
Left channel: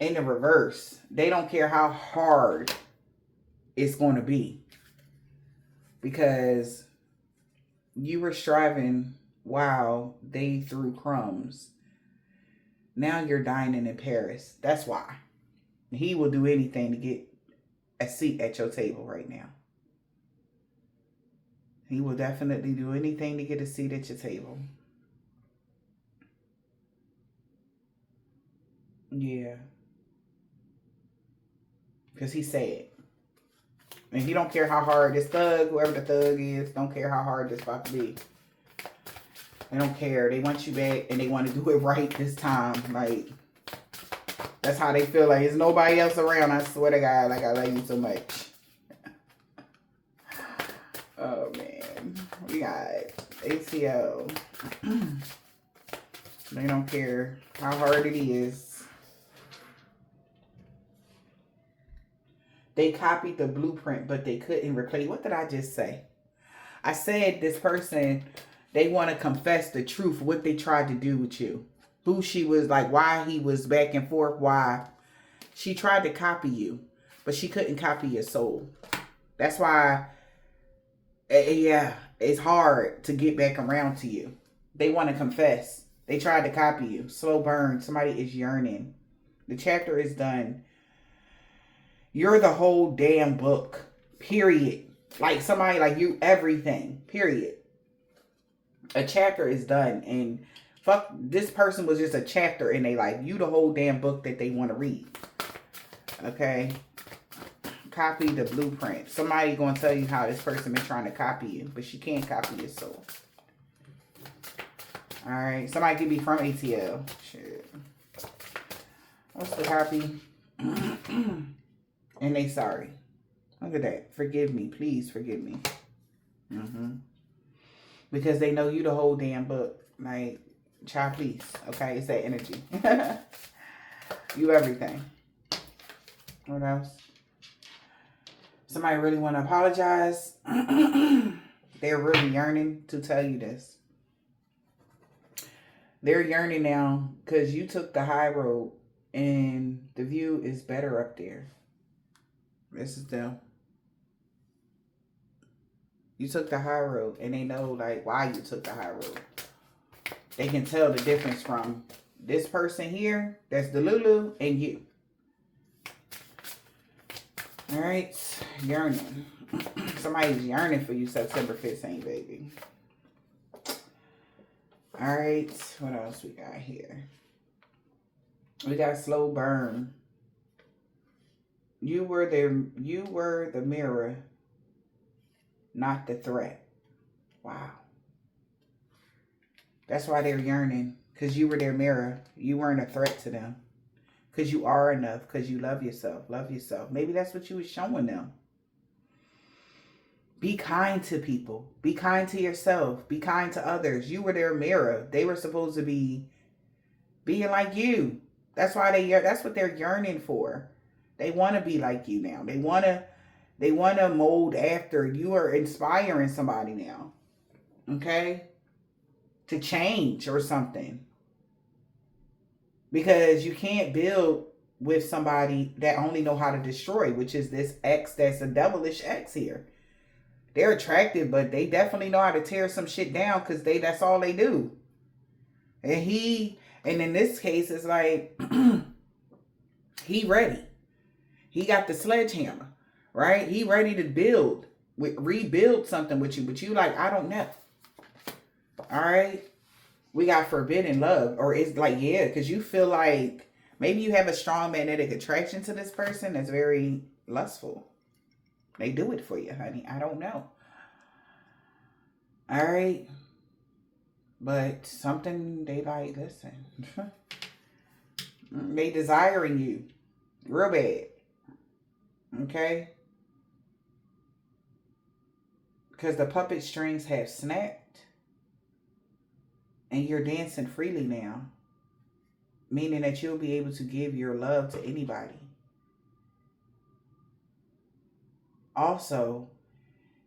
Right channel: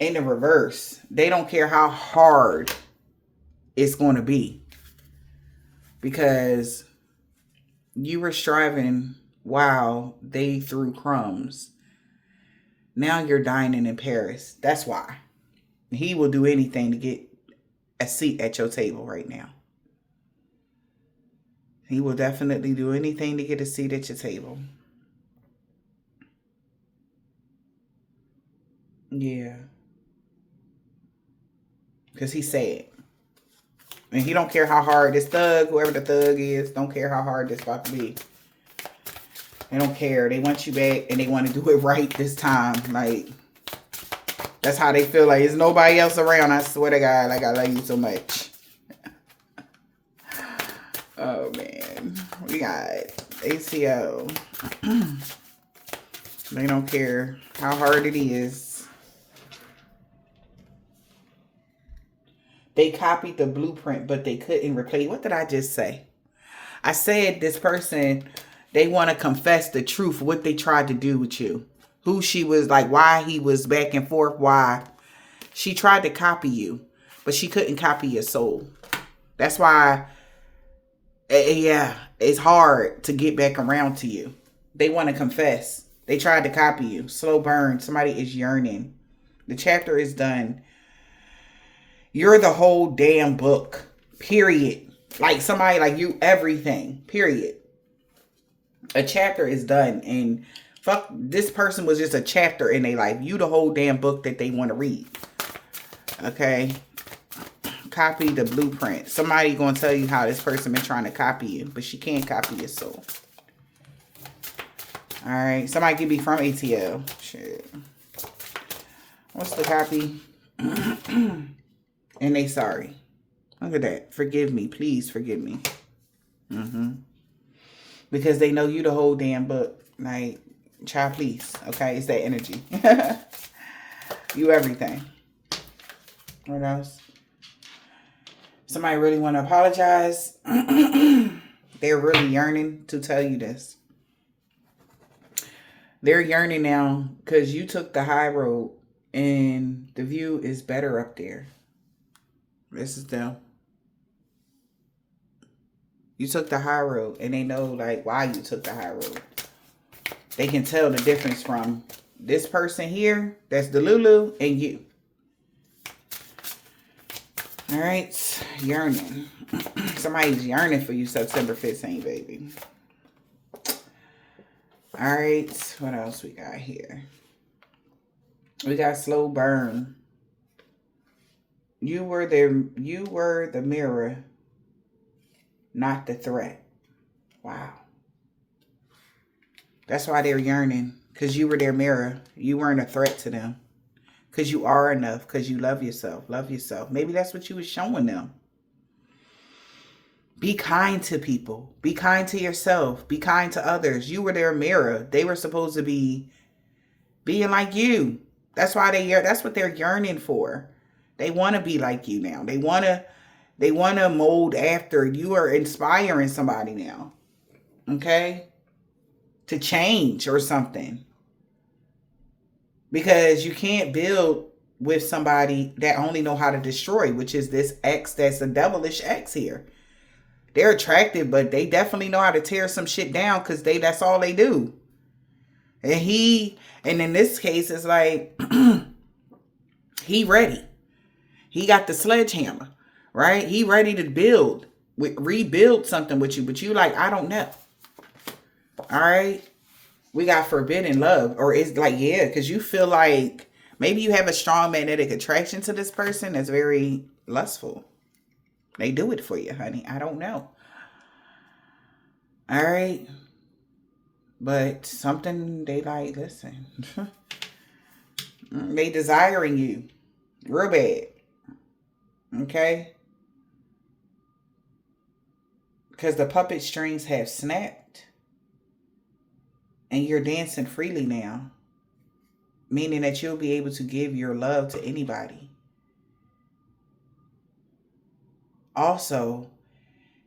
In the reverse, they don't care how hard it's going to be because you were striving while they threw crumbs. Now you're dining in Paris. That's why. He will do anything to get a seat at your table right now. He will definitely do anything to get a seat at your table. Yeah. Because he said. And he don't care how hard this thug, whoever the thug is, don't care how hard this about to be. They don't care. They want you back and they want to do it right this time. Like, that's how they feel. Like, there's nobody else around. I swear to God, like, I love you so much. Oh, man. We got ACO. They don't care how hard it is. They copied the blueprint, but they couldn't replace. What did I just say? I said this person, they want to confess the truth, what they tried to do with you. Who she was, like, why he was back and forth, why. She tried to copy you, but she couldn't copy your soul. That's why, yeah, it's hard to get back around to you. They want to confess. They tried to copy you. Slow burn. Somebody is yearning. The chapter is done. You're the whole damn book. Period. Like somebody like you, everything. Period. A chapter is done. And fuck, this person was just a chapter in their life. You the whole damn book that they want to read. Okay? Copy the blueprint. Somebody gonna tell you how this person been trying to copy you. But she can't copy your soul. Alright. Somebody could be from ATL. Shit. What's the copy? And they sorry. Look at that. Forgive me. Please forgive me. Because they know you the whole damn book. Like, child, please. Okay? It's that energy. You everything. What else? Somebody really want to apologize. They're really yearning to tell you this. They're yearning now because you took the high road and the view is better up there. This is them. You took the high road and they know like why you took the high road. They can tell the difference from this person here, that's the Lulu, and you. All right, yearning. Somebody's yearning for you September 15th, baby. All right, what else we got here? We got slow burn. You were the mirror, not the threat. Wow. That's why they're yearning, because you were their mirror. You weren't a threat to them. Because you are enough, because you love yourself. Love yourself. Maybe that's what you was showing them. Be kind to people. Be kind to yourself. Be kind to others. You were their mirror. They were supposed to be being like you. That's why that's what they're yearning for. They want to be like you now. They want to mold after. You are inspiring somebody now. Okay? To change or something. Because you can't build with somebody that only know how to destroy, which is this ex that's a devilish ex here. They're attractive, but they definitely know how to tear some shit down because that's all they do. And in this case, it's like, he ready. He got the sledgehammer, right? He ready to rebuild something with you, but you like, I don't know. All right? We got forbidden love, or it's like, yeah, because you feel like maybe you have a strong magnetic attraction to this person that's very lustful. They do it for you, honey. I don't know. All right. But something they like, listen. They desiring you. Real bad. Okay? Because the puppet strings have snapped and you're dancing freely now, meaning that you'll be able to give your love to anybody. Also,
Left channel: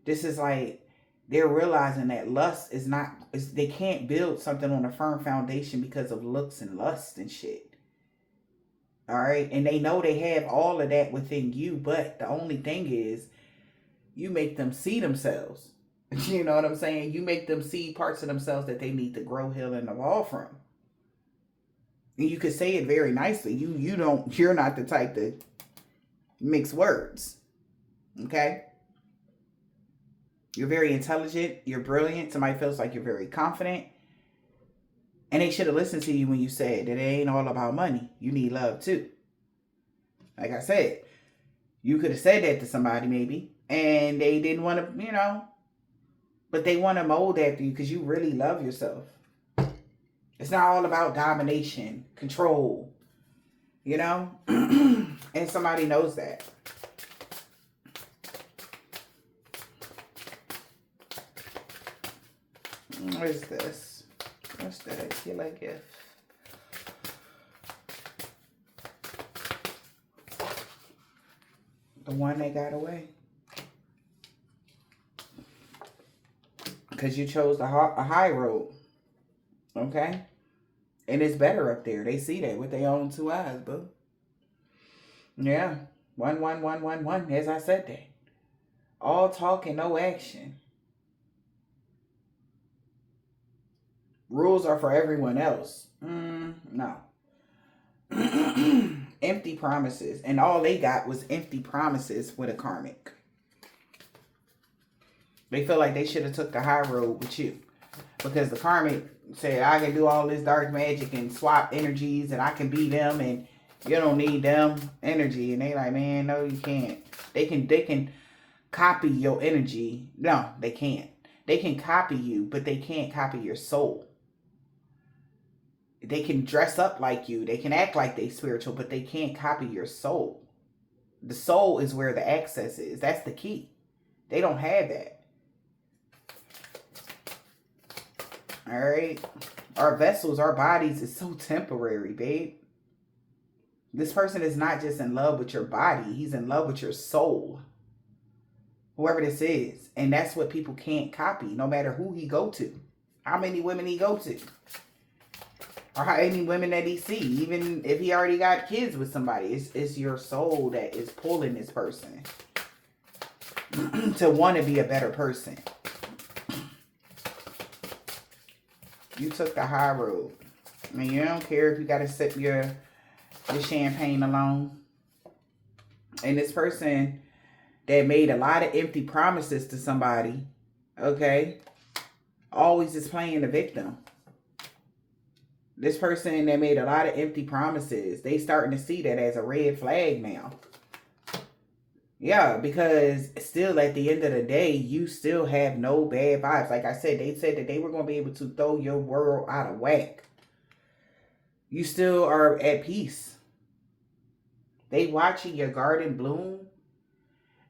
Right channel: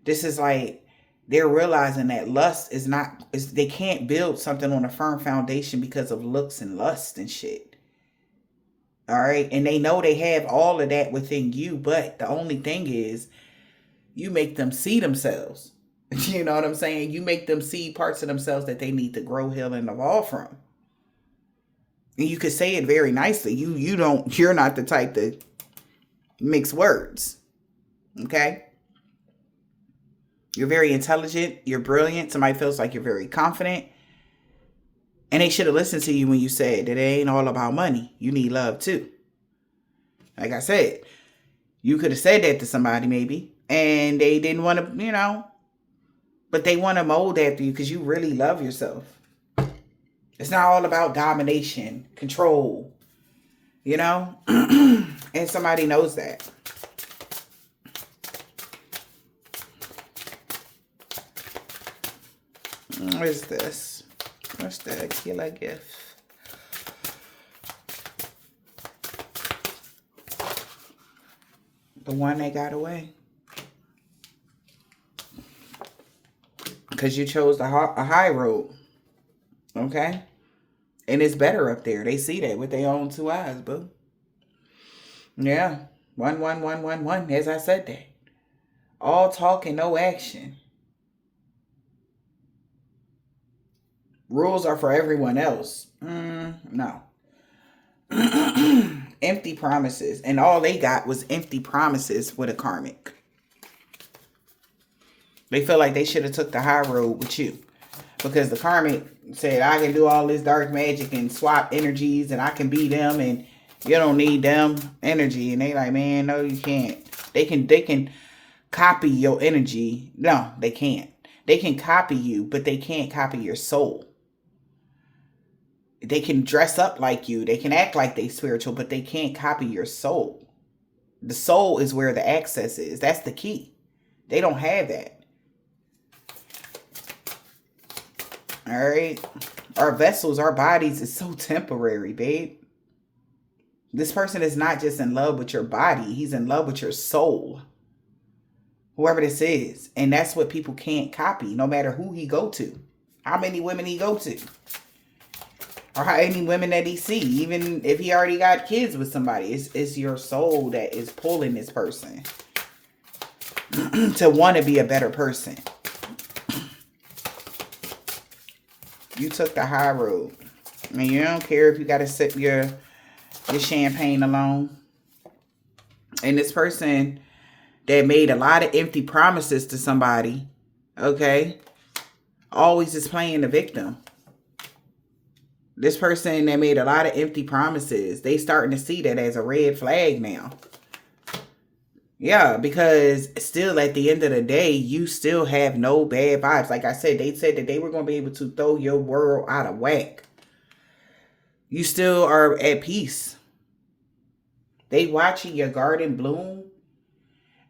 this is like they're realizing that lust is not is they can't build something on a firm foundation because of looks and lust and shit. All right, and they know they have all of that within you, but the only thing is you make them see themselves. You know what I'm saying? You make them see parts of themselves that they need to grow, heal, and evolve from. And you could say it very nicely. You're not the type to mix words. Okay? You're very intelligent, you're brilliant. Somebody feels like you're very confident. And they should have listened to you when you said that it ain't all about money. You need love too. Like I said, you could have said that to somebody maybe, and they didn't want to, but they want to mold after you because you really love yourself. It's not all about domination, control, and somebody knows that. What is this? What's the killer gift? The one that got away. Because you chose a high road. Okay? And it's better up there. They see that with their own two eyes, boo. Yeah. 1, 1, 1, 1, 1. As I said that. All talk and no action. Rules are for everyone else. No. Empty promises. And all they got was empty promises with a karmic. They feel like they should have took the high road with you. Because the karmic said, I can do all this dark magic and swap energies and I can be them and you don't need them energy. And they like, man, no, you can't. They can copy your energy. No, they can't. They can copy you, but they can't copy your soul. They can dress up like you. They can act like they spiritual, but they can't copy your soul. The soul is where the access is. That's the key. They don't have that. All right. Our vessels, our bodies is so temporary, babe. This person is not just in love with your body. He's in love with your soul. Whoever this is. And that's what people can't copy, no matter who he go to. How many women he go to. Or how many women that he see. Even if he already got kids with somebody. It's your soul that is pulling this person. To want to be a better person. You took the high road. I mean, you don't care if you got to sip your champagne alone. And this person that made a lot of empty promises to somebody, okay, always is playing the victim. This person that made a lot of empty promises, they starting to see that as a red flag now. Yeah, because still at the end of the day, you still have no bad vibes. Like I said, they said that they were going to be able to throw your world out of whack. You still are at peace. They watching your garden bloom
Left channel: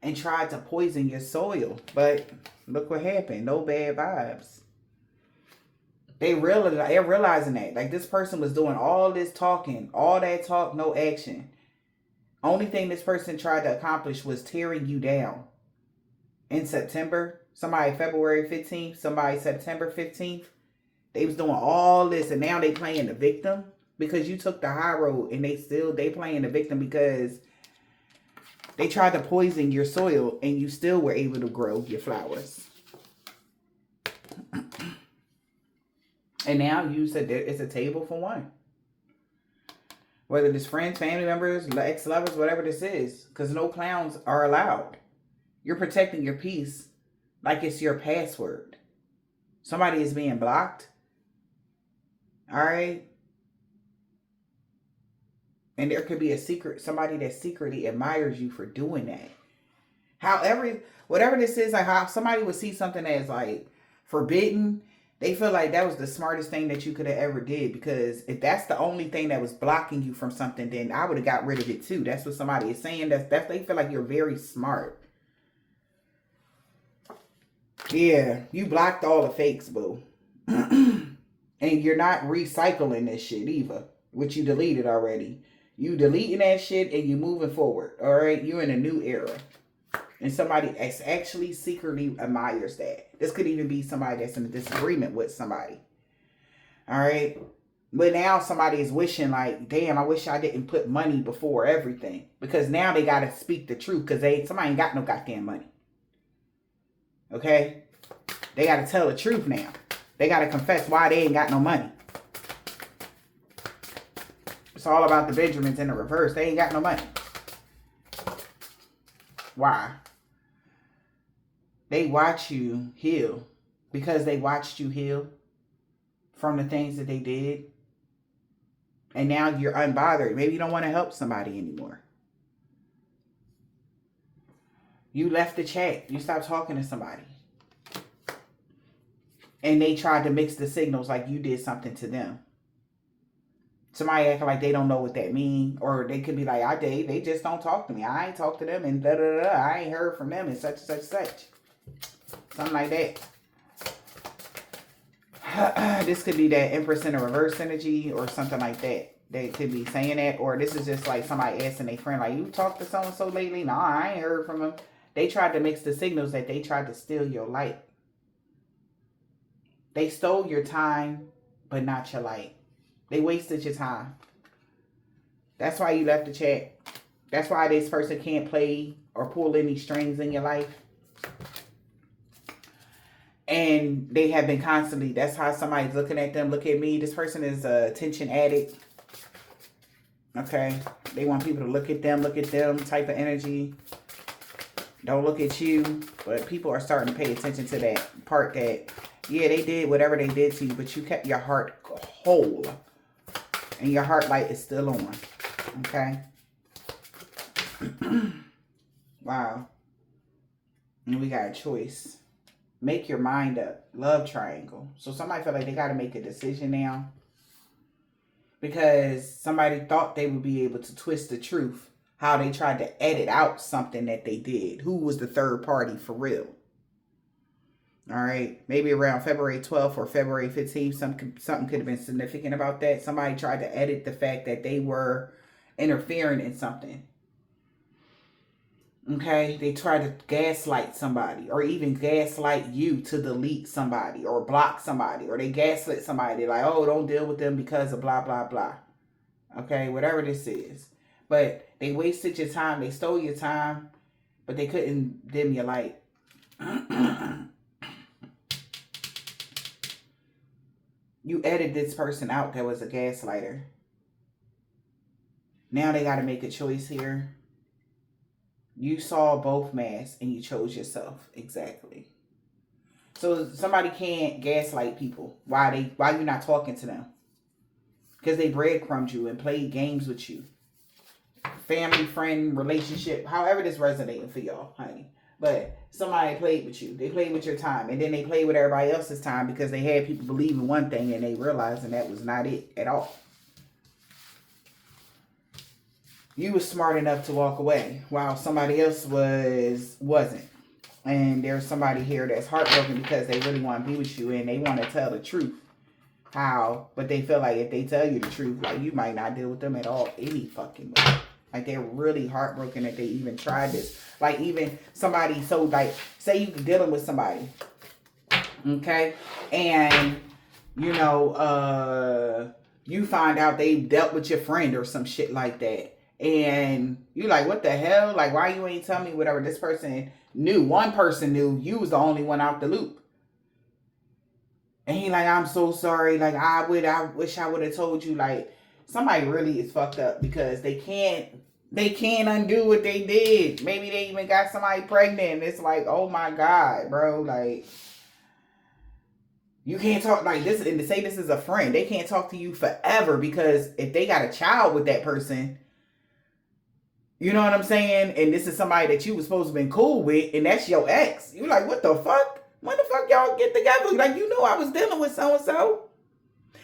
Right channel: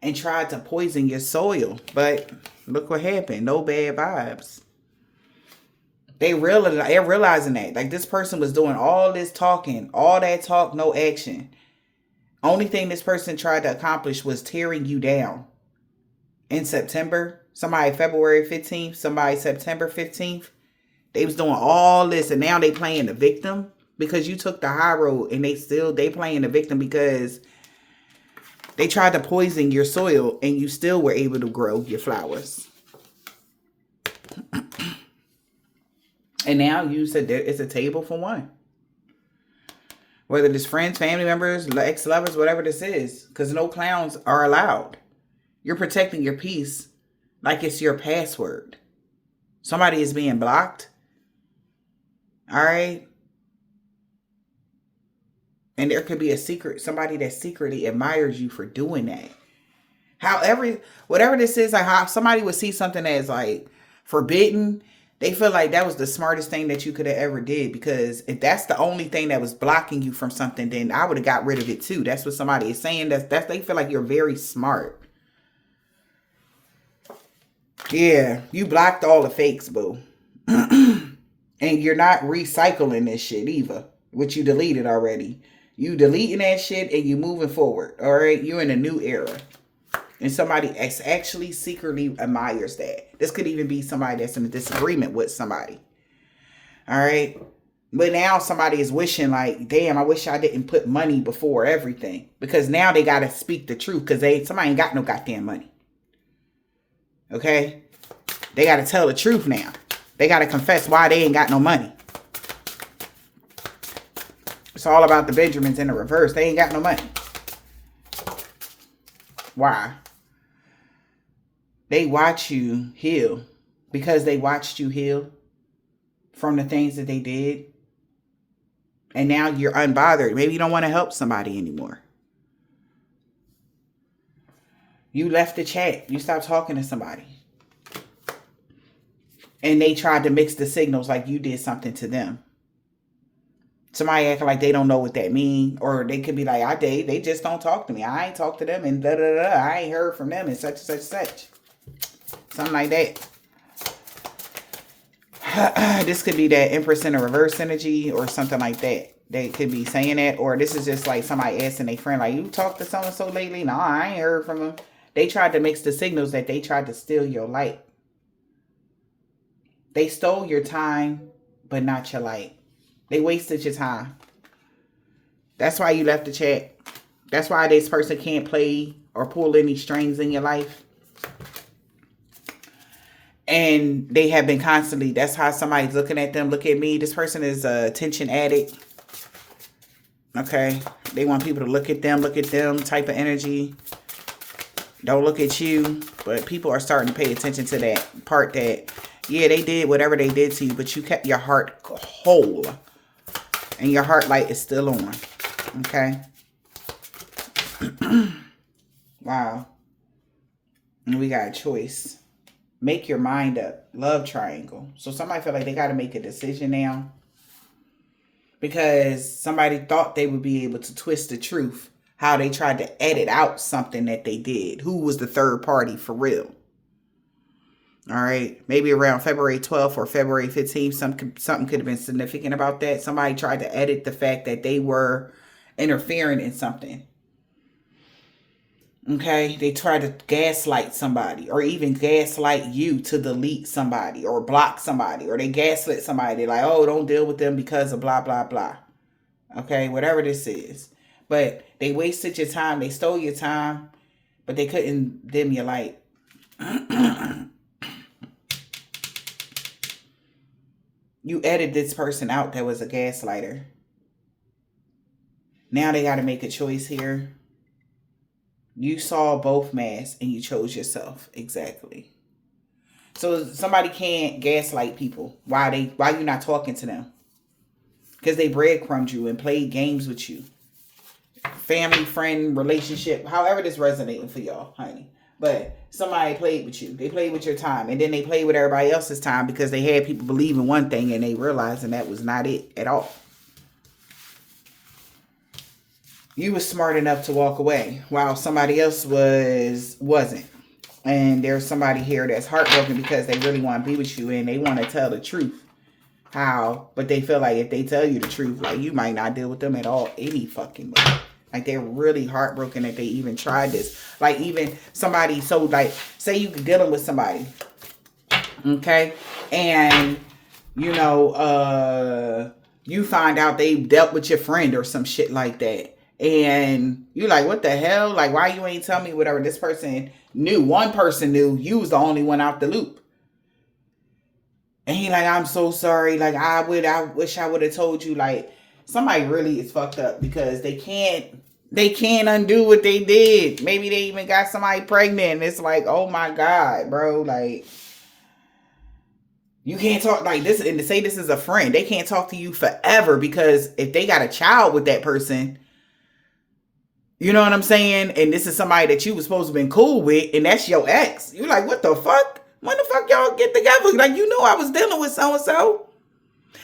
and tried to poison your soil. But look what happened. No bad vibes. They're realizing that. Like this person was doing all this talking. All that talk, no action. Only thing this person tried to accomplish was tearing you down. In September, somebody February 15th, somebody September 15th. They was doing all this and now they playing the victim because you took the high road and they playing the victim because they tried to poison your soil and you still were able to grow your flowers. And now you said there is a table for one. Whether it's friends, family members, ex-lovers, whatever this is. Because no clowns are allowed. You're protecting your peace like it's your password. Somebody is being blocked. All right? And there could be somebody that secretly admires you for doing that. However, whatever this is, like how somebody would see something as like forbidden, They feel like that was the smartest thing that you could have ever did, because if that's the only thing that was blocking you from something, then I would have got rid of it too. That's what somebody is saying. That's they feel like you're very smart. Yeah, you blocked all the fakes, boo. And you're not recycling this shit either, which you deleted already. You deleting that shit and you moving forward. All right, you're in a new era. And somebody actually secretly admires that. This could even be somebody that's in a disagreement with somebody. All right. But now somebody is wishing like, damn, I wish I didn't put money before everything. Because now they got to speak the truth, because somebody ain't got no goddamn money. Okay. They got to tell the truth now. They got to confess why they ain't got no money. It's all about the Benjamins in the reverse. They ain't got no money. Why? They watch you heal because they watched you heal from the things that they did. And now you're unbothered. Maybe you don't want to help somebody anymore. You left the chat. You stopped talking to somebody. And they tried to mix the signals like you did something to them. Somebody acting like they don't know what that means. Or they could be like, they just don't talk to me. I ain't talked to them and da-da-da-da. I ain't heard from them and such and such and such. Something like that. This could be that Empress in the reverse energy or something like that. They could be saying that. Or this is just like somebody asking their friend, like, you talked to so-and-so lately? No, I ain't heard from them. They tried to mix the signals that they tried to steal your light. They stole your time, but not your light. They wasted your time. That's why you left the chat. That's why this person can't play or pull any strings in your life. And they have been constantly, that's how somebody's looking at them. Look at me. This person is a attention addict. Okay. They want people to look at them type of energy. Don't look at you. But people are starting to pay attention to that part that, yeah, they did whatever they did to you, but you kept your heart whole. And your heart light is still on. Okay. Wow. And we got a choice. Make your mind up. Love triangle. So somebody feel like they got to make a decision now. Because somebody thought they would be able to twist the truth. How they tried to edit out something that they did. Who was the third party for real? All right. Maybe around February 12th or February 15th. Something could have been significant about that. Somebody tried to edit the fact that they were interfering in something. Okay, they try to gaslight somebody or even gaslight you to delete somebody or block somebody, or they gaslit somebody like, oh, don't deal with them because of blah, blah, blah. Okay, whatever this is. But they wasted your time. They stole your time, but they couldn't dim your light. You edited this person out that was a gaslighter. Now they got to make a choice here. You saw both masks and you chose yourself. Exactly. So somebody can't gaslight people. Why you not talking to them? Because they breadcrumbed you and played games with you. Family, friend, relationship, however this resonating for y'all, honey. But somebody played with you. They played with your time. And then they played with everybody else's time because they had people believe in one thing and they realized that was not it at all. You was smart enough to walk away while somebody else wasn't. And there's somebody here that's heartbroken because they really want to be with you and they want to tell the truth. How? But they feel like if they tell you the truth, like you might not deal with them at all any fucking way. Like they're really heartbroken that they even tried this. Like even somebody, so like say you dealing with somebody. Okay? And you know, you find out they dealt with your friend or some shit like that. And you're like, what the hell? Like, why you ain't tell me whatever? This person knew. One person knew. You was the only one out the loop. And he like, I'm so sorry. Like, I wish I would have told you. Like, somebody really is fucked up because they can't undo what they did. Maybe they even got somebody pregnant. And it's like, oh my God, bro. Like, you can't talk like this. And to say this is a friend, they can't talk to you forever because if they got a child with that person, you know what I'm saying? And this is somebody that you was supposed to have been cool with, and that's your ex. You're like, what the fuck? When the fuck y'all get together? Like, you knew I was dealing with so-and-so.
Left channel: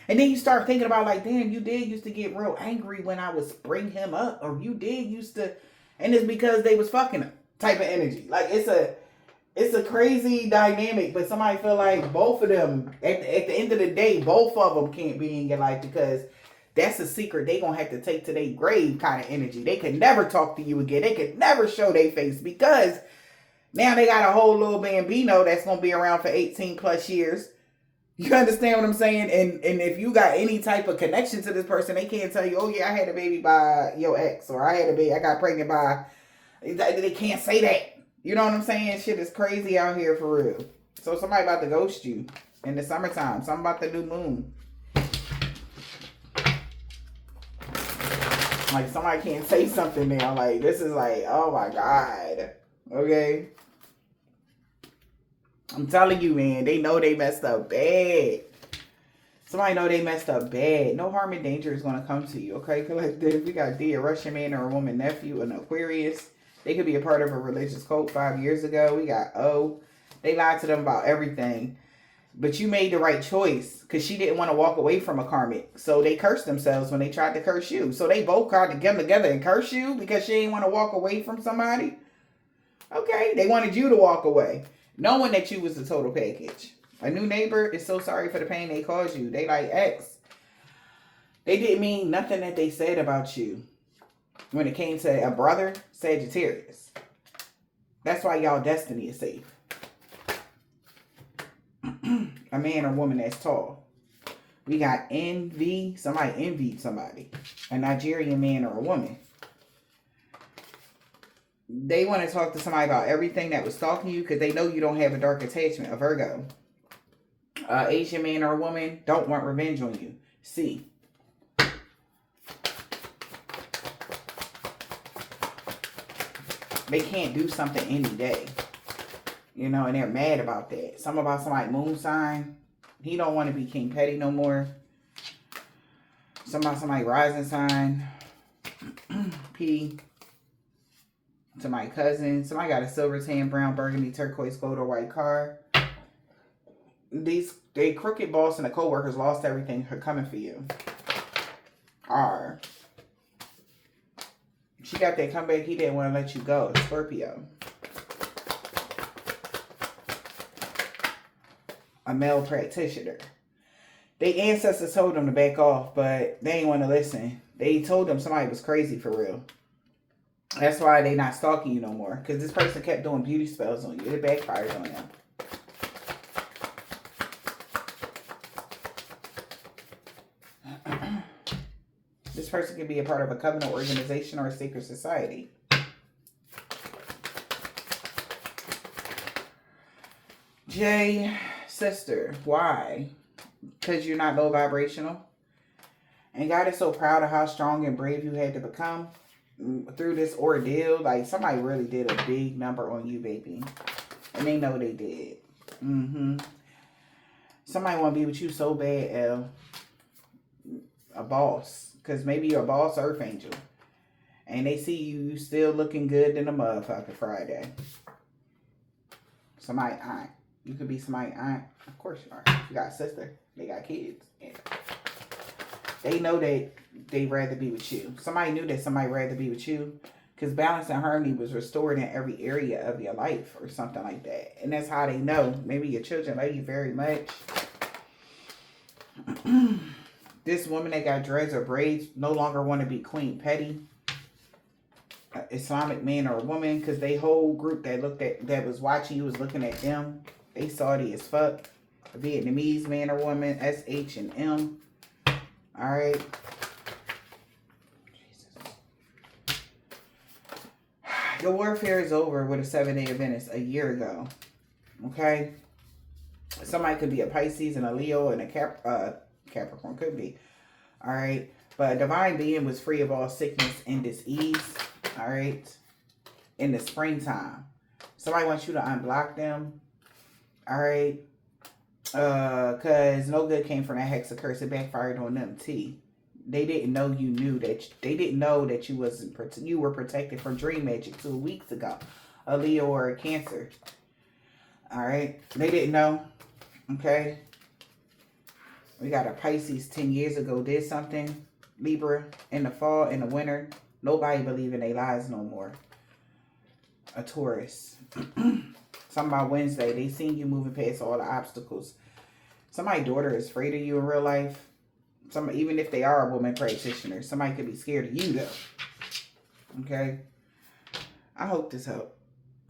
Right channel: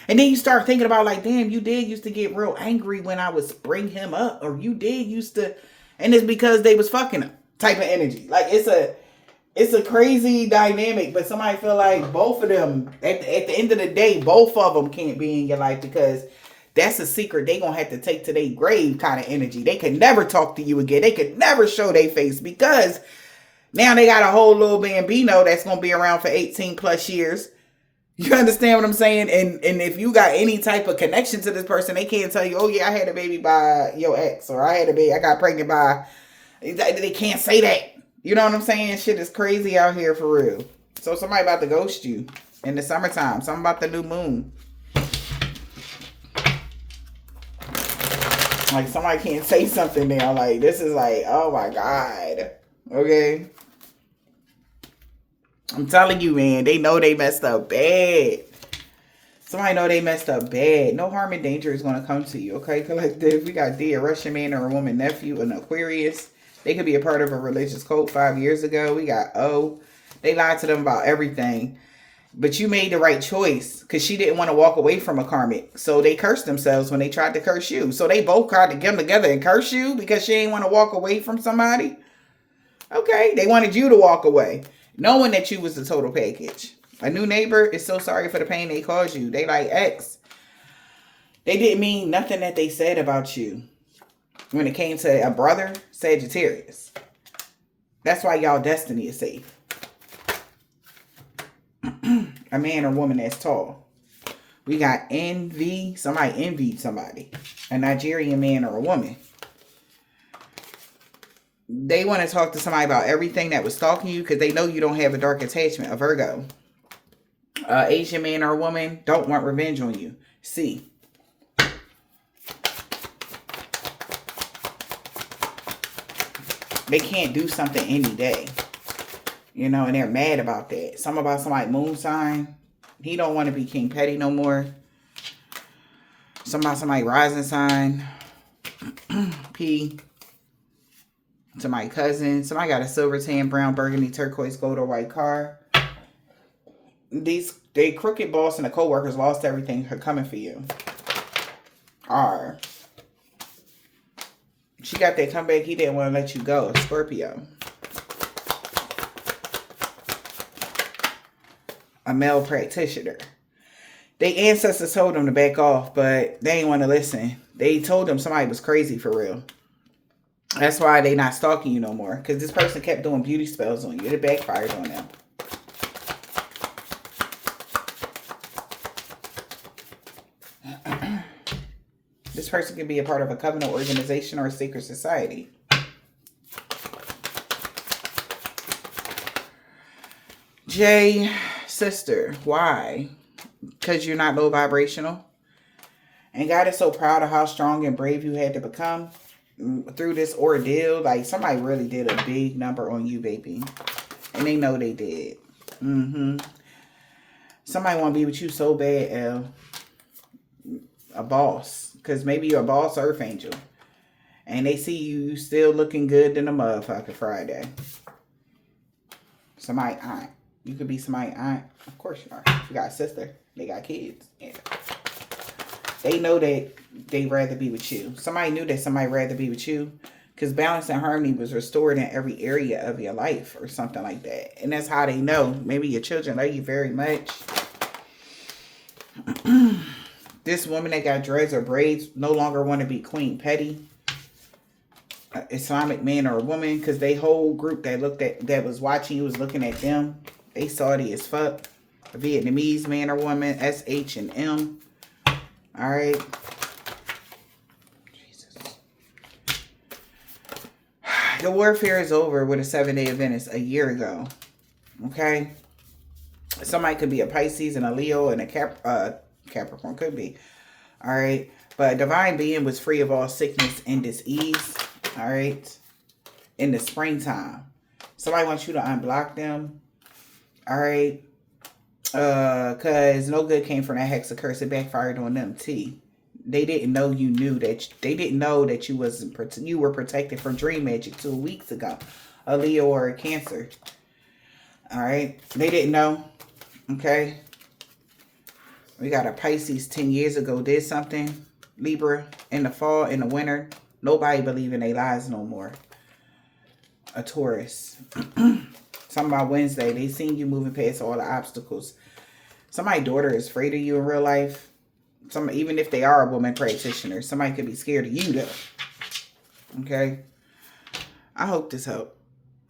And then you start thinking about like, damn, you did used to get real angry when I was bring him up. Or you did used to, and it's because they was fucking him type of energy. Like, it's a crazy dynamic, but somebody feel like both of them, at the end of the day, both of them can't be in your life because that's a secret they gonna have to take to their grave kind of energy. They could never talk to you again. They could never show their face because now they got a whole little bambino that's gonna be around for 18 plus years. You understand what I'm saying? And if you got any type of connection to this person, they can't tell you, oh yeah, I had a baby by your ex, or I got pregnant by. They can't say that. You know what I'm saying? Shit is crazy out here for real. So somebody about to ghost you in the summertime. Something about the new moon. Like, somebody can't say something now. Like, this is like, oh my God. Okay? I'm telling you, man. They know they messed up bad. Somebody know they messed up bad. No harm and danger is going to come to you. Okay? Feel like this. We got D, a Russian man or a woman nephew, an Aquarius. They could be a part of a religious cult 5 years ago. We got O. They lied to them about everything. But you made the right choice because she didn't want to walk away from a karmic. So they cursed themselves when they tried to curse you. So they both tried to get them together and curse you because she didn't want to walk away from somebody. Okay. They wanted you to walk away, knowing that you was the total package. A new neighbor is so sorry for the pain they caused you. They like X. They didn't mean nothing that they said about you. When it came to a brother, Sagittarius. That's why y'all destiny is safe. A man or woman that's tall. We got envy. Somebody envied somebody. A Nigerian man or a woman. They want to talk to somebody about everything that was stalking you because they know you don't have a dark attachment. A Virgo. Asian man or a woman don't want revenge on you. C. They can't do something any day. You know, and they're mad about that. Something about somebody moon sign. He don't want to be King Petty no more. Something about somebody rising sign. P. To my cousin. Somebody got a silver, tan, brown, burgundy, turquoise, gold, or white car. They crooked boss and the co-workers lost everything coming for you. R. She got that comeback. He didn't want to let you go. Scorpio. A male practitioner. They ancestors told them to back off, but they didn't want to listen. They told them somebody was crazy for real. That's why they not stalking you no more. Because this person kept doing beauty spells on you. It backfired on them. This person could be a part of a covenant organization or a secret society. J, sister, why? Because you're not low vibrational. And God is so proud of how strong and brave you had to become through this ordeal. Like, somebody really did a big number on you, baby. And they know they did. Somebody want to be with you so bad, L. A boss. Because maybe you're a boss earth angel. And they see you still looking good than a motherfucker Friday. Somebody aunt. You could be somebody aunt. Of course you are. You got a sister. They got kids. Yeah. They know that they'd rather be with you. Somebody knew that somebody rather be with you. Because balance and harmony was restored in every area of your life. Or something like that. And that's how they know. Maybe your children love you very much. This woman that got dreads or braids no longer want to be Queen Petty. Islamic man or a woman. Because they whole group that was watching you was looking at them. They salty as fuck. A Vietnamese man or woman. S, H, and M. Alright. Jesus. The warfare is over with a 7-day Adventist a year ago. Okay? Somebody could be a Pisces and a Leo and a Capricorn. Could be. Alright? But a divine being was free of all sickness and disease. Alright? In the springtime. Somebody wants you to unblock them. Alright? Because no good came from that hex of curse. It backfired on them. T. They didn't know you knew that. They didn't know that you were protected from dream magic 2 weeks ago. A Leo or a Cancer. All right. They didn't know. Okay. We got a Pisces 10 years ago did something. Libra in the fall, in the winter. Nobody believe in their lies no more. A Taurus. Something about Wednesday. They seen you moving past all the obstacles. Somebody's daughter is afraid of you in real life. Even if they are a woman practitioner, somebody could be scared of you though. Okay. I hope this helped.